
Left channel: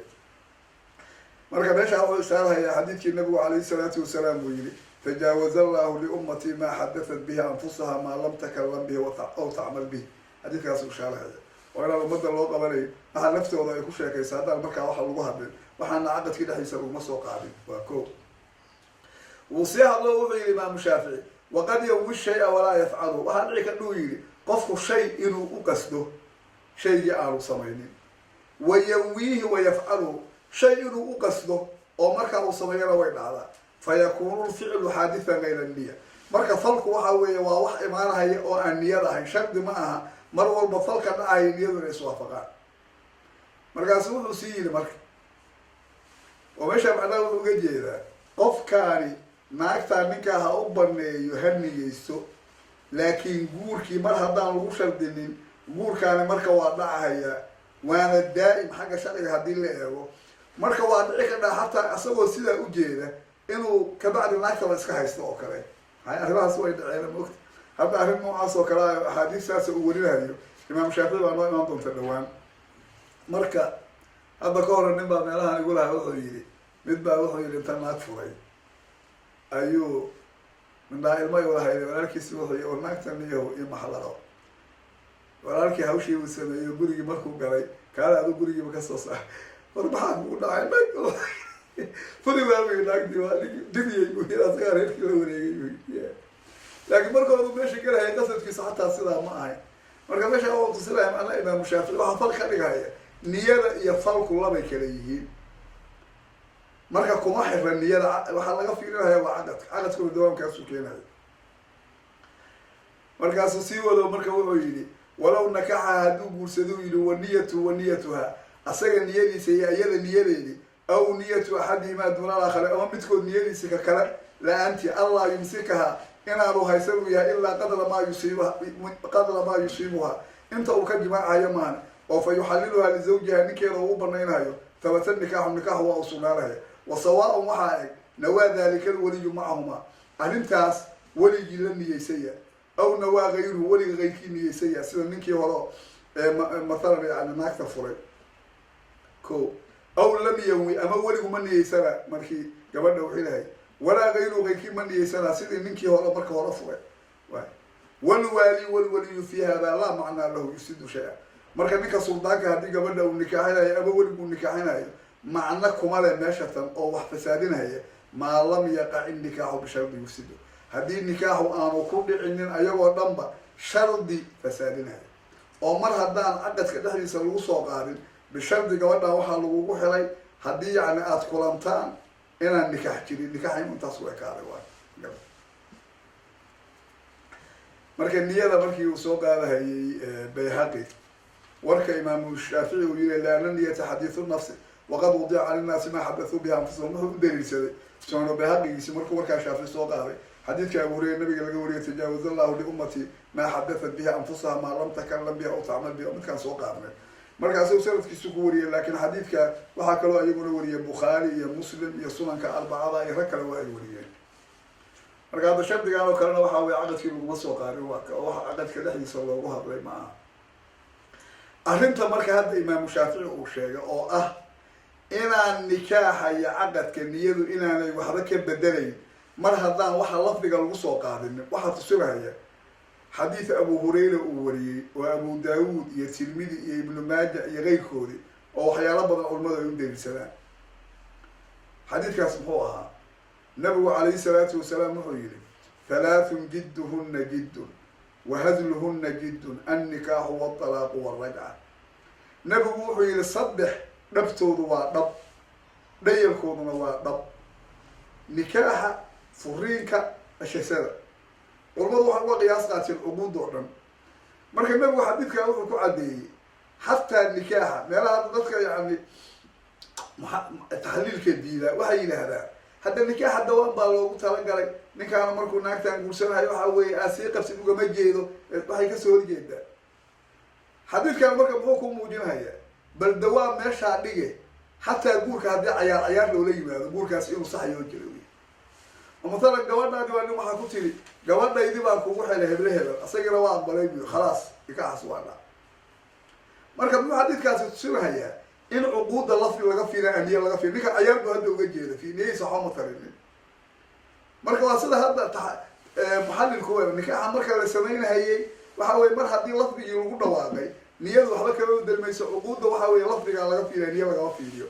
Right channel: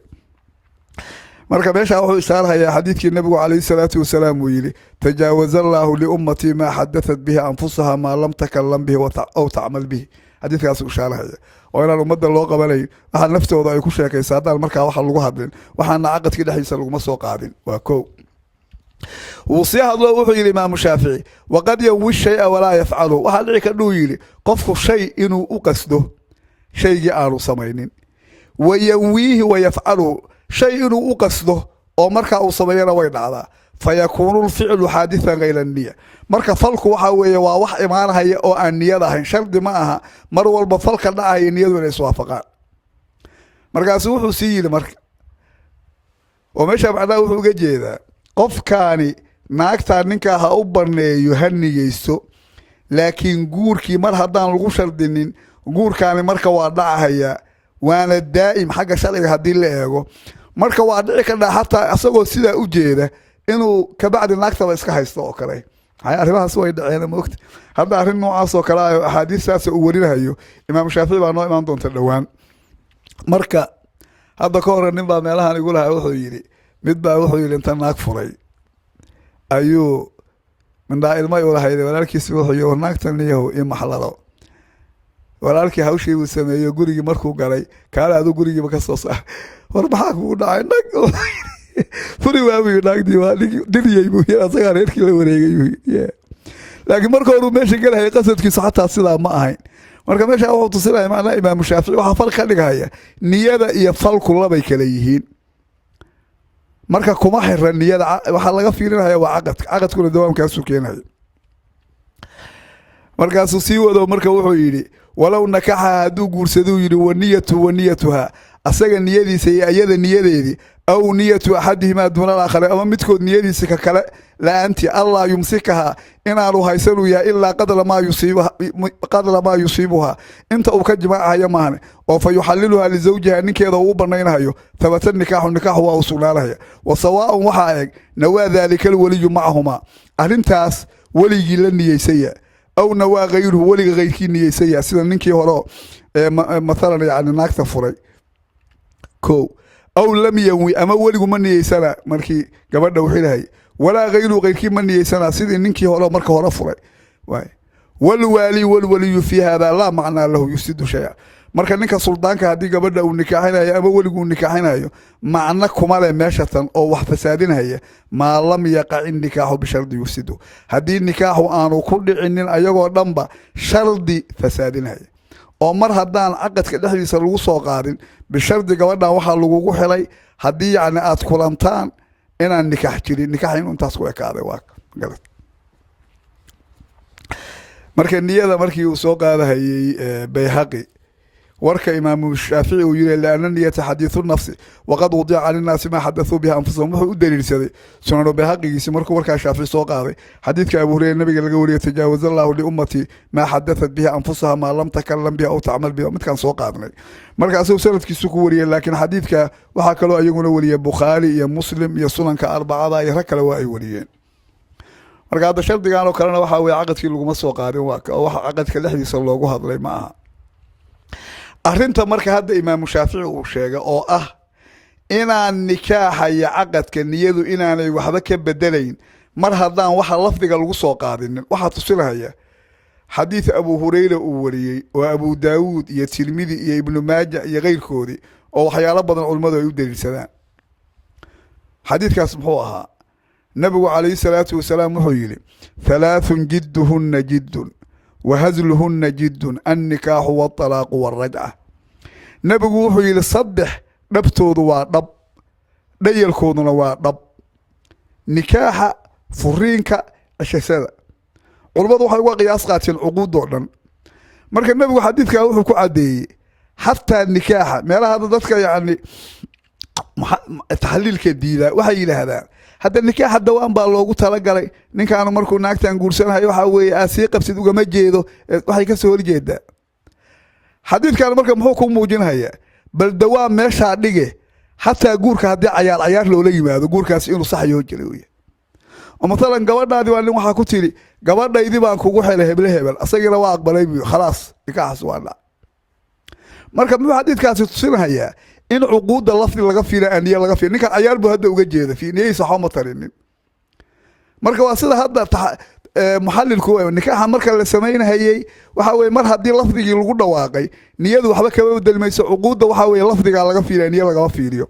marka meeshaa wuxuu ishaarhayaa xadiidkii nabigu calayhi salaatu wasalaam uu yidhi tajaawaza allaahu liummatii maa xadatat bihi anfusaha maa lam takalam bihi aw tacmal bihi xadiidkaasuu ishaarhaya oo inaan ummadda loo qabanayn waxaa naftooda ay ku sheekaysa haddaan markaa waxa lagu hadlin waxaana caqadkii dhexdiisa laguma soo qaadin waa ko wuu sii hadlo wuxuu yidhi imaamu shaafici waqad yanwi shay-a walaa yafcalu waxaa dhici kadhuu yidhi qofku shay inuu u qasdo shaygii aanu samaynin wa yanwiihi wa yafcalu shay inuu u qasdo oo markaa uu sameeyana way dhacdaa fa yakuunu lficlu xaadisan hayra niya marka falku waxaa weeye waa wax imaanahaya oo aan niyad ahayn shardi ma aha mar walba falka dhacaya niyadu inay iswaafaqaan markaasu wuxuu sii yidhi marka oo meesha macnaha wuxuu uga jeedaa qofkaani naagtaa ninkaa ha u baneeyo ha niyeysto laakiin guurkii mar haddaan lagu shardinin guurkaani marka waa dhacahayaa waana daa'im xagga sharciga haddii la eego marka waa dhici kadhaa xataa isagoo sidaa u jeeda inuu kabacdi naagtaba iska haysto oo kale arrimahaas way dhaceen maogta hadda arrin noocaas oo kale ah axaadiistaas uu warinahayo imaam shaafici baa noo imaan doonta dhowaan marka hadda ka hore nin baa meelahan igu lahaa wuxuu yidhi mid baa wuxuu yidhi inta naag furay ayuu mindhaa ilma u lahayday walaalkiisi wuxuu yii naagtan iyahu io maxlalo walaalkii hawshii uu sameeyo gurigii markuu galay kaala adu gurigiiba ka soo saar war maxaa kugu dhacay nag furi waawi naagdii waa diriyay buu yiri asaga reerkii la wareegay buu laakiin marka hore meesha galay qasadkiisu xataa sidaa ma ahayn marka meesha wuxuu tusinaya macna imaam Shaafici waxa fal ka dhigaya niyada iyo falku labay kala yihiin marka kuma xiran niyada waxa laga fiirinaya waa aqadkuna dawaamkaas keenaya markaasuu sii wado marka wuxuu yiri walaw nakaha haduu guursado yiri waniyatuha asaga niyadiisa iyo ayada niyadeedii aw niyatu ahadihima duna al-akhar ama midkood niyadiisa ka kale la anti allah yumsikaha inaanu haysanu ya illa qadla ma yusibuha inta uu ka jimaacayo maana oo fa yuhalliluha li zawjiha ninkeeda uu banaynayo tabata nikahu wa usulalaha wa sawa'un waxa eeg nawa dhalika al-waliy ma'ahuma arintaas waligi la niyeysaya aw nawa ghayruhu waliga ghayrkii niyeysaya sida ninkii hore مثلا يعني naagta furay ko aw lam yawi ama waligu ma niyeysana markii gabadha wixii lahay wala ghayru ghayrkii ma niyeysana sidii ninkii hore marka hore furay way wal wali fi hada la macna lahu yusidu shay'a marka ninka suldaanka hadii gabadha uu nikaaxinayo ama waligu nikaaxinayo macna kuma leh meeshatan oo wax fasaadinaya ma lam yaqa nikaahu bi shardi yusidu hadii nikaahu aanu ku dhicinin ayagoo dhanba shardi fasaadinaya oo mar hadaan aqadka dhaxdiisa lagu soo qaadin bishardi gabadha waxa lagu xilay hadii yani aad kulantaan inaan nikaax jirin nikaaxin intaas ku ekaaday waa galad marka niyada markii uu soo qaadahayay Bayhaqi warka imaam Shaafici uu yiri laana niyata hadithu nafsi waqad wadi'a 'ala an-nas ma hadathu biha anfusuhum wuxuu u daliilsaday sunan Bayhaqigiisa markuu warka Shaafici soo qaaday hadithka Abu Hurayra nabiga laga wariyay tajaawuz Allahu li ummati ma hadathat biha anfusuha ma lam takallam biha aw ta'mal biha midkan soo qaadnay markaas uu sanadkiisu ku wariyay laakiin hadithka waxa kale oo ayaguna wariyay Bukhari iyo Muslim iyo sunanka arbacada iyo kale waa ay wariyeen marka hada shardigan oo kalena waxa way aqadkii lagu ma soo qaadin waxa aqadka dhexdiisa loogu hadlay ma aha arrinta marka hadda imaam Shaafici uu sheegay oo ah inaan nikaaxa iyo aqadka niyadu inaanay waxba ka bedelayn mar hadaan waxa lafdiga lagu soo qaadin waxa tusinaya حديث أبو هريرة وري وأبو داود يا تلميذ يا ابن ماجه يا غير كودي أو حياة بدن علماء يودي السلام حديث كاسمحوها نبي عليه الصلاة والسلام محيلي ثلاث جدهن جد وهزلهن جد النكاح والطلاق والرجعة نبي محيلي صدح نبتود ورب ديال كودنا ورب نكاح فرينك الشسادة ولبدو waxa uga qiyaas qaateen uquud oo dhan marka nabigu xadiidka wuxuu ku cadeeyay hatta nikaaha meelaha dadka yaani taxliilka diida waxa yiraahdaan hadda nikaaha dawaan baa loogu tala galay ninkaana markuu naagtaan guursanayo waxa weeye aasii qabsid uga ma jeedo waxay ka soo horjeedaa xadiidkan marka muxuu ku muujinayaa bal dawaan meesha dhige hatta guurka hadii cayaar loola yimaado guurkaas inuu sax yahay jiray oo مثلا gabadhaadi waa nin waxa ku tiri gabadhaydii baan kugu xilay hebel asagina waa aqbalay khalaas nikaax waana marka muu xadiidkaasi tusinayaa in uquudda lafdi laga fiilay aniya laga fiilay ninka cayaar buu hadda uga jeedo fiinaysa xoma tarinin marka waa sida hadda muxallilku nikaaxa marka la sameeyay waxa way mar hadii lafdigii lagu dhawaaqay niyadu waxba kama bedelmayso uquudda waxa way lafdiga laga fiilay aniya laga fiiliyo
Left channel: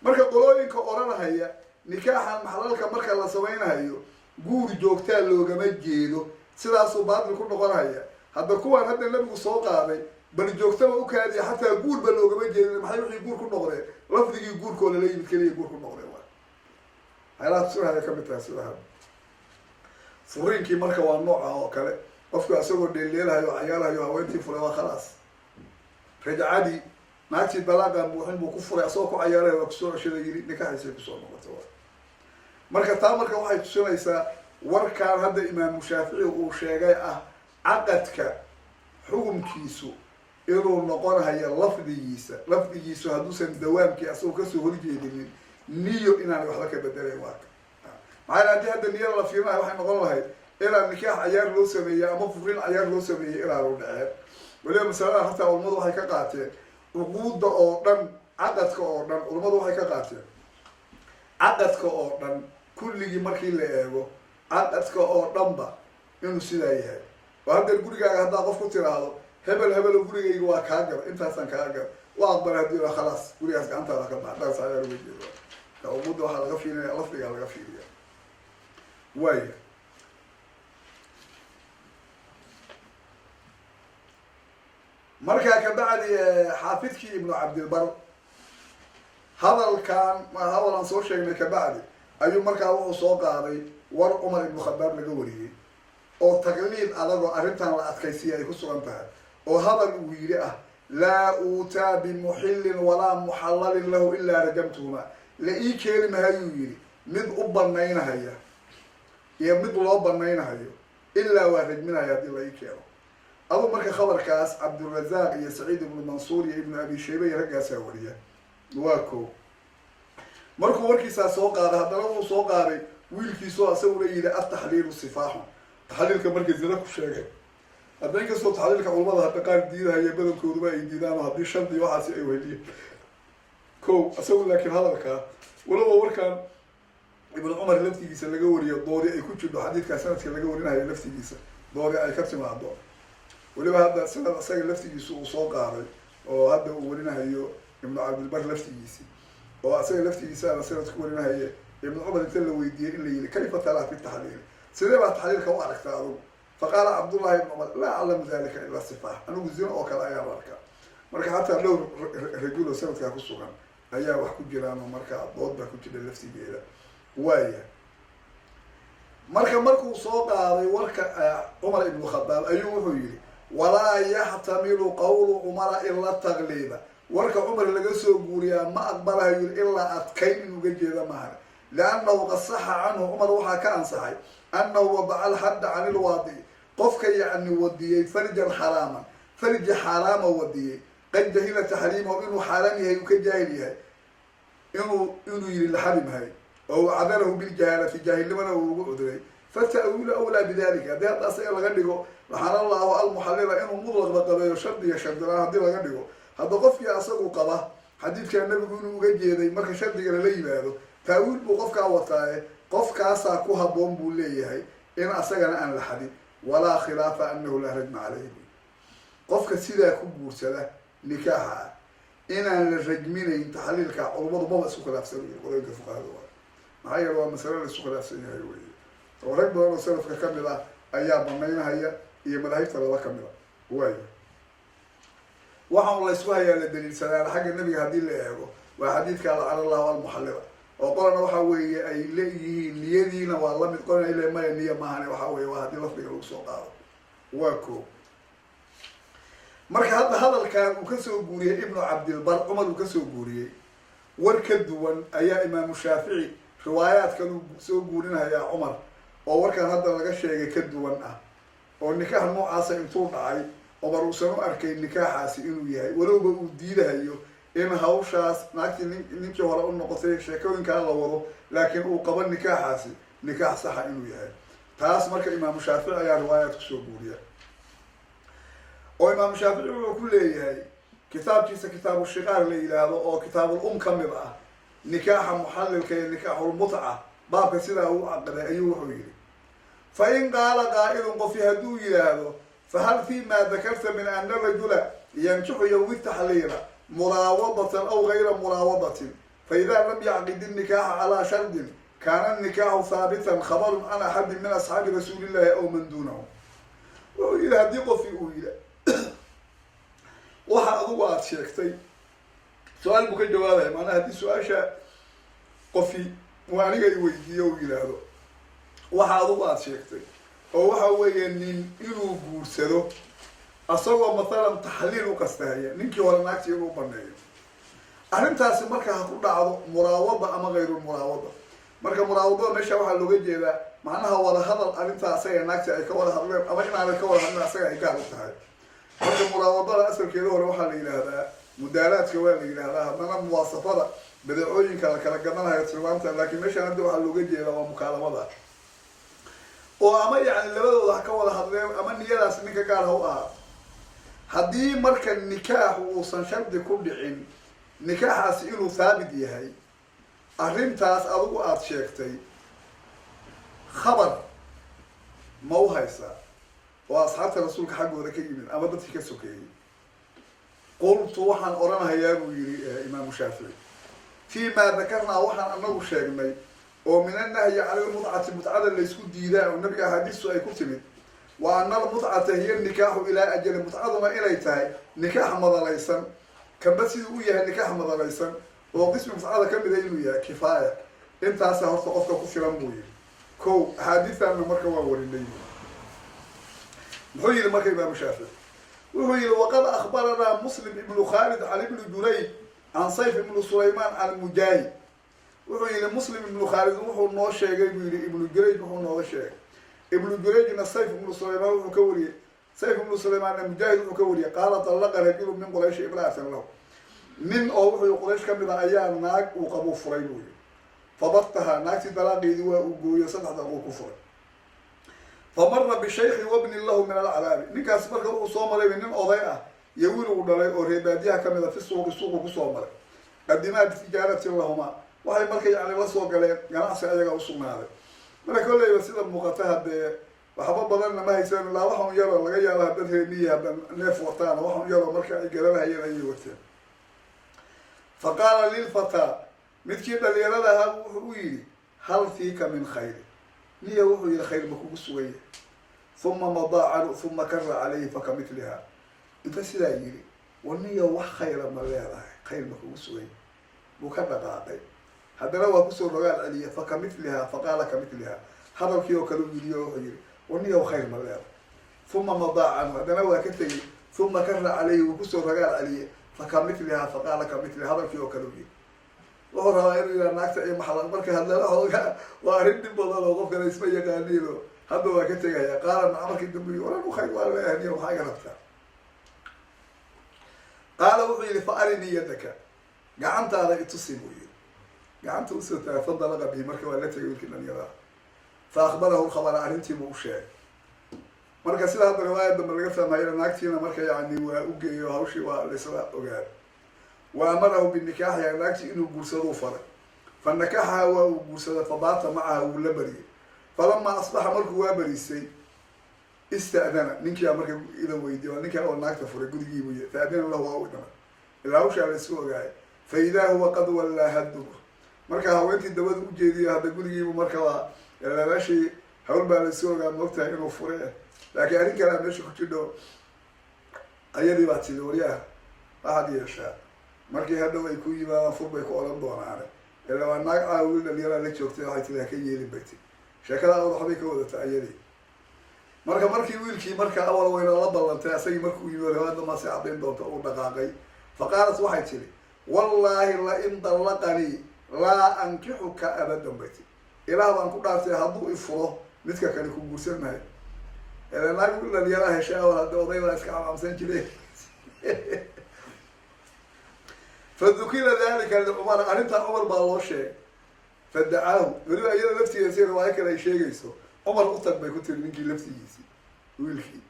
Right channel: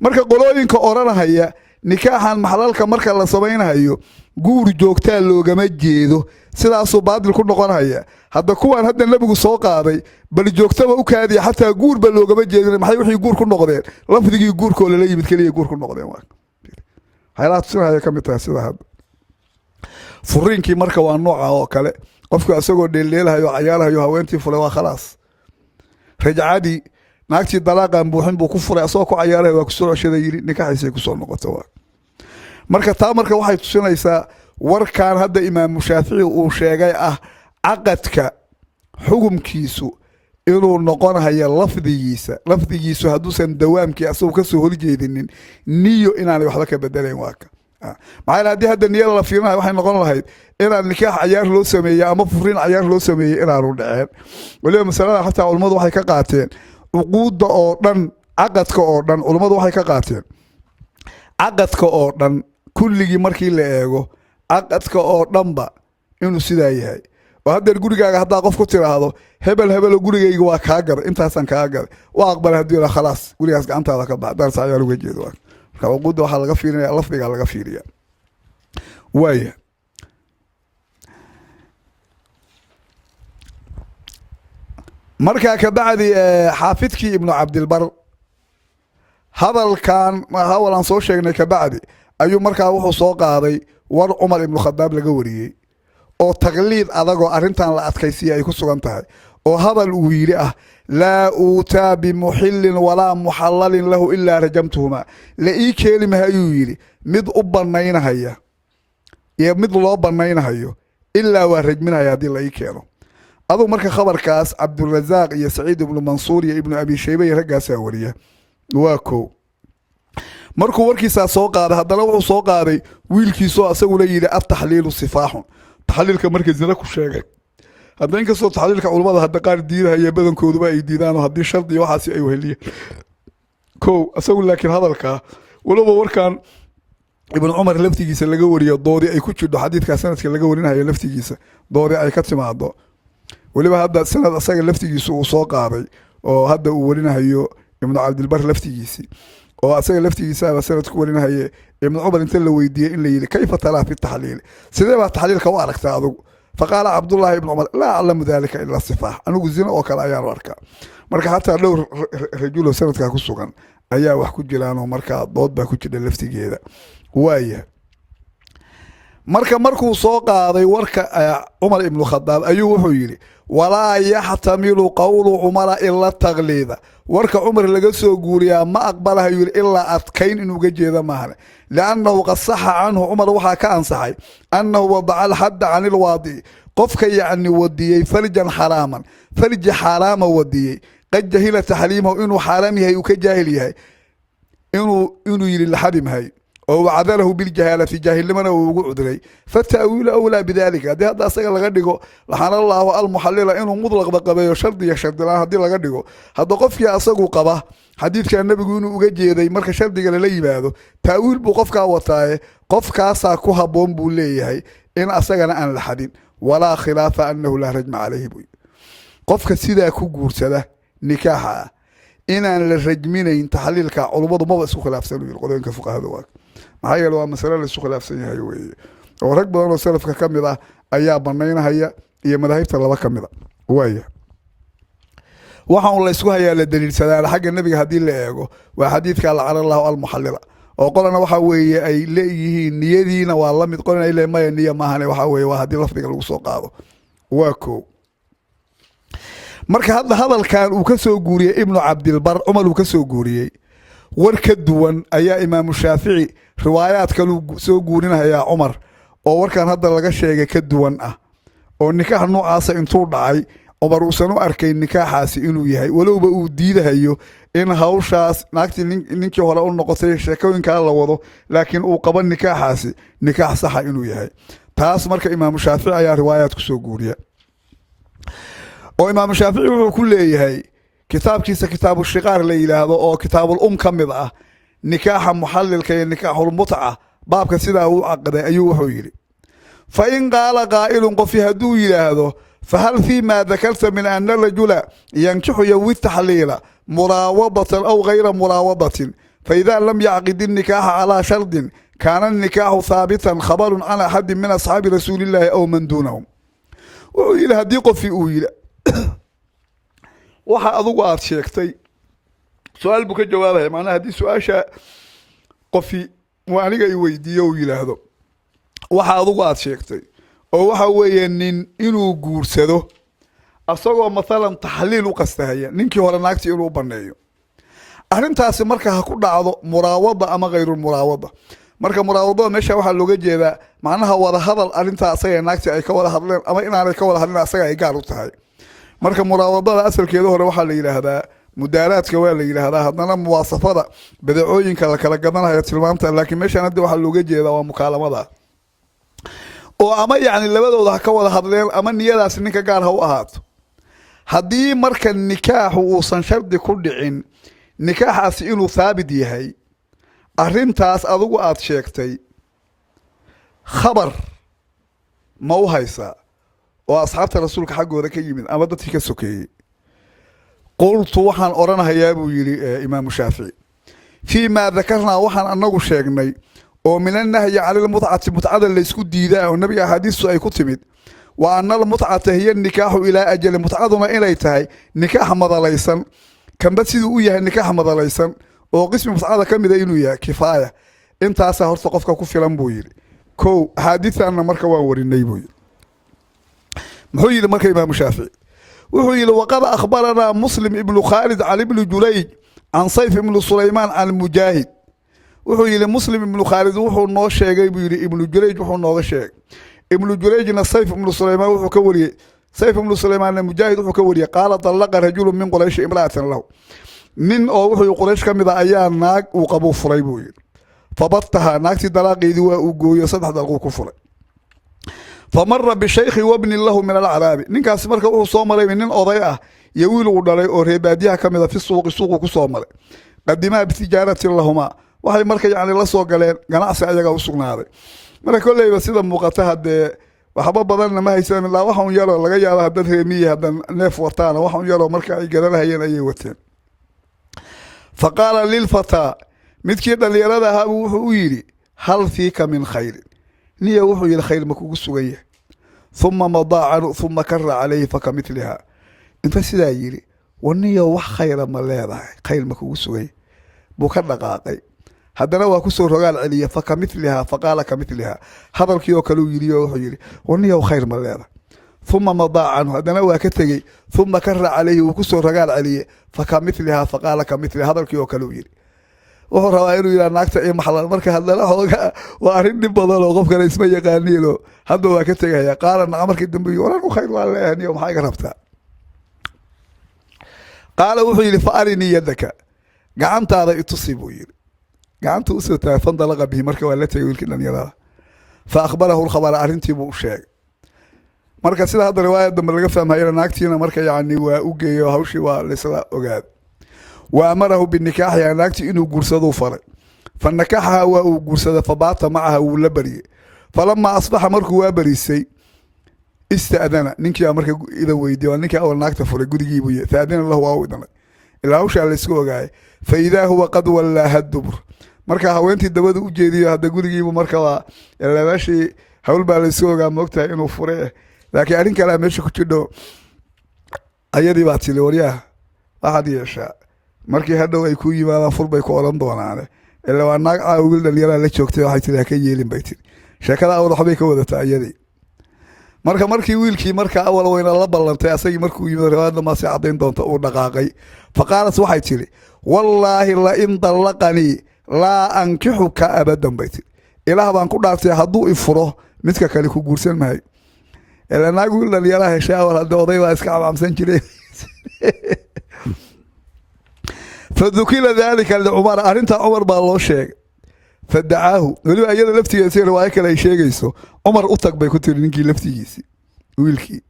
marka qolooyinka oranahaya nikaaxan maxlalka marka la sameeynayo guur joogtaa loogama jeedo sidaas oo baadil ku noqonaya hadda kuwan hadda nabigu soo qaaday bal joogtaba u kaadiya hatta guur ba loogama jeedin maxay wixii guur ku noqdeen lafdigii guurka la yimid kaliya guur ku noqdeen waa haylaad soo ka mid tahay sida hadda furinkii marka waa nooca oo kale qofku asagoo dheeleelayo cayaarayo haweentii fulay waa khalaas rajacadi naagtii dalaaqan buuxin buu ku furay asoo ku cayaarayo waa ku soo ceshaday yiri nikaaxiisa ku soo noqoto marka taa marka waxay tusinaysaa warkaan hadda imaam Shaafici uu sheegay ah aqadka xukumkiisu inuu noqonayo lafdigiisu haduusan dawaamkii asoo ka soo horjeedinin niyo inaanay waxba ka bedelayn waaka maxaa hadii hadda niyada la fiirinayo waxay noqon lahayd inaan nikaax cayaar loo sameeyo ama furin cayaar loo sameeyo inaanu dhaceen waliba masalada hatta culimadu waxay ka qaateen uquudda oo dhan aqadka oo dhan culimadu waxay ka qaateen aqadka oo dhan kulligii markii la eego aqadka oo dhanba inuu sidaa yahay وهذا الجوري قاعد هذا قف كتير هذا هبل الجوري يجوا كاجر أنت حسن كاجر وأقبل هدي خلاص جوري أسق أنت هذا كبعد درس عيال وجدي دوار كوجود واحد الغفير لفظي على الغفير يعني واي مركا كبعد حافظك ابن عبد البر هذا كان ما هو لانصو شيء كبعد أيوم مركا وحو سوق هذا ور عمر بن الخطاب لجوري أو تقليد أذاقو أرنتان لا أتكيسية يكون سوغنتها أو هذا الويرة لا أوتى بمحل ولا محلل له إلا رجمتهما لأي كلمة هيويري مد أبنين هيا يا مد الله أبنين هيو إلا ورجمنا يا دي لأي كانوا أظن مركا خبر كاس عبد الرزاق يا سعيد بن منصور يا ابن أبي شيبة يرجع ساورية واكو markuu warkiisa soo qaaday hadana wuxuu soo qaaday wiilkiisoo asagu la yiri at-tahliil sifaahu tahlilka markii zina ku sheegay hadda in kasoo tahlilka culimada hadda qaar diidahay badankooduba ay diidaan hadii shardi waxaasi ay weheliye ko asagu laakiin hadalka walaba warkan ibn umar laftigiisa laga wariyo doodi ay ku jirto xadiidka sanadka laga warinayo laftigiisa doodi ay ka timaado waliba hadda sanad asaga laftigiisa uu soo qaaday oo hadda uu warinayo ibn abd albar laftigiisa وأسأل لفتي سالة سنة تكون هي ابن عمر انت اللي ويدي اللي كيف ترى في التحليل سيدنا التحليل كوارك تعذب فقال عبد الله بن عمر لا أعلم ذلك إلا الصفاح أنا قزينا وكال أيار وركا مركا حتى لو رجوله سنة كاكسوغان أيا وحكو جلانو مركا ضد باكو جدا لفتي جيدا وايا مركا سوق هذا وركا عمر بن الخطاب أيوه حيري ولا يحتمل قول عمر إلا التغليظ warka Umar laga soo guuriyaa ma aqbalayo ilaa adkayn inuu gajeeda maahan laanahu qasaha anhu Umar waxa ka ansaxay annahu wada'a al-hadd 'an al-wadi qofka yaani wadiyay farjan haraman farj harama wadiyay qad jahila tahlimahu inuu haram yahay uu ka jaahil yahay inuu yiri la harim hay oo wacadalahu bil jahalati jahilmana uu ugu cudray fatawila awla bidalika hada asaga laga dhigo laxana allah al-muhallila inuu mudlaq baqabayo shardi ya shardi la hadii laga dhigo hada qofkii asagu qaba xadiidka nabigu inuu uga jeeday marka shardiga la yimaado taawil buu qofka wataaye qofkaas ku haboon buu leeyahay in asagana aan la xadin wala khilafa annahu la rajma alayhi bu qofka sida ku guursada nikaaha inaan la rajminayn tahlilka culimadu ma isku khilaafsan qodobka fuqahada waa maxay yeelo waa mas'ala la isku khilaafsan yahay weeye oo rag badan oo salafka kamid ah ayaa banaynaya iyo madaahibta laba kamid ah waaya waxaan la isku hayaa la daliilsadaa xagga nabiga hadii la eego waa xadiidka Allah al-muhallila oo qolana waxa weeye ay leeyihiin niyadiina waa la mid qolana ilaa ma niya maahane waxa weeye waa hadii lafdiga lagu soo qaado waa ko marka hadalkan uu ka soo guuriyay ibn abd albar umar uu ka soo guuriyay war ka duwan ayaa imaam shaafici riwaayaad kale soo guurinaya umar oo warkan hadda laga sheegay ka duwan ah oo nikaax noocaas intuu dhacay umar uu sanu arkay nikaaxaasi inuu yahay walowba uu diidahayo in hawshaas naagti ninkii hore u noqotay sheekooyinka la wado laakiin uu qaban nikaaxaasi nikaax sax inuu yahay taas marka imaam shaafici ayaa riwaayaad ku soo guuriya oo imaam shaafici wuxuu ku leeyahay kitaabkiisa kitaabu shiqaar la yiraahdo oo kitaabul kamid ah nikaaxa muhallilka iyo nikaaxul mut'a baabka sida uu aqday ayuu wuxuu yiri fa in qaala qaa'ilun qof haduu yiraahdo فهل فيما ذكرت من أن الرجل ينكح يوم التحليل مراوضة أو غير مراوضة فإذا لم يعقد النكاح على شرط كان النكاح ثابتا خبر عن أحد من أصحاب رسول الله أو من دونهم وإلى هديق في أويل وحا أضوات شيكتي سؤال بك جوابه معناه هدي سؤال قفي وعنيق يويدي وإلى هذا وحا أضوات شيكتي oo waxa weeyeen inuu guursado asagoo midalan taxliil u qastahaya ninkii hore naagti inuu baneeyo arrintaas marka ku dhacdo muraawada ama غير muraawada marka muraawada meesha waxa looga jeedaa macnaha wada hadal arrintaas ay naagti ay ka wada hadleen ama inaanay ka wada hadlin asaga ay gaar u tahay marka muraawadada asalkeedu hore waxa la yiraahdaa mudaaraadka waa la yiraahdaa hadana muwaasafada badacooyinka la kala gadanayo tilmaamta laakiin meesha hadda waxa looga jeedaa waa mukaalamada oo ama yaani labadooda ka wada hadleen ama niyadaas ninka gaar ha u ahaato hadii marka nikaaxu uu san shardi ku dhicin nikaaxaas inuu thaabit yahay arrintaas adigu aad sheegtay khabar ma u haysa وأصحاب رسولك حق وذاك يمين أما ضد فيك السكي قلت وحن أرانا هيابو يري إمام الشافعي فيما ذكرنا وحن أنه شيخني ومن النهي على المتعة اللي يسكت ديدا والنبي أحاديث أي كتمت وأن المتعة هي النكاح إلى أجل متعة إليتها نكاح مضى كان بس يدويها النكاح مضى ليسا وقسم متعة كم يدينويا كفاية انت أسهر ثقافك كفي لنبوير كو حادثة أن مركا ووري النيبوي محويل مركا إمام الشافعي وحويل وقال أخبرنا مسلم ابن خالد عن ابن جليج عن صيف ابن سليمان عن المجاهد وحويل مسلم ابن خالد وحو نو شيغاي بيري ابن جليج وحو نوغا شيغ ابن جليج صيف ابن سليمان وحو كوري سيف ابن سليمان المجاهد وحو كوري قال طلق رجل من قريش امرأة له من او وحو قريش كميدا ايا ناق وقبو فري بو فبطها ناقتي دلاقيدي وغويو صدح دلقو كفر فمر بشيخ وابن له من العرب نينكاس marka uu soo maray nin oday ah iyo wiil uu dhalay oo reebaadiyaha kamida fi suuq ku soo maray qadima bi tijaarati lahuma waxay marka yaani la soo galeen ganacsi ayaga u sugnaaday marka kulleeyba sida muuqata hadee waxba badan ma haysan ilaa waxa uu yaro laga yaabo dad reemiye hadan neef wataan waxa uu yaro marka ay garanayeen ayay wateen faqala lil fata midkii dhalinyarada ahaa wuxuu yiri hal fiika min khayr niya wuxuu yiri khayr ma kugu sugaya ثم مضى ثم كر عليه فكمثلها انت سيدا يري ونيا wax khayr ma leedahay khayr ma kugu sugay buu ka dhaqaaqay hadana waa ku soo rogaal celiya fakamithliha faqala kamithliha hadalkii oo kale uu yiri wuxuu yiri ونيا khayr ma leedahay ثم مضى hadana waa ka tagay ثم كر عليه uu ku soo rogaal celiya fakamithliha faqala kamithliha hadalkii oo kale uu yiri wuxuu rabaa inuu yiraahdo naagta ee maxal marka hadana xooga waa arin dib badan oo qof kale isma yaqaaniino هذا هو كتير يا قال عمرك الدنبي ولا خير ولا هني وما حاجة ربطها قال وحي فأرني يدك قعنت هذا يتصيبه يري قعنت أسوته فانطلق به مركب ولا تقول كنا يراه فأخبره الخبر أرنتي بوشاي مركب سيد هذا الرواية دم اللي فهم هاي ناكتينا مركب يعني وأوجي وهوشي ولسلا أوجاد وأمره بالنكاح يعني ناكتي إنه جرسده فرق فالنكاح هو جرسده فبعث معها ولبري فلما أصبح مركو وابريسي استأذن نينكي مركو إذا ويدي ونينكي أول ناكتا فرق قد يجيبوية فأذن الله واودنا إلا هوش على السكوة جاي فإذا هو قد ولا هالدبر مركا هوينتي الدباد وجيدي هذا قد يجيبو مركا إلا ماشي هول بالسكوة جاي مقتا إنه فرق لكن أرين كلام ماشي كتشدو أيدي باتي لوريا أحد يشاء مركي هذا ويكوي ما فول بيكو أولان دوان عليه إلا وأناك أقول دليلا اللي شوكتي وحيتي لكي يلين بيتي sheekada awal waxbay ka wadataa ayadii markii wiilkii marka awal wayna la ballantay asagii markuu yimid riwaayada ma si cadeyn doonto uu dhaqaaqay faqaalat waxay tiri wallahi la in dalaqani la ankihuka abadan bayti ilaah baan ku dhaartay hadduu i furo midka kale ku guursan maayo ilaa naagu la yaraha heshaa wala dooday waa iska caamsan jiray fadukila dhalika li umar arinta umar baa loo sheegay فدعاه ولو أيضا لفتي يصير روايك لا شيء جيسو عمر أطق بيكتير نجي لفتي جيسي ويلكي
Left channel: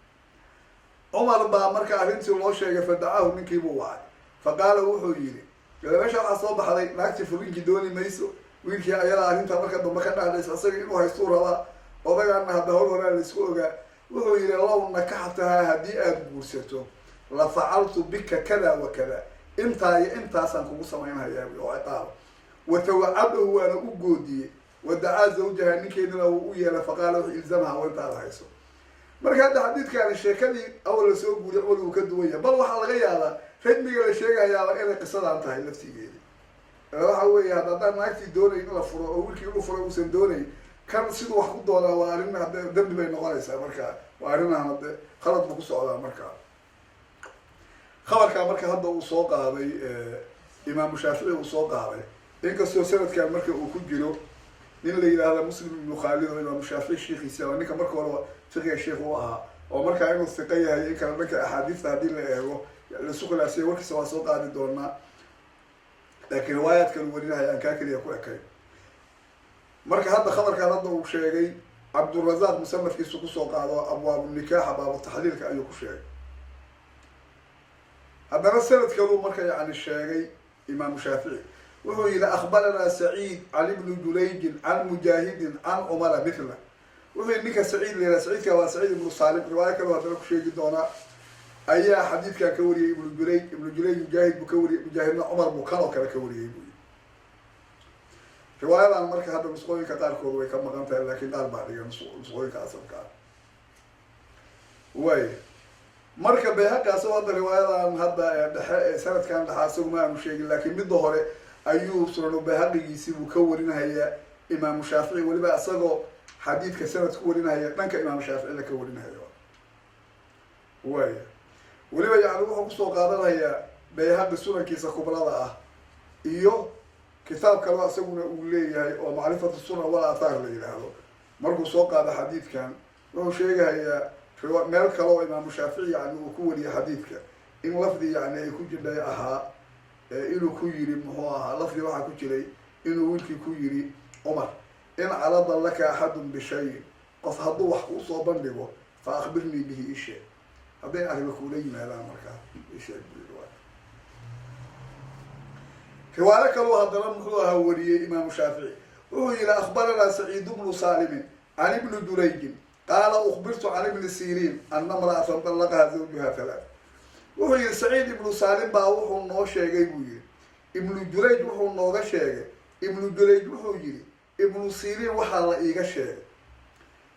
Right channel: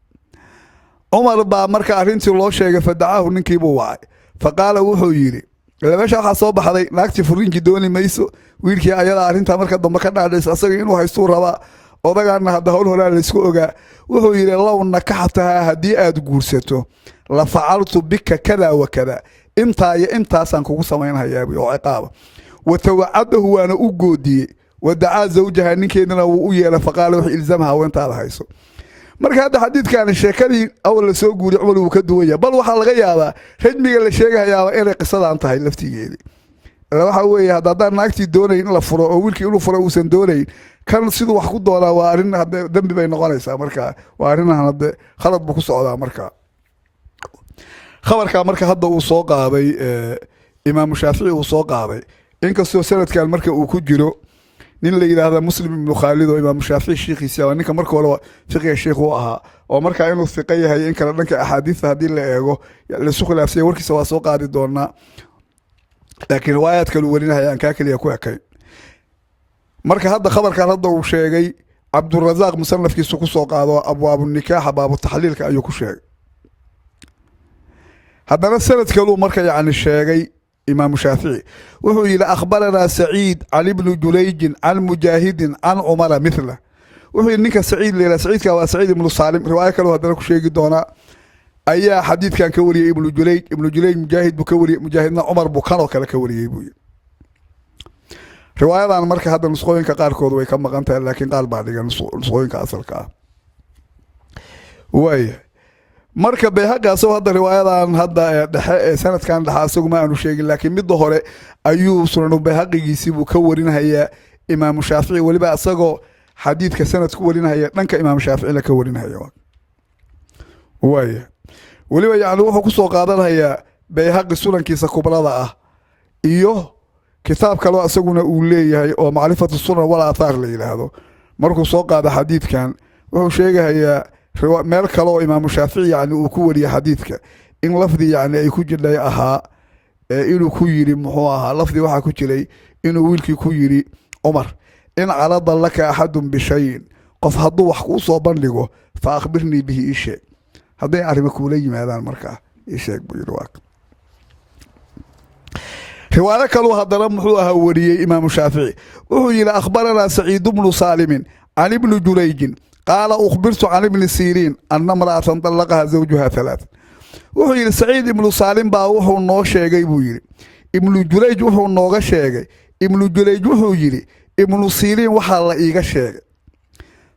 عمر با مركا عرنتي الله شيء فدعاه نجي بوعي فقال وحويري لما مش حصوب حضي ناكتي فرين جدوني ميسو ويلكي أيضا عرنتها مركا ضم كنا على أساسين إنه هيصور هذا وبقى أن هذا هو هلا السوق وحويري الله نكحتها هدي أدقورسته لفعلت بك كذا وكذا أنت سانكو سمينها يا أبي وعقابه وتوعده وانا اوغودي ودعا زوجها نينكيدنا ويلا فقال وحي الزمها وانت على هيسو marka hada xadiidkan sheekadii awal soo guuri Umar uu ka duwaya bal waxa laga yaabaa rajmiga la sheegayaa inay qisadaan tahay laftigeedii waxa weeye hada naagtii doonay in la furo oo wiilkii inuu furo uusan doonayn kan sidoo wax ku doonaa waa arin hada dambi bay noqonaysaa marka waa arin hada khalad bu ku socdaa marka khabarka marka hada uu soo qaaday Imam Shafi'i uu soo qaaday inkastoo sanadkan marka uu ku jiro nin la yiraahdo Muslim ibn Khalid oo Imam Shafi'i sheekhiisa waa ninka marka hore fiqiga sheekh uu ahaa oo marka inuu fiqay yahay in kala dhanka ahadiithda hadii la eego la soo khilaafsay warkiisa waa soo qaadi doonaa laakiin riwaayad kale warinayaan ka kaliya ku ekay marka hadda khabarkan hadda uu sheegay Abdurrazzaq musannafkiisu ku soo qaado abwaab nikah baabu taxliilka ayuu ku sheegay haddana sanadka uu marka yaani sheegay إمام الشافعي وهو إلى أخبرنا سعيد عن ابن جليج عن مجاهد عن عمر مثله وهو إنك سعيد لنا سعيد كوا سعيد بن سالم رواية كانوا هذا شيء دونا أي حديث كان كوري ابن جليج مجاهد بكوري مجاهدنا عمر بكانو كلا كوري ابوي رواية عن مركز هذا نسخوين كقار كود ويكم مقامته لكن قال بعد نسخوين كأصل كا وي مركز بهجا سو هذا رواية عن هذا سنة كان لها سوق ما أنو شيء لكن بالظهر أيوب سنن بهجا يسيبوا كورين هي إمام الشافعي واللي بقى سقوا حديث كسنة كورين هي لنك إمام الشافعي لكورين هي وي weliba yani wuxuu ku soo qaadanaya bayhaqi sunankiisa kubrada ah iyo kitaab kale asaguna uu leeyahay oo macrifatu sunan wala athar la yiraahdo markuu soo qaado xadiidkan wuxuu sheegayaa meel kale oo imaam shaafici yani uu ku wariyay xadiidka in lafdi yani ay ku jirnay ahaa inuu ku yiri muxuu ahaa lafdi waxa ku jiray inuu wiilkii ku yiri Umar in calada laka ahadun bi shay qof haduu wax ku soo bandhigo fa akhbirni bihi isha هذا يعرف كولي ماذا المركع يشيك بيرواك رواية كانوا هذا رمحوها وريه إمام الشافعي وهو إلى أخبرنا سعيد بن سالم عن ابن جريج قال أخبرت عن ابن سيرين أن امرأة طلقها زوجها ثلاث وهو إلى سعيد بن سالم باوحو النوشي يجيبويري ابن جريج وهو النوغشي ابن جريج وهو يري ابن سيرين وحال إيغشي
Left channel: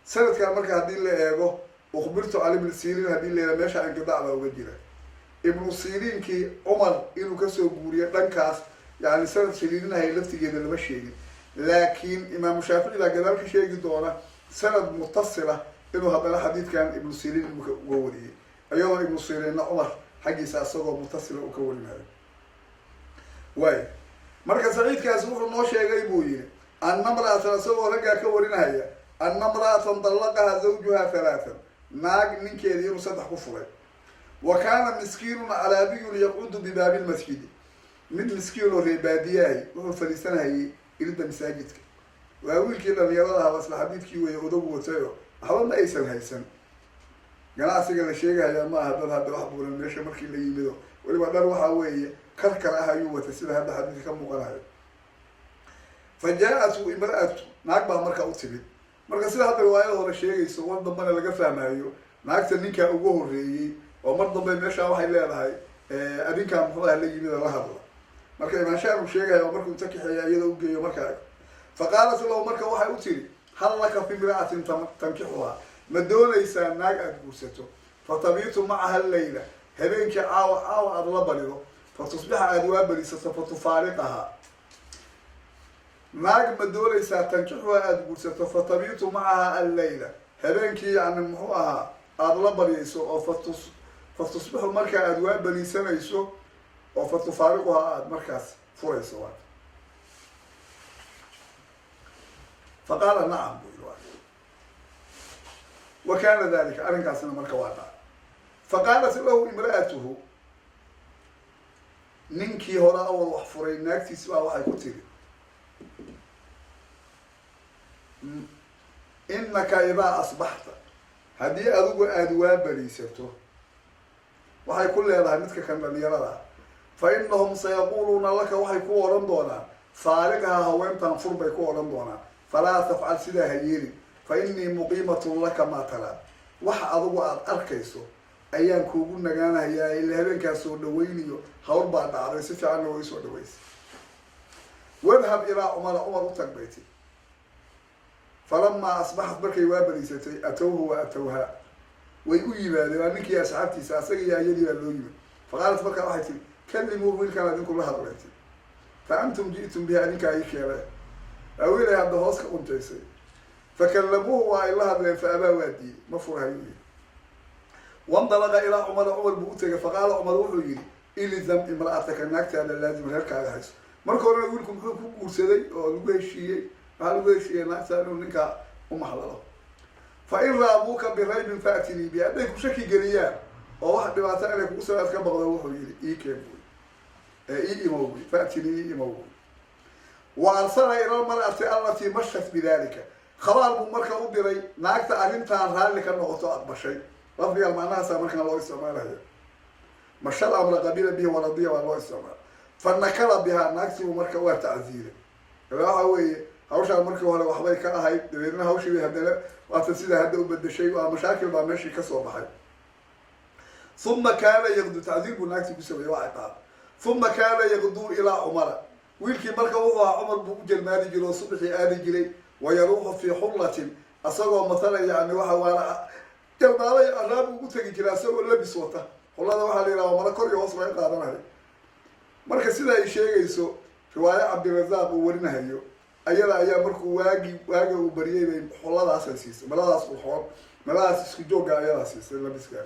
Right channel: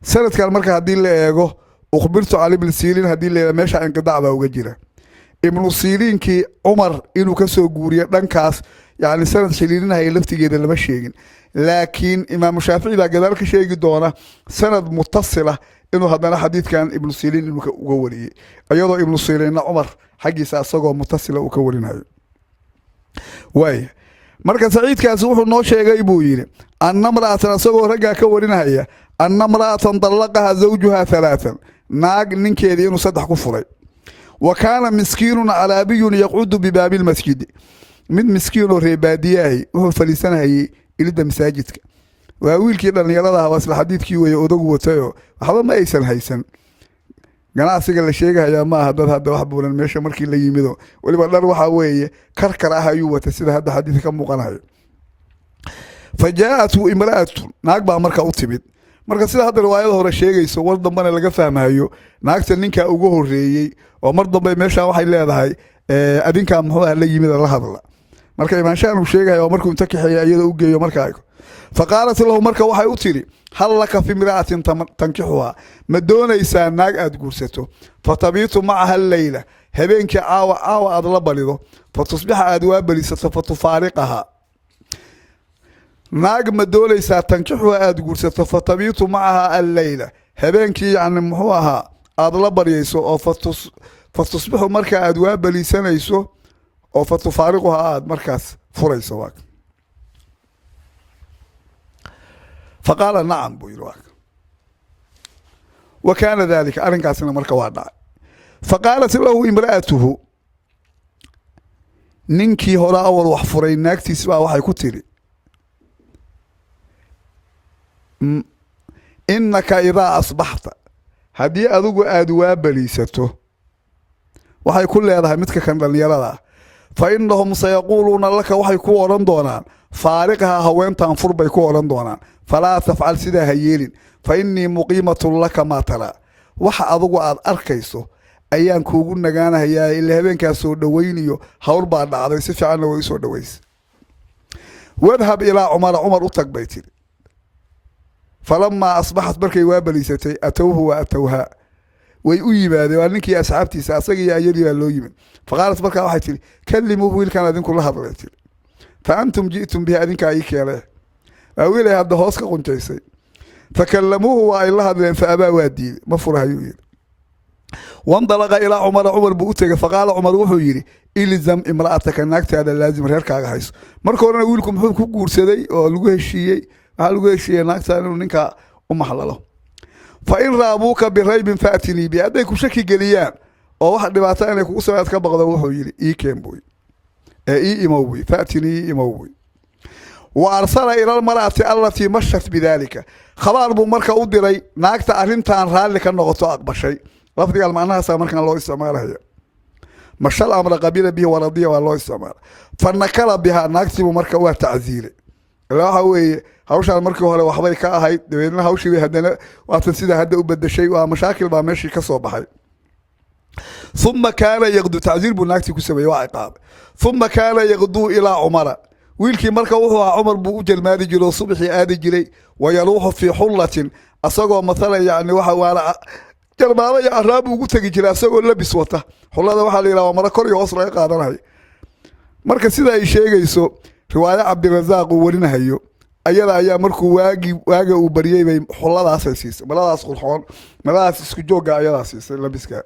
سنة كان مركع هذه اللي إيغو أخبرت على ابن سيرين هذه اللي ماشى انقطاع وجيرة ابن سيرين كي عمر إنه كسو جوريا دنكاس يعني سنة شليلين هاي لفتي جدا اللي ماشيين لكن إمام الشافعي لا قدرك شيء جدونه سند متصلة إنه هذا الحديث كان ابن سيرين المكوري أيضا ابن سيرين عمر حقي ساسقه متصلة وكورين هاي واي مركز سعيد كان سوح النوشة جايبوين أن امرأة ساسقه رجع كورين هاي أن امرأة طلقها زوجها ثلاثا ناق ننكيدي إنه صدح كفري وكان مسكين على بي يقعد بباب المسجد من مسكين ربادياه وهو فلسانه إلى مساجدك وأقول كده أن يراها بس الحديث كي ويأذوه وتايو هذا ما يسن هيسن قناع سجل الشيء يا ما هذا واحد بقول المشي مركي اللي يمده واللي بقدر روح هويه كركرها يوه تسيد هذا حديث كم مقنع فجاءته امرأة ناق بقى مركا أطبت marka sida hadda riwaayada hore sheegayso war dambana laga fahmayo naagta ninka ugu horeeyay oo mar dambe meesha waxay leedahay adinka muxuu la yimid la hadla marka imaanshaan uu sheegayo markuu inta kaxeeyay iyada u geeyo markaa faqaalat lahu marka waxay u tiri hal laka fi imra'atin tankihuha ma doonaysaa naag aad guursato fatabitu macaha al-layla habeenkii caawa aad la balido fatusbixa aad waa balisato fatufaariqaha naag ma doonaysaa tankihuha aad guursato fatabitu macaha al-layla habeenkii yani muxuu ahaa aad la bariyayso oo fatusbixu marka aad waa balisanayso oo fatufaariquha aad markaas furayso waa فقال نعم بيروك وكان ذلك أرنكاسنا مركا وادا فقالت له امرأته ننكي هلا أول وحفرين ناكتي سبا وحي كتيري إنك إذا أصبحت هدي أذوق أدواب بليسته وحي كل هذا متك كان لليرى فإنهم سيقولون لك وحي كوران دونان فارقها هوين تنفر بيكوران دونان فلا تفعل سيدا هيلين فإني مقيمة لك ما ترى وحا أضغو أد أركيسو أيان كوغون نغانا هيا إلا هبين كاسو دوينيو هور بعد عضي سفعان ويسو دويس واذهب إلى عمر أطلق بيتي فلما أصبحت بركي وابليستي أتوه وأتوها ويؤيب هذا وأنك أسعبتي سأسقي يا يلي واللويم فقالت بركة واحد كلموا بويل كان هذين كلها ضريتي فأنتم جئتم بها أنك أيك يا أولي هذا هوسك قنتيسي فكلموه وإلا هذا فأبى وادي مفرها يوير وانطلق إلى عمر بؤتك فقال عمر وحيري إلزم امرأتك أنك هذا لازم ريرك على حيث مركونا أقول لكم حب كوكور سيدي ولقوه الشيء هلقوه الشيء أنك ننك حلله فإن رابوك بريب فأتني بي أديكم شكي قليان وواحد ببعتاني كوسواتك بغضا وحيري إي كيم بوي إي إموي فأتني إموي وأرسل إلى المرأة التي مشت بذلك خبر بمركة أدري ناقت أرنتان رالك النغطاء بشيء لفظي قال معناها سامرك الله استعمالها هي مشى الأمر قبيل به ورضيه والله استعمال فنكر بها ناقت بمركة وتعزيره لا هو hawshaan markii hore waxbay ka ahayd dabeedna hawshii bay haddana waatan sidaa hadda u bedeshay waa mashaakil baa meeshii ka soo baxay uma kaana yaqduu tacziir buu naagtii ku sameeyey waa ciqaab uma kaana yaqduu ilaa cumara wiilkii marka wuxuu ahaa cumar buu u jalmaadi jiray oo subaxii aadi jiray wayaluuxu fii xullatin asagoo mathalan yani waxa waana jalmaado iyo araabu ugu tegi jiray asagoo labis wata xullada waxaa la yidhaha waa mara kor iyo hoos laga qaadanayo marka sida ay sheegayso riwaayo cabdirazaaq uu warinahayo ayada ayaa markuu waaga uu baryay bay xulladaasay siisay maladaas qurxoon maladaas isku joogga ayadaa siisay labiska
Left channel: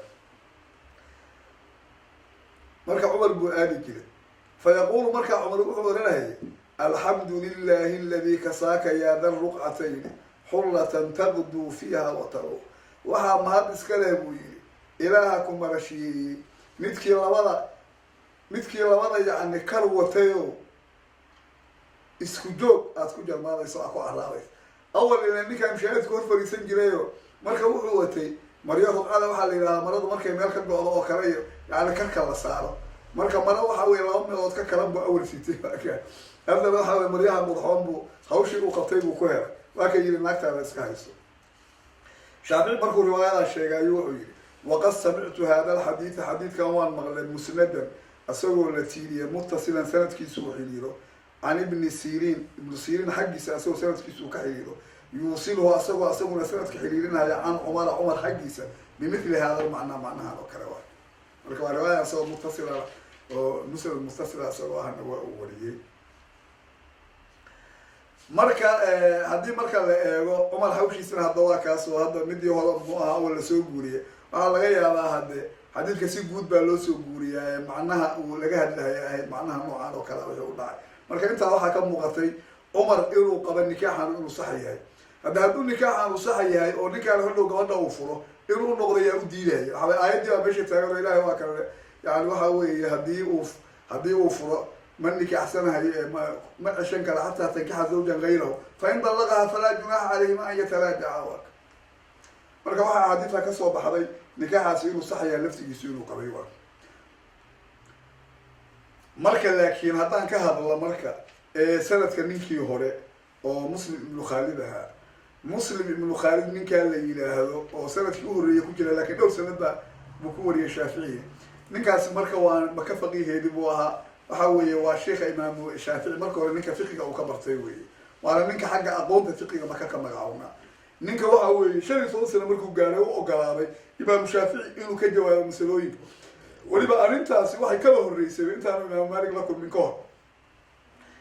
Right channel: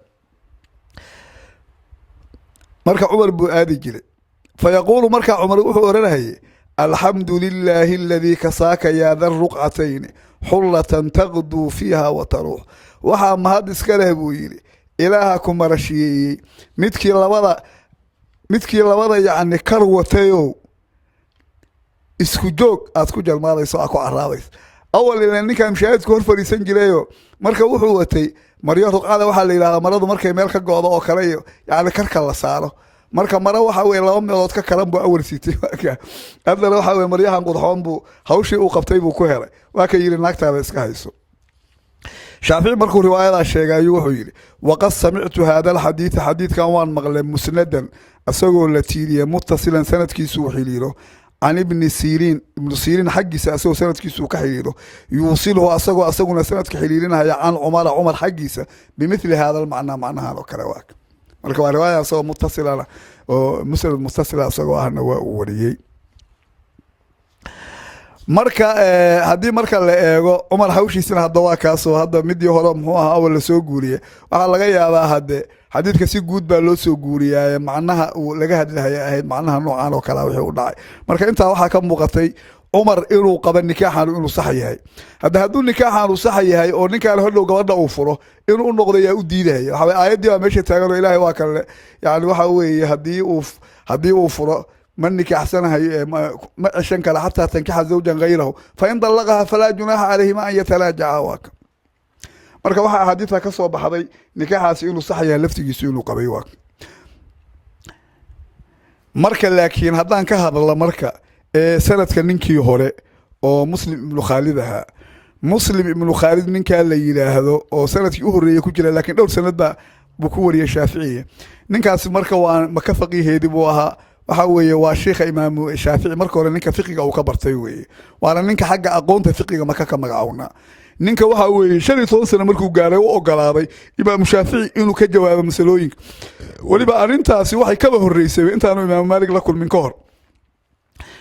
marka cumar buu aadi jiray fayaquulu markaa cumar wuxuu oranayay alxamdu lilaahi aladii kasaaka yaa da ruqcatayni xullatan taqduu fiiha wa taruux waxaa mahad iska leh buu yidhi ilaaha ku marashiyeeyey midkii labada yacni kar watayow isku joog aad ku jalmaadayso aad ku caraabayso awal ila ninkaan mushaahidku hor fadhiisan jirayo marka wuxuu watay maryo ruqcada waxaa la yidhahdaa maradu markay meel ka go-do oo kale iyo yacni karka la saaro marka maro waxa weye 2 meelood ka kalan buu awal siitay haddana waxa weye maryahan qudxoon buu hawshii uu qabtay buu ku helay waa ka yidhi naagtaada iska hayso shaafici markuu riwaayadaa sheegayo wuxuu yidhi waqad samictu hada alxadiida xadiidkan waan maqlay musnadan asagoo la tiiriyay muttasilan sanadkiisuu xiriiro can ibnu siriin xaggiisa asagoo sanadkiisuu ka xiriiro yuusiluhu asaguna sanadka xiriirinaya can cumar xaggiisa bimithli hada almacnaa macnahan oo kale waa marka waa riwaaya asagoo muttasilana oo musnad muttasila asagoo ahna waa uu wariyey marka haddii marka la eego cumar hawshiisina hadda waa kaasoo hadda midii hore muxuu ahaa awal lasoo guuriyey waxaa laga yaabaa hadde xadiidka si guud baa loo soo guuriyaaye macnaha uu laga hadlahaya ahayd macnaha noocaan oo kalea wixii u dhacay marka intaa waxaa ka muuqatay cumar inuu qaba nikaaxan inuu sax yahay hadduu nikaaxan uu sax yahay oo ninkaan hodhow gabadha uu furo inuu u noqdo yaa u diidaya waxaa aayaddii baa meesha taagan oo ilaahay waa kale yani waxa weeye haddii uu furo ma nikaaxsanahayo ma ceshan kara xataa tankixa zawjan gayrahu fain dallaqaha falaa junaaxa calayhima an yatalaajaca waaka marka waxaa axaadiidta ka soo baxday nikaaxaasi inuu sax yahay laftigiisu inuu qabay waa marka laakiin haddaan ka hadla marka sanadka ninkii hore oo muslim ibnu khaalid ahaa muslim ibnu khaalid ninkaa la yidhaahdo oo sanadkii u horreeyay ku jira laakiin dhowr sanad buu ku wariyay shaaficiya ninkaasi marka waa maka faqiiheedii buu ahaa waxa weeye waa sheikha imaamu shaafici marka hore ninka fiqiga uu ka bartay weeye waana ninka xagga aqoonta fiqiga maka ka magacownaa ninka waxa weeye 15 sano markuu gaaray u ogolaaday imaamu shaafici inuu ka jawaabo masalooyinka waliba arrintaasi waxay kaba horreysay intaanu imaamu maalik la kulmin ka hor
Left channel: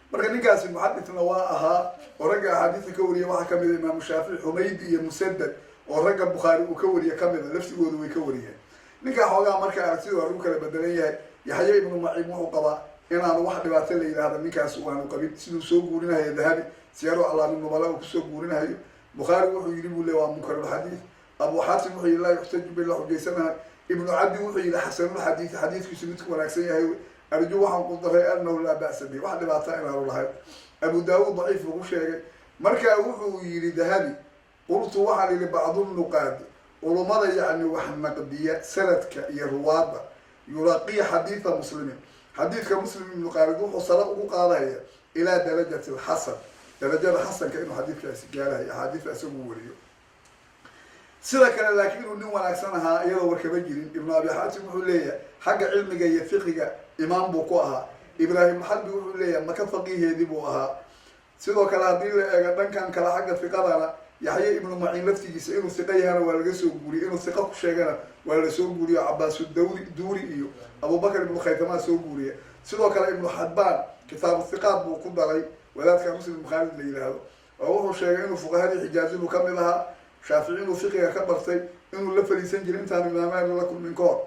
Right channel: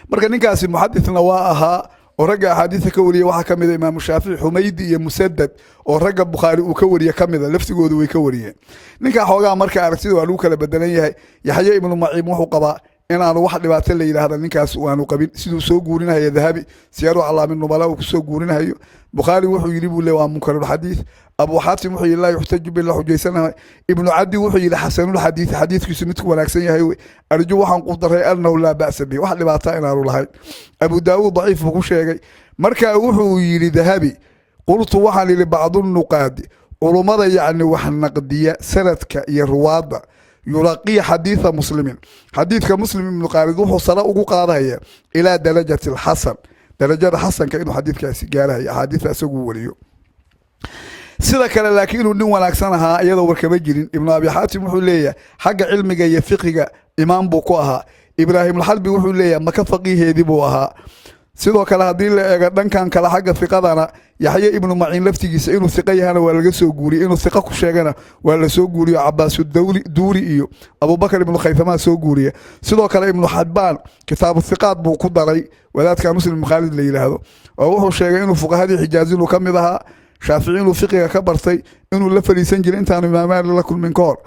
marka ninkaasi muxadithna waa ahaa oo ragga axaadiisa ka wariyay waxaa kamid imaamu shaafici xumaydi iyo musadad oo ragga bukhaari uu ka wariye kamida laftigoodu way ka wariyeen ninka xoogaa marka aragtida waa lagu kala bedelan yahay yaxya ibnu maciim wuxuu qabaa inaanu wax dhibaato la yidhaahda ninkaas waanu qabin siduu soo guurinahayo dahabi siyaaru calaamin nubala uu kusoo guurinahayo bukhaari wuxuu yidhi buu le waa munkarulxadiid abu xaatim wuxuu yidhi laa yuxtaju bi la xujaysanahay ibnu cadi wuxuu yidhi xasanulxadiid xadiidkiisu midku wanaagsan yahay arju waxaan ku daray annahu laa ba'sa bihi wax dhibaata inaanu lahayn abu daawuud daciif buu ku sheegay marka wuxuu yidhi dahabi qultu waxaan yidhi bacdunuqaadi culummada yacni wax naqdiya sanadka iyo ruwaadda yuraqiya xadiida muslimin xadiidka muslim ibnu khaalid wuxuu sare ugu qaadaya ilaa darajati alxasan darajada xasanka inuu xadiidkaasi gaarahayo axaadiidta isaguu wariyo sida kale laakiin inuu nin wanaagsan ahaa iyadoo warkama jirin ibnu abi xaatim wuxuu leeyahay xagga cilmiga iyo fiqiga imaam buu ku ahaa ibraahimulxalbi wuxuu leeyahay maka faqiiheedii buu ahaa sidoo kale haddii la eego dhankan kale xagga fiqadana yaxye ibnu maciin laftigiisa inuu hiqo yahana waa laga soo guuriyey inuu hiqo ku sheegana waa lasoo guuriyo cabaasu duuri iyo abubakar ibnu khaytamaa soo guuriya sidoo kale ibnu xabbaan kitaabu hiqaad buu ku daray wadaadka muslim ibnu khaalid la yidhaahdo oo wuxuu sheegay inuu fuqahadii xijaazi inuu kamid ahaa shaafici inuu fiqiga ka bartay inuu la fadhiisan jiray intaanu imaamaali la kulmin ka hor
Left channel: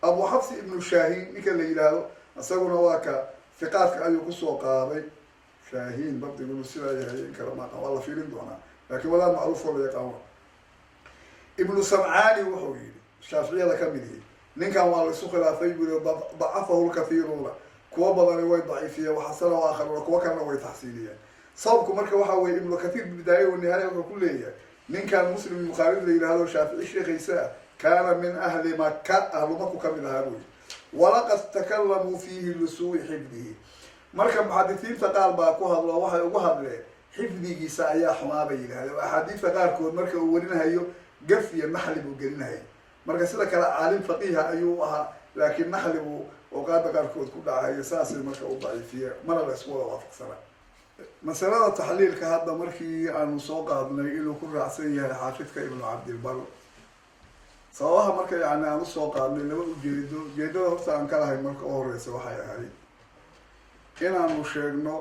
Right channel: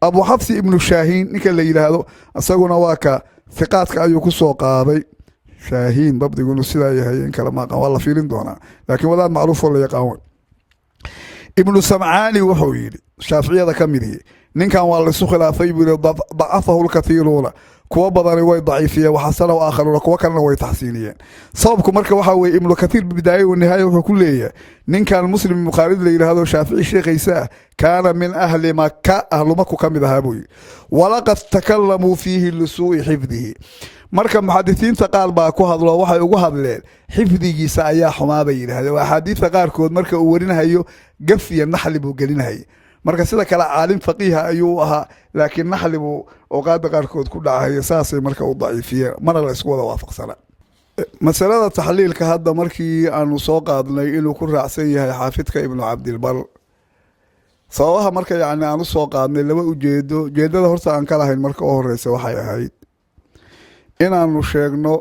abu xafsi ibnu shaahiin ninka la yidhaahdo isaguna waa ka hiqaadka ayuu kusoo qaaday shaahiin dabdigu inuu sidaa yahay in kale maaqan waa la fiirin doonaa laakiin wadaad macruuf oo la yaqaan ibnu samcaani wuxuu yidhi shaaficiyada ka mid ihi ninkan waa laisu khilaafay buu yihi dacafahu lkathiiruuna kuwa badani way daciifiyeen waxasanahu aakharuuna kuwa kalena way taxsiiniyeen sababku marka waxaa weeye ibnu kathiir bibidaaya wanihaaya wuxuu ku leeyahay ninkan muslim ibnu khaalid la yidhaahdo shaafici sheekaysa ah kaana min ahli maka ahlu maku ka mid ahaa buu yidhi walaqad takalamuu fiihi lisuu'i xifdihi marka muxadisiinta qaar baa ku hadlo waxay ugu hadleen xifdigiisa ayaa xumaa bay yidhaahdeen waa axaadiista qaarkood marka uu warinahayo gaf iyo naxli buu gelinahayay marka sida kale caalim faqiiha ayuu ahaa laakiin naxli buu awqaada qaarkood ku dhacahaya saasay marka u daciifiyeen mana la isku wada waafaqsana masalada taxliilka hadda markii aanu soo qaadnay inuu ku raacsan yahay xaafidka ibnu cabdilbar sababaha marka yacni aan usoo qaadnay laba ujeedada horta aan ka lahayn marka u horeysa waxay ahayd inaanu sheegno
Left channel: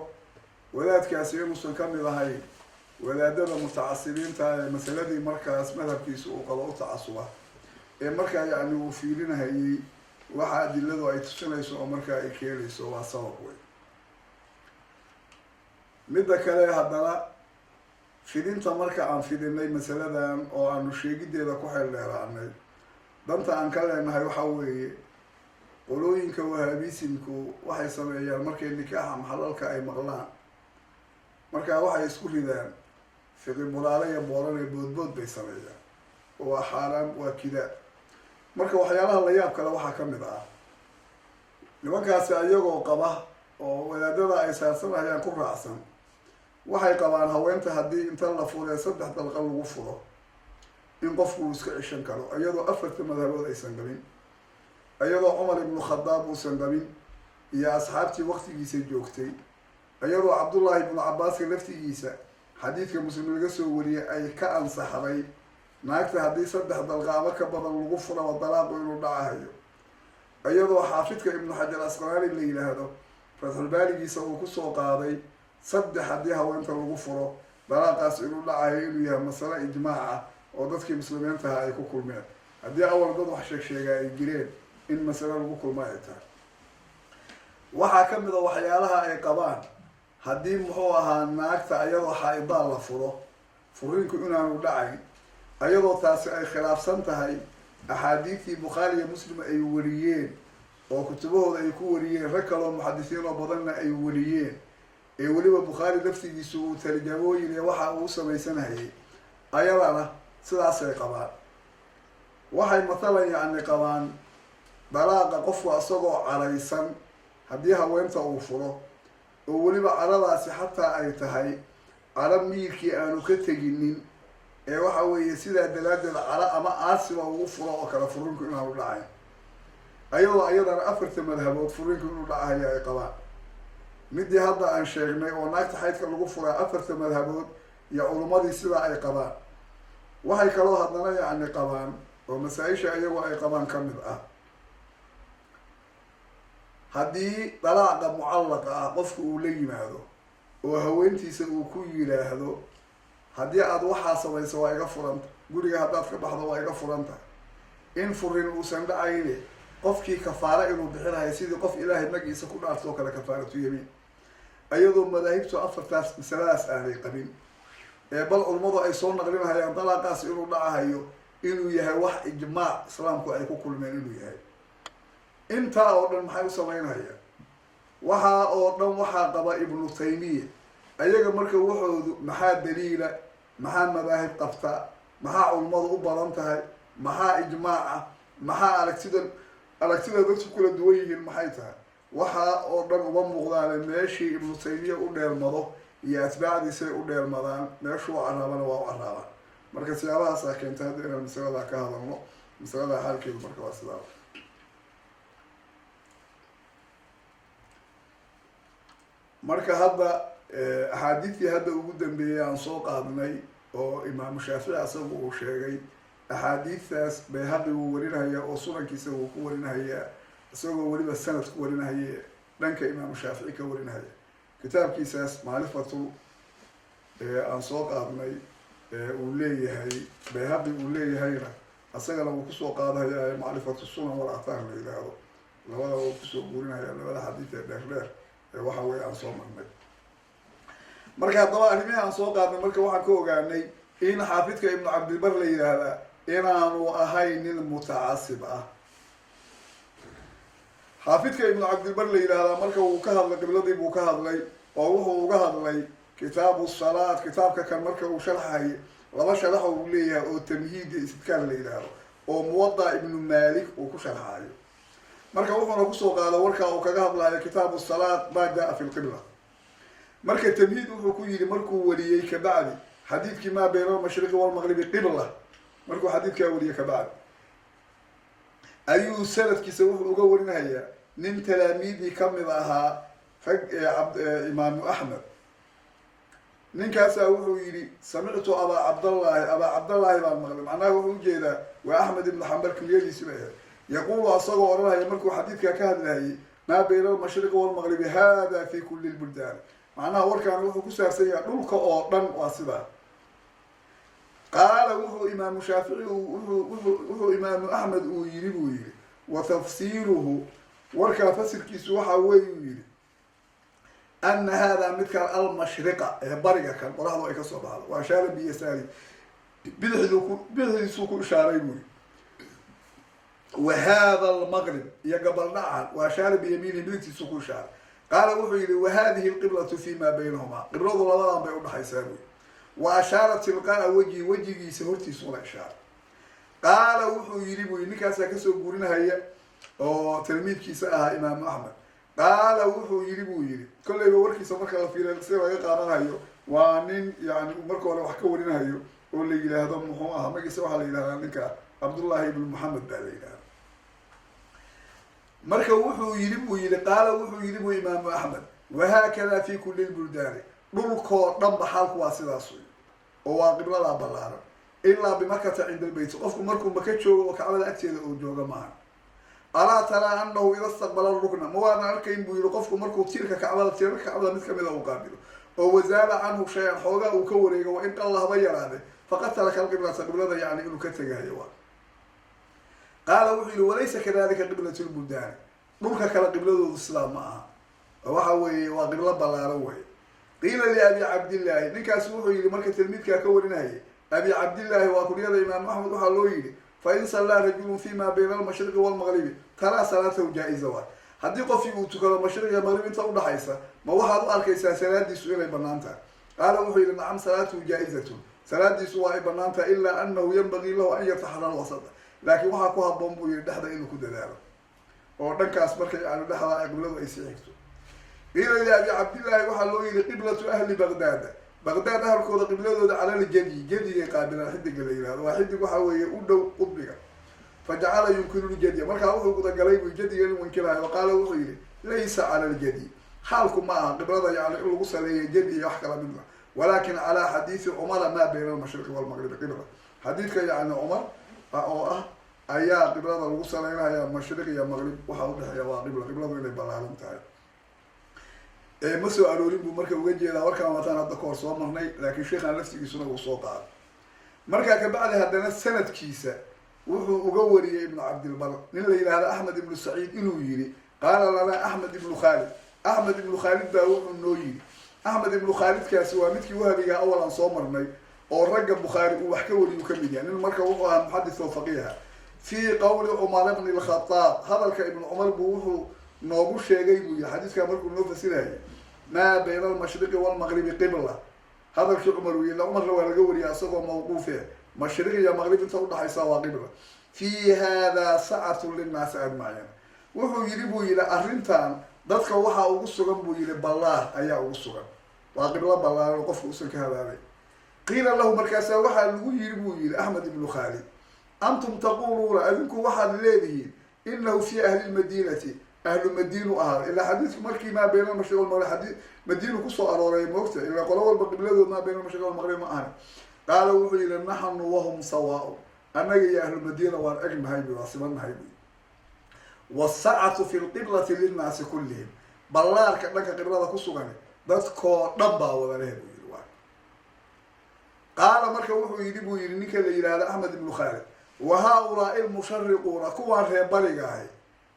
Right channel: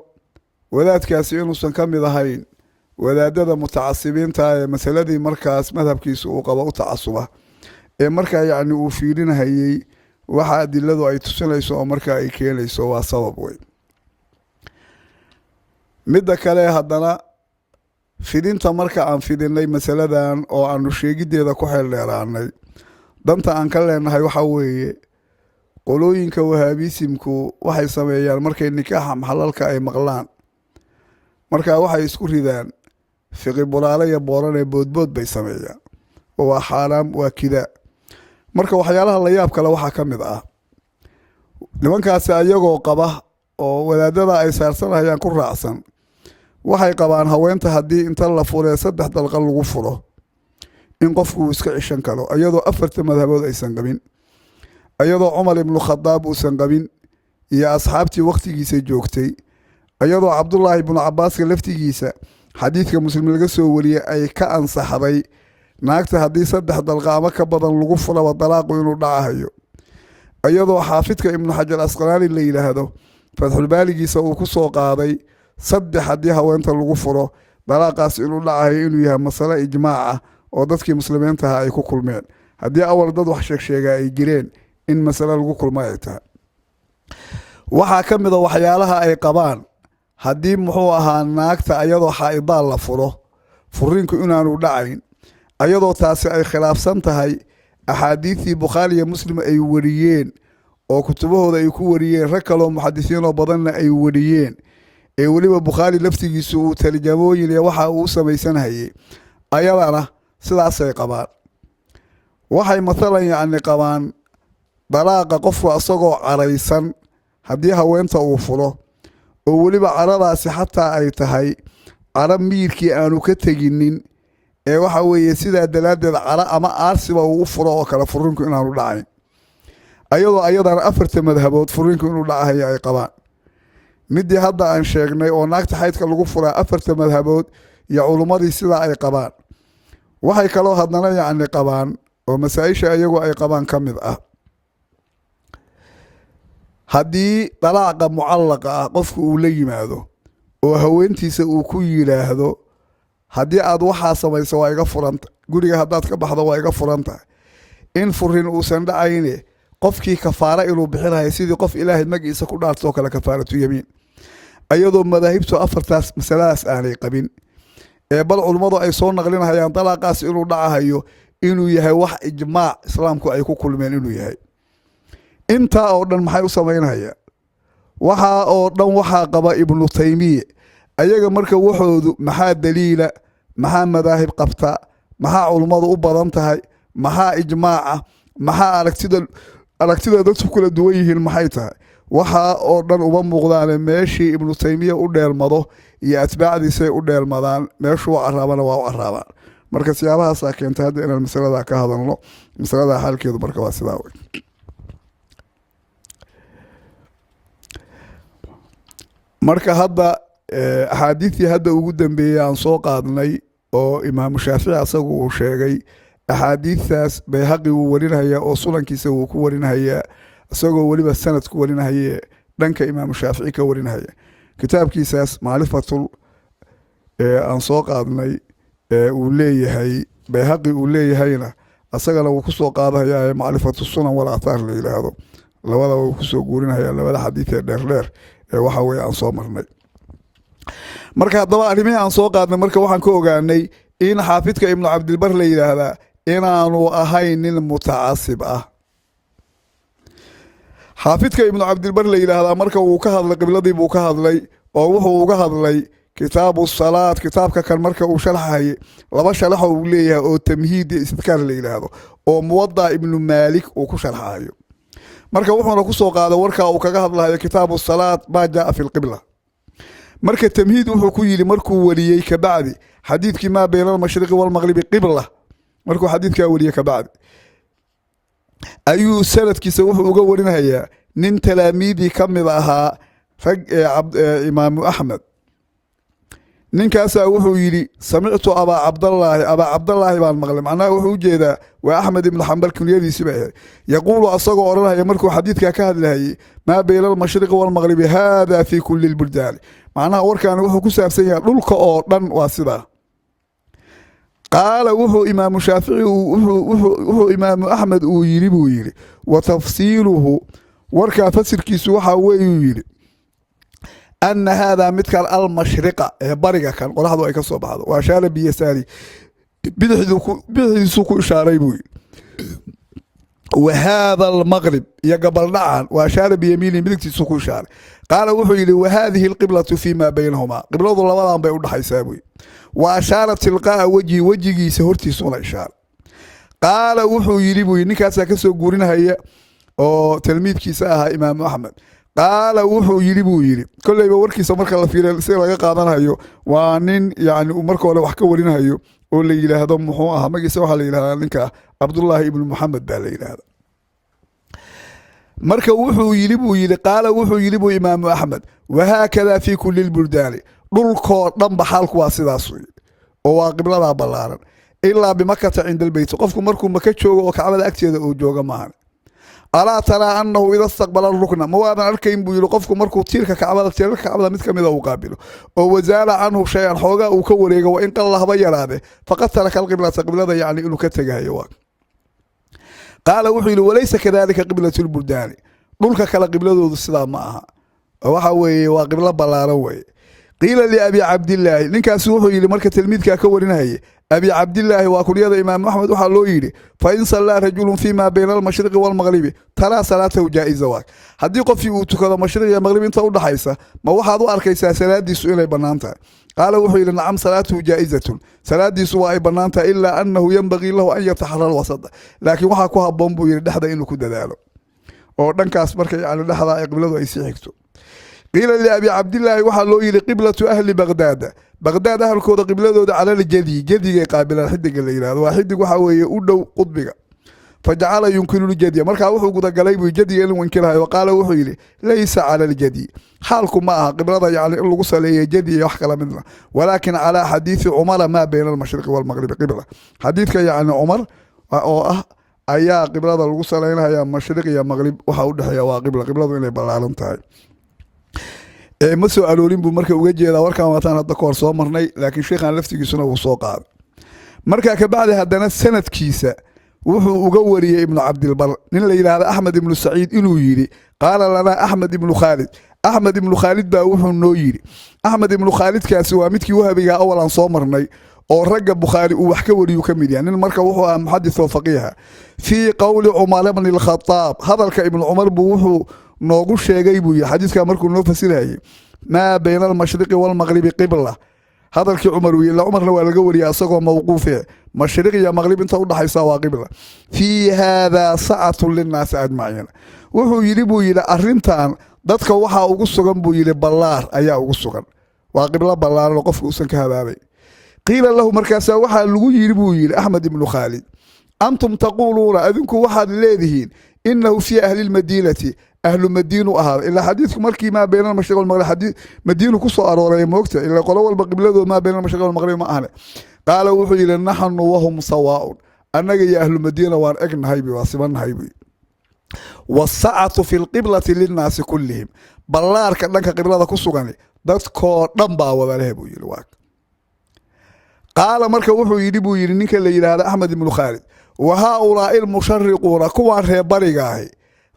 wadaadkaasi inuusan ka mid ahayn wadaadada mutacasibiinta ee masaladii markaas madhabkiisa uu qabo u tacasuba ee markaa yacni uu fiirinahayey waxa adiladu ay tusinayso oo markaa ay keenayso waa sabab wey midda kale haddana fidinta marka aan fidinay masaladan oo aanu sheegideeda ku xeel dheeraanay danta aan ka leenahay waxa weeye qolooyinka wahaabisimku waxay sameeyaan markay nikaaxa maxalalka ay maqlaan markaa waxay isku ridaan fiqi bulaale iyo booran ee boodbood bay sameeyaan oo waa xaaraam waa kidaa marka waxyaalaha la yaab kale waxaa ka mid ah nimankaasi ayagoo qaba oo wadaadada ay saarsanayaan ku raacsan waxay qabaan haweenta haddii inta la furee 3 dalqa lagu furo in qofku uu iska cishan karo iyadoo 4 madhabood aysan qabin iyadoo cumar ibnu khadaab uusan qabin iyo asxaabtii waqtigiisa joogtay iyadoo cabdullaahi ibnu cabaaska laftigiisa xadiidka muslim laga soo wariyay ay ka ansaxday naagta haddii 3 dalqa ama ka badan lagu furaba dalaaqu inuu dhacahayo iyadoo xaafidka ibnu xajar asqalaani la yidhaahdo fatxulbaaligiisa uu kusoo qaaday 3 haddii haweenta lagu furo dalaaqaas inuu dhacahayo inuu yahay masale ijmaaca oo dadkii muslimiintaha ay ku kulmeen haddii awal dad wax sheegsheegaa ay jireen in masale lagu kulma ay tahay waxaa ka mid a waxyaalaha ay qabaan haddii muxuu ahaa naagta ayadoo xaa-idaal la furo furiinku inaanu dhacayn ayadoo taasi ay khilaafsan tahay axaadiidtii bukhaari iyo muslim ay wariyeen oo kutubahooda ay ku wariyeen rag kaloo muxadisiinoo badanna ay wariyeen ee weliba bukhaari laftigiisu uu tarjamooyin ee waxa uu samaysanhayay ayadana sidaasay qabaan waxay mathalan yacni qabaan dalaaqa qofku isagoo caraysan haddii haweenta uu furo oo weliba caradaasi xataa ay tahay cara miirkii aanu ka teginin ee waxa weeye sidaa dalaaddeed cara ama aarsiba uu u furo oo kale furinku inaanu dhacayn ayadoo ayadana 4 madhabood furinku inuu dhacahayo ay qabaan midii hadda aan sheegnay oo naagta xaydka lagu furaa 4 madhabood iyo culummadii sidaa ay qabaan waxay kaloo haddana yacni qabaan oo masaa-isha iyagu ay qabaan ka mid ah haddii dalaaqa mucallaqa ah qofku uu la yimaado oo haweentiisa uu ku yidhaahdo haddii aada waxaa samayso waa iga furanta guriga haddaad ka baxdo waa iga furanta in furin uusan dhacayne qofkii kafaara inuu bixinayo sidii qof ilaahay magiisa ku dhaartoo kale kafaaratu yamiin ayadoo madaahibtu 4taas masaladaas aanay qabin ee bal culummadu ay soo naqlinahayaan dalaaqaas inuu dhacahayo inuu yahay wax ijmaac islaamku ay ku kulmeen inuu yahay intaa oo dhan maxay u samaynayaan waxaa oo dhan waxaa qaba ibnu taymiya ayaga marka waxoodu maxaa daliila maxaa madaahib qabta maxaa culummadu u badan tahay maxaa ijmaaca maxaa aragtida dadku kala duwan yihiin maxay tahay waxaa oo dhan uma muuqdaane meeshii ibnu taymiya u dheelmado iyo atbaacdiisay u dheelmadaan meeshuu u caraabana waa u caraabaan marka siyaabahaasaa keentay hadda inaan masaladaa ka hadalno masaladaa xaalkeedu marka waa sidaa wey marka hadda axaadiidtii hadda ugu dambeeyay aan soo qaadnay oo imaamu shaafici asagu uu sheegay axaadiidtaas bayhaqi wuu warinhayaa oo sunankiisa wuu ku warinhayaa isagoo weliba sanad ku warinhaye dhanka imaamu shaafici ka warinhaya kitaabkiisaas macrifatul aan soo qaadnay uu leeyahay bayhaqi uu leeyahayna isagana wuu kusoo qaadahayaa macrifatu sunan wal aathaar la yidhaahdo labadaba wuu kusoo guurinhayaa labada xadiid ee dheerdheer ee waxa weeye aan soo marnay marka haddaba arrimihii aan soo qaadnay marka waxaan ka ogaanay in xaafidka ibnu cabdilbar la yidhaahdaa inaanu ahayn nin mutacasib ah xaafidka ibnu cabdilbar la yidhaahdaa marka uu ka hadlay qibladii buu ka hadlay oo wuxuu uga hadlay kitaabu salaad kitaabka kan marka uu sharxahay 2 sharaxo uu leeyahay oo tamhiid iyo istidkaar la yidhaahdo oo muwadda ibnu maalik uu ku sharxayo marka wuxuuna kusoo qaada warkaa uu kaga hadlayo kitaabu salaat maa jaa fi lqibla. marka tamhiid wuxuu ku yidhi markuu wariyey kabacdi xadiidkii maa bayna almashriqi walmaqribi qibla, markuu xadiidkaa wariyey kabacdi ayuu sanadkiisa wuxuu uga warinayaa nin talaamiidii ka mid ahaa rag imaamu axmed. ninkaasaa wuxuu yidhi samictu abaa cabdallaahi baan maqlay, macnaha wuxuu ujeedaa waa axmed ibnu xambal kunyadiisi bay ahayd, yaquulu asagoo odhanaya markuu xadiidkaa ka hadlahayay maa bayna almashriqi walmaqribi hada fi kuli lbuldaani, macnaha warkaani wuxuu ku saabsan yahay dhulka oo dhan waa sidaa. qaala wuxuu imaamu shaafici wuxuu imaamu axmed uu yidhi buu yidhi wa tafsiiluhu warkaa fasirkiisu waxaa weeyuu yidhi ana haadaa midkan almashriqa ee bariga kan qoraxdu ay ka soo baxdo waa ashaara biyasaari bidixdiisuu ku ishaaray buu yidhi, wa haada almaqrib iyo gabaldhacan waa ashaara biyamiini midigtiisuu ku ishaaray. qaala wuxuu yidhi wa haadihi alqiblatu fi maa baynahumaa, qibladu labadan bay udhaxaysaa buu yidhi, wa ashaara tilqaa'a wejhi wejigiisa hortiisuna ishaaray. qaala wuxuu yidhi buu yidhi ninkaasaa kasoo guurinahaya oo tilmiidkiisa ahaa imaamu axmed. qaala wuxuu yidhi buu yidhi kolleyba warkiisa marka la fiiriya si laga qaadanayo waa nin yani uu marka hore wax ka warinayo oo la yidhaahdo muxuu ahaa magiisa waxaa la yidhahdaa ninka cabdullaahi ibnu maxamed baa la yidhahda. marka wuxuu yidhi buu yidhi qaala wuxuu yidhi buu imaamu axmed wahaakada fi kuli lbuldaani, dhulkoo dhanba xaalku waa sidaas wey oo waa qibladaa ballaaran ilaa bimakata cinda albeyti, qofku markuu maka joogo oo kacbada agteeda uu jooga maahan. alaa taraa anahu ida staqbala rukna, ma waadan arkayn buu yihi qofku markuu tiirka kacbada mid kamida uu qaabilo oo wasaala canhu shay-an xoogaa uu ka wareego wa in qalla haba yaraade faqad taraka alqiblata, qiblada yani inuu ka tegahayo waa. qaala wuxuu yihi walaysa kadalika qiblatu lbuldaani, dhulka kale qibladoodu sidaa ma aha, waxa weeye waa qiblo ballaaran weye. qiila liabi cabdillaahi, ninkaasi wuxuu yihi marka tilmiidkaa ka warinahayay abi cabdillaahi waa kunyada imaamu axmed, waxaa loo yidhi fain sallaa rajulun fi ma bayna almashriqi walmaqribi taraa salaatahu jaa-iza waay, haddii qofkii uu tukado mashriq iyo maqrib inta udhaxaysa ma waxaad u arkaysaa salaadiisu inay bannaan tahay. qaala wuxuu yidhi nacam salaatuhu jaa-izatun, salaadiisu waa ay bannaan tahay ilaa anahu yanbagii lahu an yataxara lwasada, laakiin waxaa ku haboon buu yihi dhexda inuu ku dadaalo oo dhankaas marka yani dhexda ay qibladu ay sii xigto. qiila liabi cabdillaahi waxaa loo yidhi qiblatu ahli baqdaada, baqdaad ahalkooda qibladooda calaljadi, jadigay qaabilaan xidiga la yihahdo, waa xidig waxaa weeye u dhow qudbiga. fajacala yunkinu ljadya, markaa wuxuu gudagalay buu jadiga inuu inkirahayo. qaala wuxuu yidhi laysa cala ljadi, xaalku ma aha qiblada yani in lagu saleeyay jadi iyo wax kala midna, walaakin calaa xadiidi cumara maa bayna almashriqi walmaqribi qibla, xadiidka yani cumar oo ah ayaa qiblada lagu saleynaya mashriq iyo maqrib waxa udhexeeya waa qibla, qibladu inay ballaaran tahay. ma soo aroorin buu marka uga jeedaa warkaan waataan hadda kahor soo marnay, laakiin sheikhan laftigiisuna wuu soo qaaday. markaa kabacdi haddana sanadkiisa wuxuu uga wariyey ibnu cabdilbar nin la yidhaahda axmed ibnu saciid inuu yidhi qaala lanaa axmed ibnu khaalid, axmed ibnu khaalid baa wuxuu noo yidhi. axmed ibnu khaalidkaasi waa midkii wahabigaa awal aan soo marnay oo ragga bukhaari uu wax ka wariyuu ka mid yahay, nin marka wuxuu ahaa muxadis oo faqiiha. fii qowli cumar bni lkhadaab, hadalka ibnu cumar buu wuxuu noogu sheegay buu yihi xadiiskaa markuu noo fasirayay maa bayna almashriqi walmaqribi qibla, hadalkii cumar uu yii cumarna waa laga wariyay asagoo mawquufe, mashriq iyo maqrib inta udhaxaysa waa qibla. fii haadaa sacatu linnaasi ajmaciin, wuxuu yidhi buu yidhi arrintan dadka waxaa ugu sugan buu yidhi ballaar ayaa ugu sugan, waa qiblo ballaaran oo qofka uusan ka habaabay. qiila lahu markaasaa waxaa lagu yidhi buu yidhi axmed ibnu khaalid antum taquuluuna, adinku waxaad leedihiin inahu fii ahli lmadiinati, ahlu madiinu ahaada, ilaa xadiidku markii maa bayna almashriq walmaqrib madiinu kusoo arooray moogta, ilaa qolo walba qibladood maa bayna almashriq walmaqrib ma ahne. qaala wuxuu yidhi naxnu wahum sawaaun, annaga iyo ahlu madiina waan egnahay waa sibannahay buy. wasacatu fi lqiblati linnaasi kullihim, ballaarka dhanka qiblada ku sugani dadkoo dhan baa wada leh buu yihi waa. qaala marka wuxuu yidhi buu yidhi ninka la yidhaahda axmed ibnu khaalid wa haa-ulaai lmushariquuna, kuwaan reer bariga ahi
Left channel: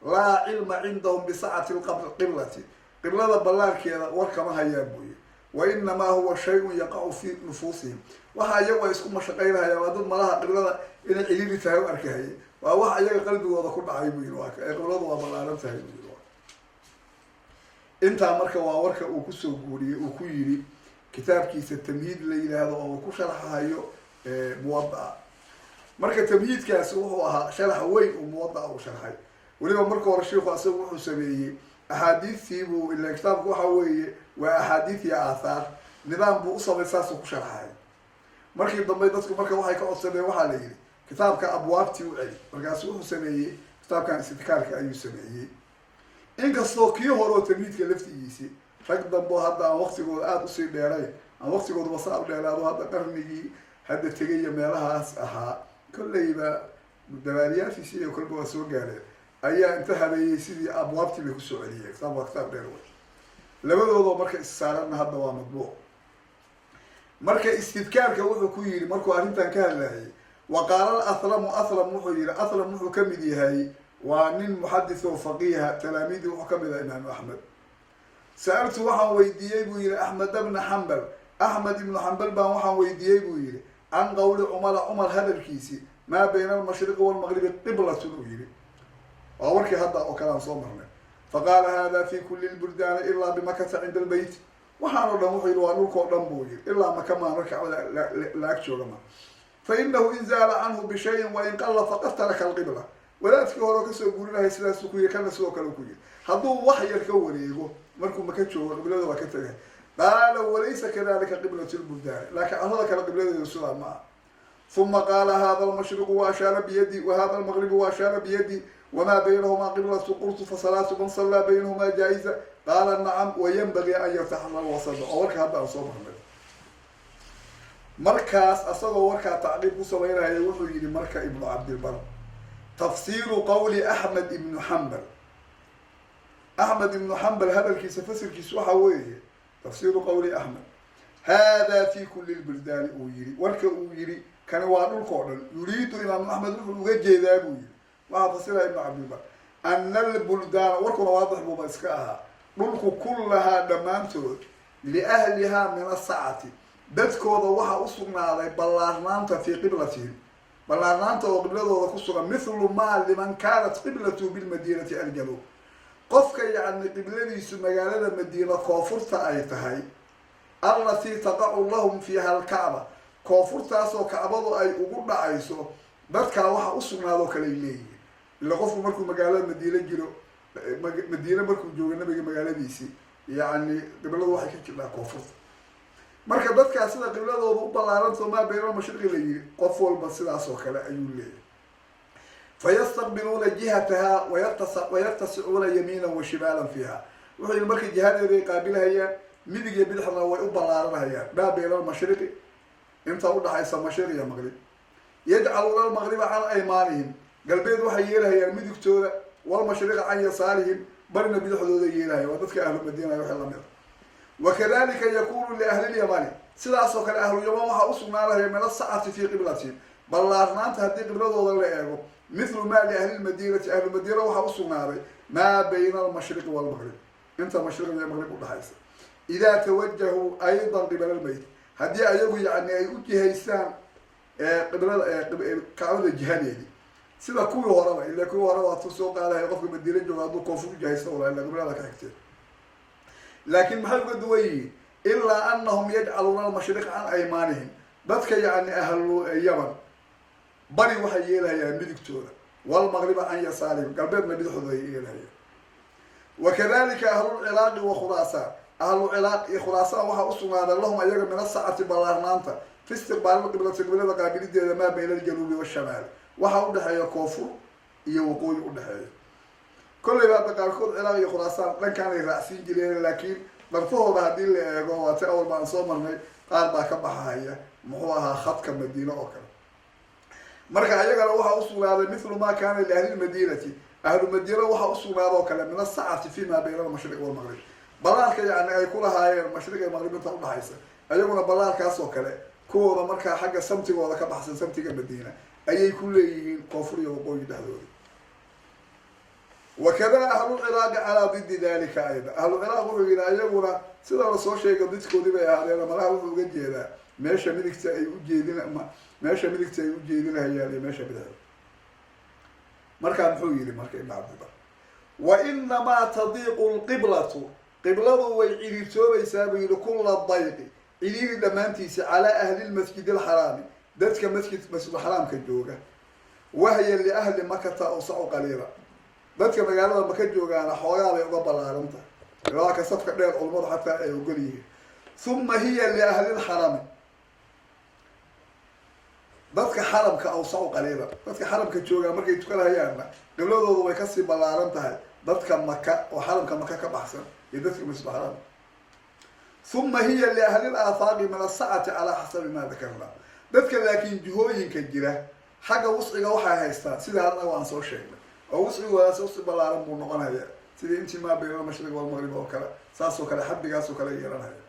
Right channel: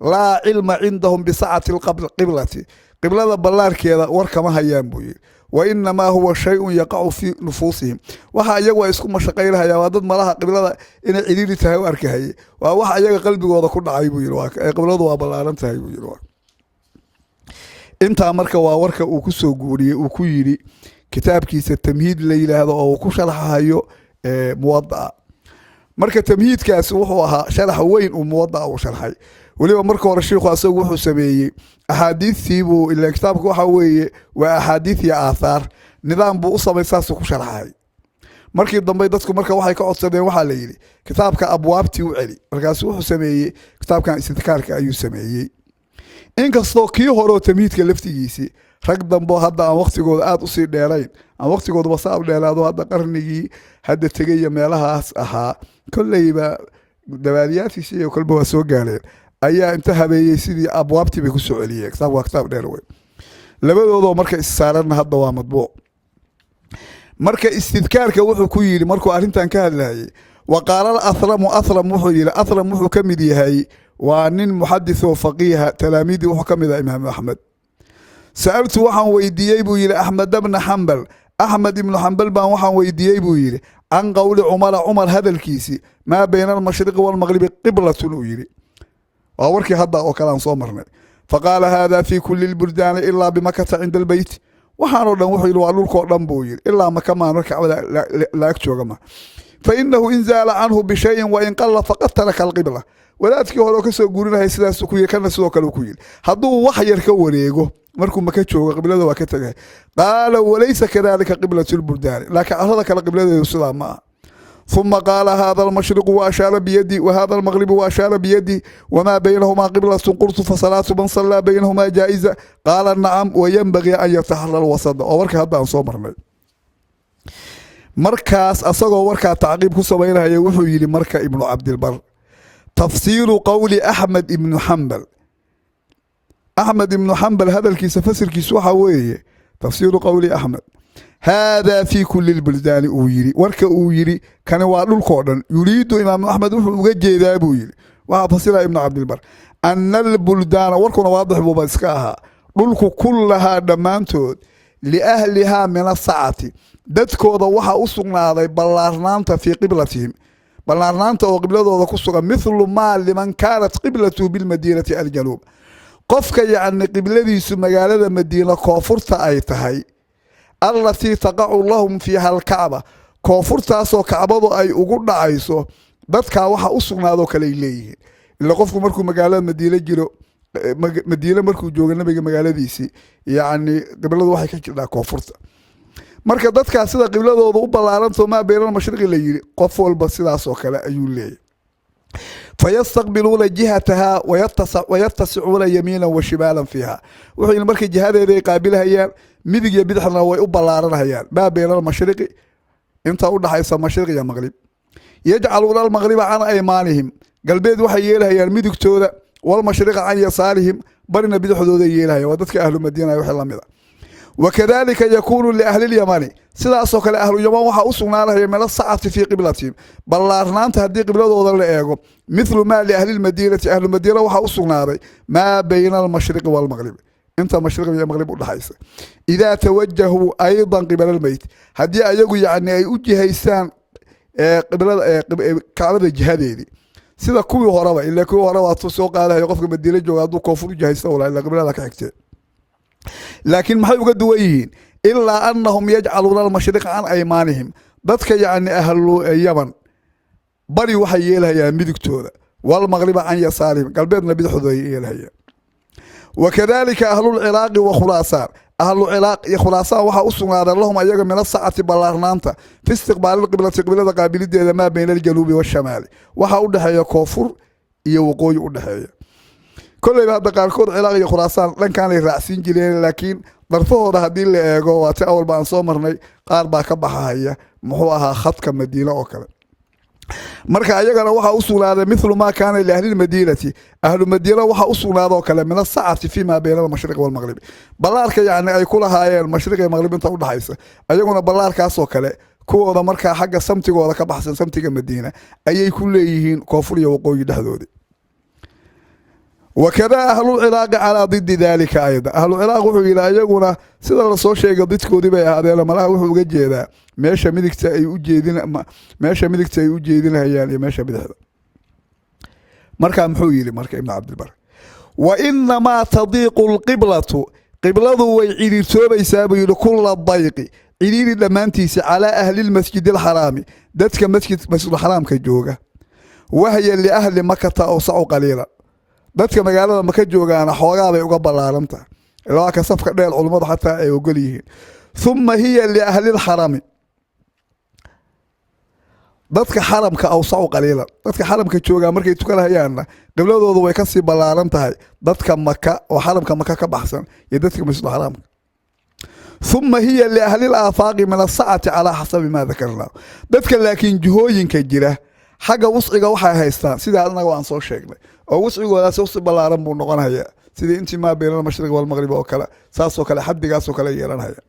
laa cilma cindahum bisacati lqiblati, qiblada ballaarkeeda war kama hayaan buu yihi. wa inamaa huwa shay-un yaqacu fii nufuusihim, waxa iyagu ay isku mashaqaynahayaan waa dad malaha qiblada inay ciriiri tahay u arkahaye, waa wax iyaga qalbigooda ku dhacay buu yihi, qibladu waa ballaaran tahay buu yihi. intaa marka waa warka uu kusoo guuriyey, uu ku yidhi kitaabkiisa tamhiid la yidhaahdo oo uu ku sharxahayo muwadaa. marka tamhiidkaasi wuxuu ahaa sharax weyn uu muwadaa uu sharxay, وليبا مركو الشيخ أسوق وحو سبيي أحاديث ثيبو إلا كتابك وحوي وأحاديث يا آثار نظام بو أصلا يساسو كشرحاي markii dambe dadku marka waxay ka codsadeen waxa la yiri kitaabka abwaabtii u celi markaas wuxuu sameeyay kitaabkan istidkaarka ayuu sameeyay inkastoo kii hore tamiidka laftigiisi rag dambe hadda aan waqtigooda aad u sii dheerayn aan waqtigooda wasaab dheeraado hadda qarnigii hadda tagay meelahaas ahaa kullayba dawaadiyaadkiisa iyo kolba waa soo gaareen ayaa inta habeeyay sidii abwaabtii bay ku soo celiyeen kitaab dheer way labadooda marka is saaran hadda waa madbuuc marka istidkaarka wuxuu ku yiri markuu arintan ka hadlayay waqaala athram wuxuu yiri athram wuxuu kamid yahay waa nin muhaddith oo faqiih talaamidi wuxuu kamid yahay imaam ahmed sa'altu waxaan weydiiyay buu yiri ahmed ibn hanbal baan waxaan weydiiyay buu yiri an qawli umar hadalkiisi ma bayna al-mashriq wal-maghrib qiblatun uu yiri waa warkii hadda oo kala aan soo marnay faqala hada fi kulli al-buldan illa bimakkah 'inda al-bayt waxaanoo dhan wuxuu yiri waa dhulkoo dhan buu yiri ilaa maka maano kacbada la ag jooga ma fa innahu in zaala anhu bi shay'in wa in qalla faqad taraka al-qibla wadaadkii hore ka soo guurinahay sidaas ku yiri kana sidoo kale ku yiri hadduu wax yar ka wareego markuu maka joogo qiblada waa ka tagay qaala walaysa kadhalika qiblatu al-buldan laakiin arada kale qibladeedu sidaa ma ثم قال هذا المشرق وأشار بيدي وهذا المغرب وأشار بيدي وما بينهما قبلة قلت فصلاة من صلى بينهما جائزة قال نعم وينبغي أن يتحلل الوسط وورك هذا عن صومر مركز أصغر وركا تعقيب كسوينها يوحي لمركا ابن عبد البر تفسير قول أحمد بن حنبل هذا الكيس فسر كيسوحة وإيه تفسير قول أحمد هذا في كل البلدان أويري ورك أويري كان وادل كودن يريد إمام أحمد وجد أبويري وفسر ابن عبد البر أن البلدان وركنا واضح ببسكاها ملك كلها دمانتود لأهلها من الساعة دتكودا وحا أسقناday بلارنانتا في قبلتهم بلارنانتا وقبلتooda ku sugan مثل ما لمن كانت قبلته بالمدينة الجنوب قفك يعني قبلadiisu magaalada Madiina koonfurta ay tahay التي تقع لهم فيها الكعبة كوفرتاسو كعبدو اي ugu dhacayso dadka waxa u sugnaado kale leeyihiin ila qofku markuu magaalada Madiina jiro Madiina markuu joogo nabiga magaaladiisi yaani qibladu waxay ka jirtaa koonfurta marka dadka sida qibladooda u balaaranto ma beeran mashriqi la yiri qof walba sidaas oo kale ayuu leeyahay فيستقبلون جهتها ويتسعون يمينا وشمالا فيها وحين markay jihadeeda qaabilhayaan midig iyo bidixna way u balaaranayaan ba beeran mashriqi inta u dhaxaysa mashriq iyo maghrib yajcaluna al-maghriba an aymanihim galbeed waxay yeelahayaan midigtooda wal mashriq an yasaarihim barna bidixdooda yeelahaya waa dadka ahlu madiina waxa la mid وكذلك يكون لأهل اليمن sidaasoo kale ahlu yaman waxa u sugnaanaya meel saacati fi qiblatihim ballaarnaanta hadii qibladooda la eego مثل ما لأهل المدينة أهل المدينة waxa u sugnaaday ما بين المشرق والمغرب انت مشرق والمغرب ودحaysa إذا توجهوا أيضا قبل البيت hadii ayagu yaani ay u jihaysaan qiblada kacbada jihadeedi sida kuwii horeba ilaa kuwii horeba waa soo qaadayo qofka Madiina jooga haduu koonfur jihaysta wala qiblada ka xigtay laakiin maxay uga duwan yihiin إلا أنهم يجعلون المشرق عن أيمانهم dadka يعني أهل اليمن بري waxay yeelayaan midigtooda والمغرب عن يسارهم قلبنا bidixdooda yeelayaan وكذلك أهل العراق وخراسان أهل العراق خراسان waxa u sugnaaday lahum ayaga min saacati ballaarnaanta fi istiqbaal qiblada qaabilideeda ma bayna الجنوب والشمال waxa u dhaxeeya koonfur iyo waqooyi u dhaxeeya kullayba qaarkood Ciraaq iyo Khuraasaan dhankaan ay raacsin jireen laakiin darfahooda hadii la eego waa ta awal baan soo marnay qaar baa ka baxaya muxuu ahaa khadka Madiina oo kale marka ayagana waxa u sugnaaday mithlu ma kaana li ahli Madiinati ahlu Madiina waxa u sugnaaday oo kale min saacati fi ma bayna al-mashriq wal-maghrib balaarka yaani ay kula haayeen mashriq iyo maghrib inta u dhaxaysa ayaguna balaarkaas oo kale kuwooda marka xagga samtigooda ka baxsan samtiga Madiina ayay ku leeyihiin koonfur iyo waqooyi dhaxdooda وكذا أهل العراق على ضد ذلك أيضا أهل العراق وحو إلى أيقنا سيدا رسول شيء قدتكو دي بي هذا لما لا وحو قد جيدا ماشا مدكتا يوجيدين هيالي ماشا بدهدا مركا محويلي مركا ابن عبد البر وإنما تضيق القبلة قبلة ويعيدي توبا يسابي لكل الضيق عيدي لمانتيس على أهل المسجد الحرام ذاتك مسجد الحرام كجوغا وهي لأهل مكة أوسع قليلا dadka magaalada maka joogaana xoogaa bay uga ballaaran tahay ilaa ka safka dheer culimmadu xataa ay ogol yihiin uma hiya liahli lxarami dadka xaramka awsacu qaliilan dadka xaramka joogaa markay tukanahayaanna qibladoodu way kasii ballaaran tahay dadka maka oo xaramka maka ka baxsan iyo dadka masjidul xaraamka uma hiya liahli laafaaqi min asacati calaa xasabi maa dakarnaa dadka laakiin jihooyinka jira xagga wusciga waxay haystaan sidaa anaga aan soo sheegnay oo wuscigoodaas wusci ballaaran buu noqonaya sidii intii maa bayna almashriq walmaqrib oo kale saasoo kale xaddigaasoo kale yeelanhaya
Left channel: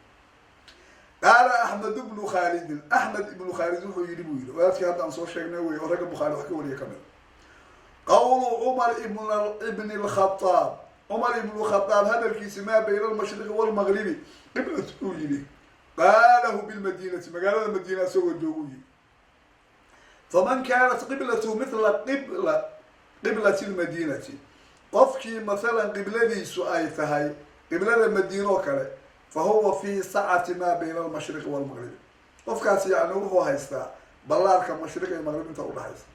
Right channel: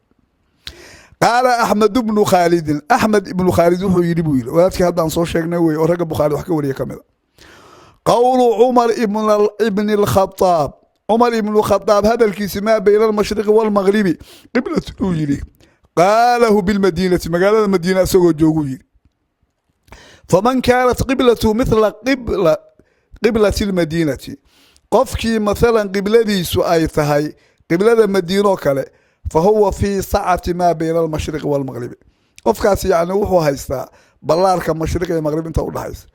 qaala axmed bnu khaalidin axmed ibnu khaalid wuxuu yidhi buu yidhi wadaadkii haddaan soo sheegnay wey oo ragga bukhaari wax ka wariya ka mid a qowlu cumar ibni lkhadaab cumar ibnu khadaab hadalkiisi maa bayna almashriqi walmaqribi qiblatu uu yidhi qaalahu bilmadiinati magaalada madiina isagoo jooguu yidhi faman kaanat qiblatu mithla qiblati lmadiinati qofkii mathalan qibladiisu ay tahay qiblada madiinoo kale fahuwa fii sacati maa bayna almashriqi walmaqribi qofkaas yacni wuxuu haystaa ballaarka mashriq iyo maqrib inta udhaxaysa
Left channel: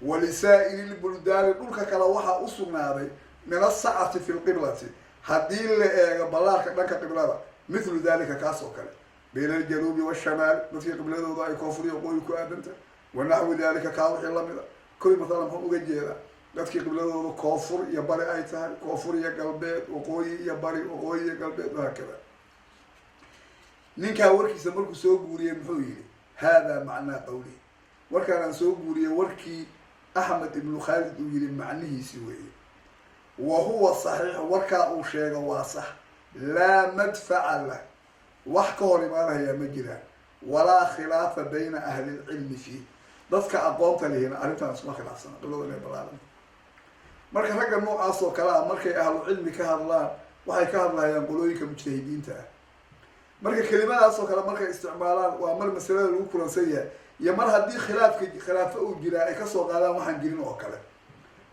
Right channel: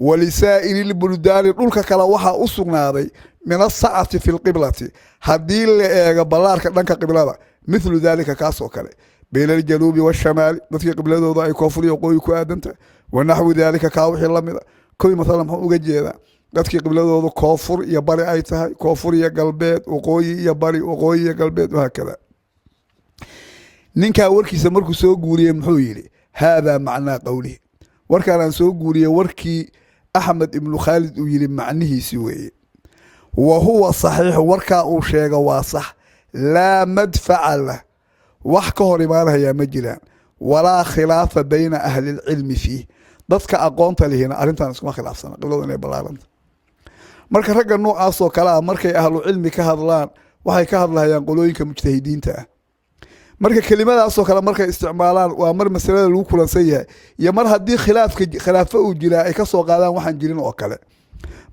walisaa'iri lbuldaani dhulka kale waxaa u sugnaaday min asacati fi lqiblati haddii la eego ballaarka dhanka qiblada mithlu dalika kaas oo kale bayna aljanuubi waashamaali dadkii qibladooda ay koonfur iyo waqooyi ku aadantahay wanaxwi dalika kaa wixii lamid a kowi mathalan muxuu uga jeedaa dadkii qibladooda koonfur iyo bari ay tahay koonfur iyo galbeed waqooyi iyo bari waqooyi iyo galbeed wahaakada ninkaa warkiisa markuu soo guuriyey muxuu yidhi haadaa macnaa qowlihi warkaan aan soo guuriyey warkii axmed ibnu khaalid uu yidhi macnihiisi weeye wa huwa saxiixu warkaa uu sheego waa sax laa madfaca lah wax ka hor imaanahayaa ma jiraan walaa khilaafa bayna ahli lcilmi fiih dadka aqoonta lihina arrintan iskuma khilaafsana qibladu inay ballaaranta marka ragga noocaasoo kale ah markay ahlu cilmi ka hadlaan waxay ka hadlahayaan qolooyinka mujtahidiinta ah marka kelimadaasoo kale markay isticmaalaan waa mar masalada lagu kulansan yahay iyo mar haddii khilaafo uu jiraa ay kasoo qaadaan waxaan jirin oo kale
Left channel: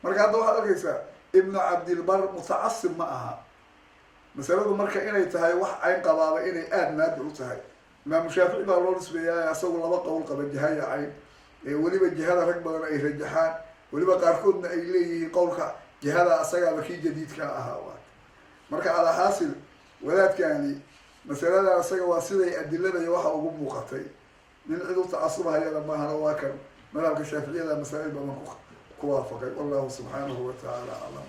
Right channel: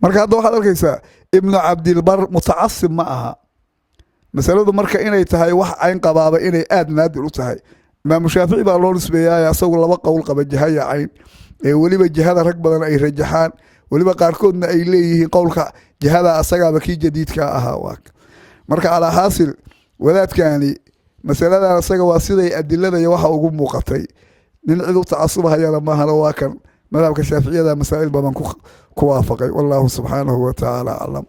marka hadda waxaad arkaysaa ibnu cabdilbar mutacasib ma aha masaladu marka inay tahay wax cayn qabaaba inay aada naadir u tahay imaamu shaafici baa loo nisbeeyaay asagu laba qowl qaba jahaya cayn ee weliba jihada rag badan ay rajaxaan weliba qaarkoodna ay leeyihiin qowlka jihada asagaaba kii jadiidka ahaa waa marka calaa xaasil wadaadkani masaladan isaga waa siday adilada iyo waxa ugu muuqatay nin cid u tacasubahayana maahana waa kan madhabka shaaficiyada masaa'il badan ku waafaqay wallahu subxaanahu wa tacaala aclam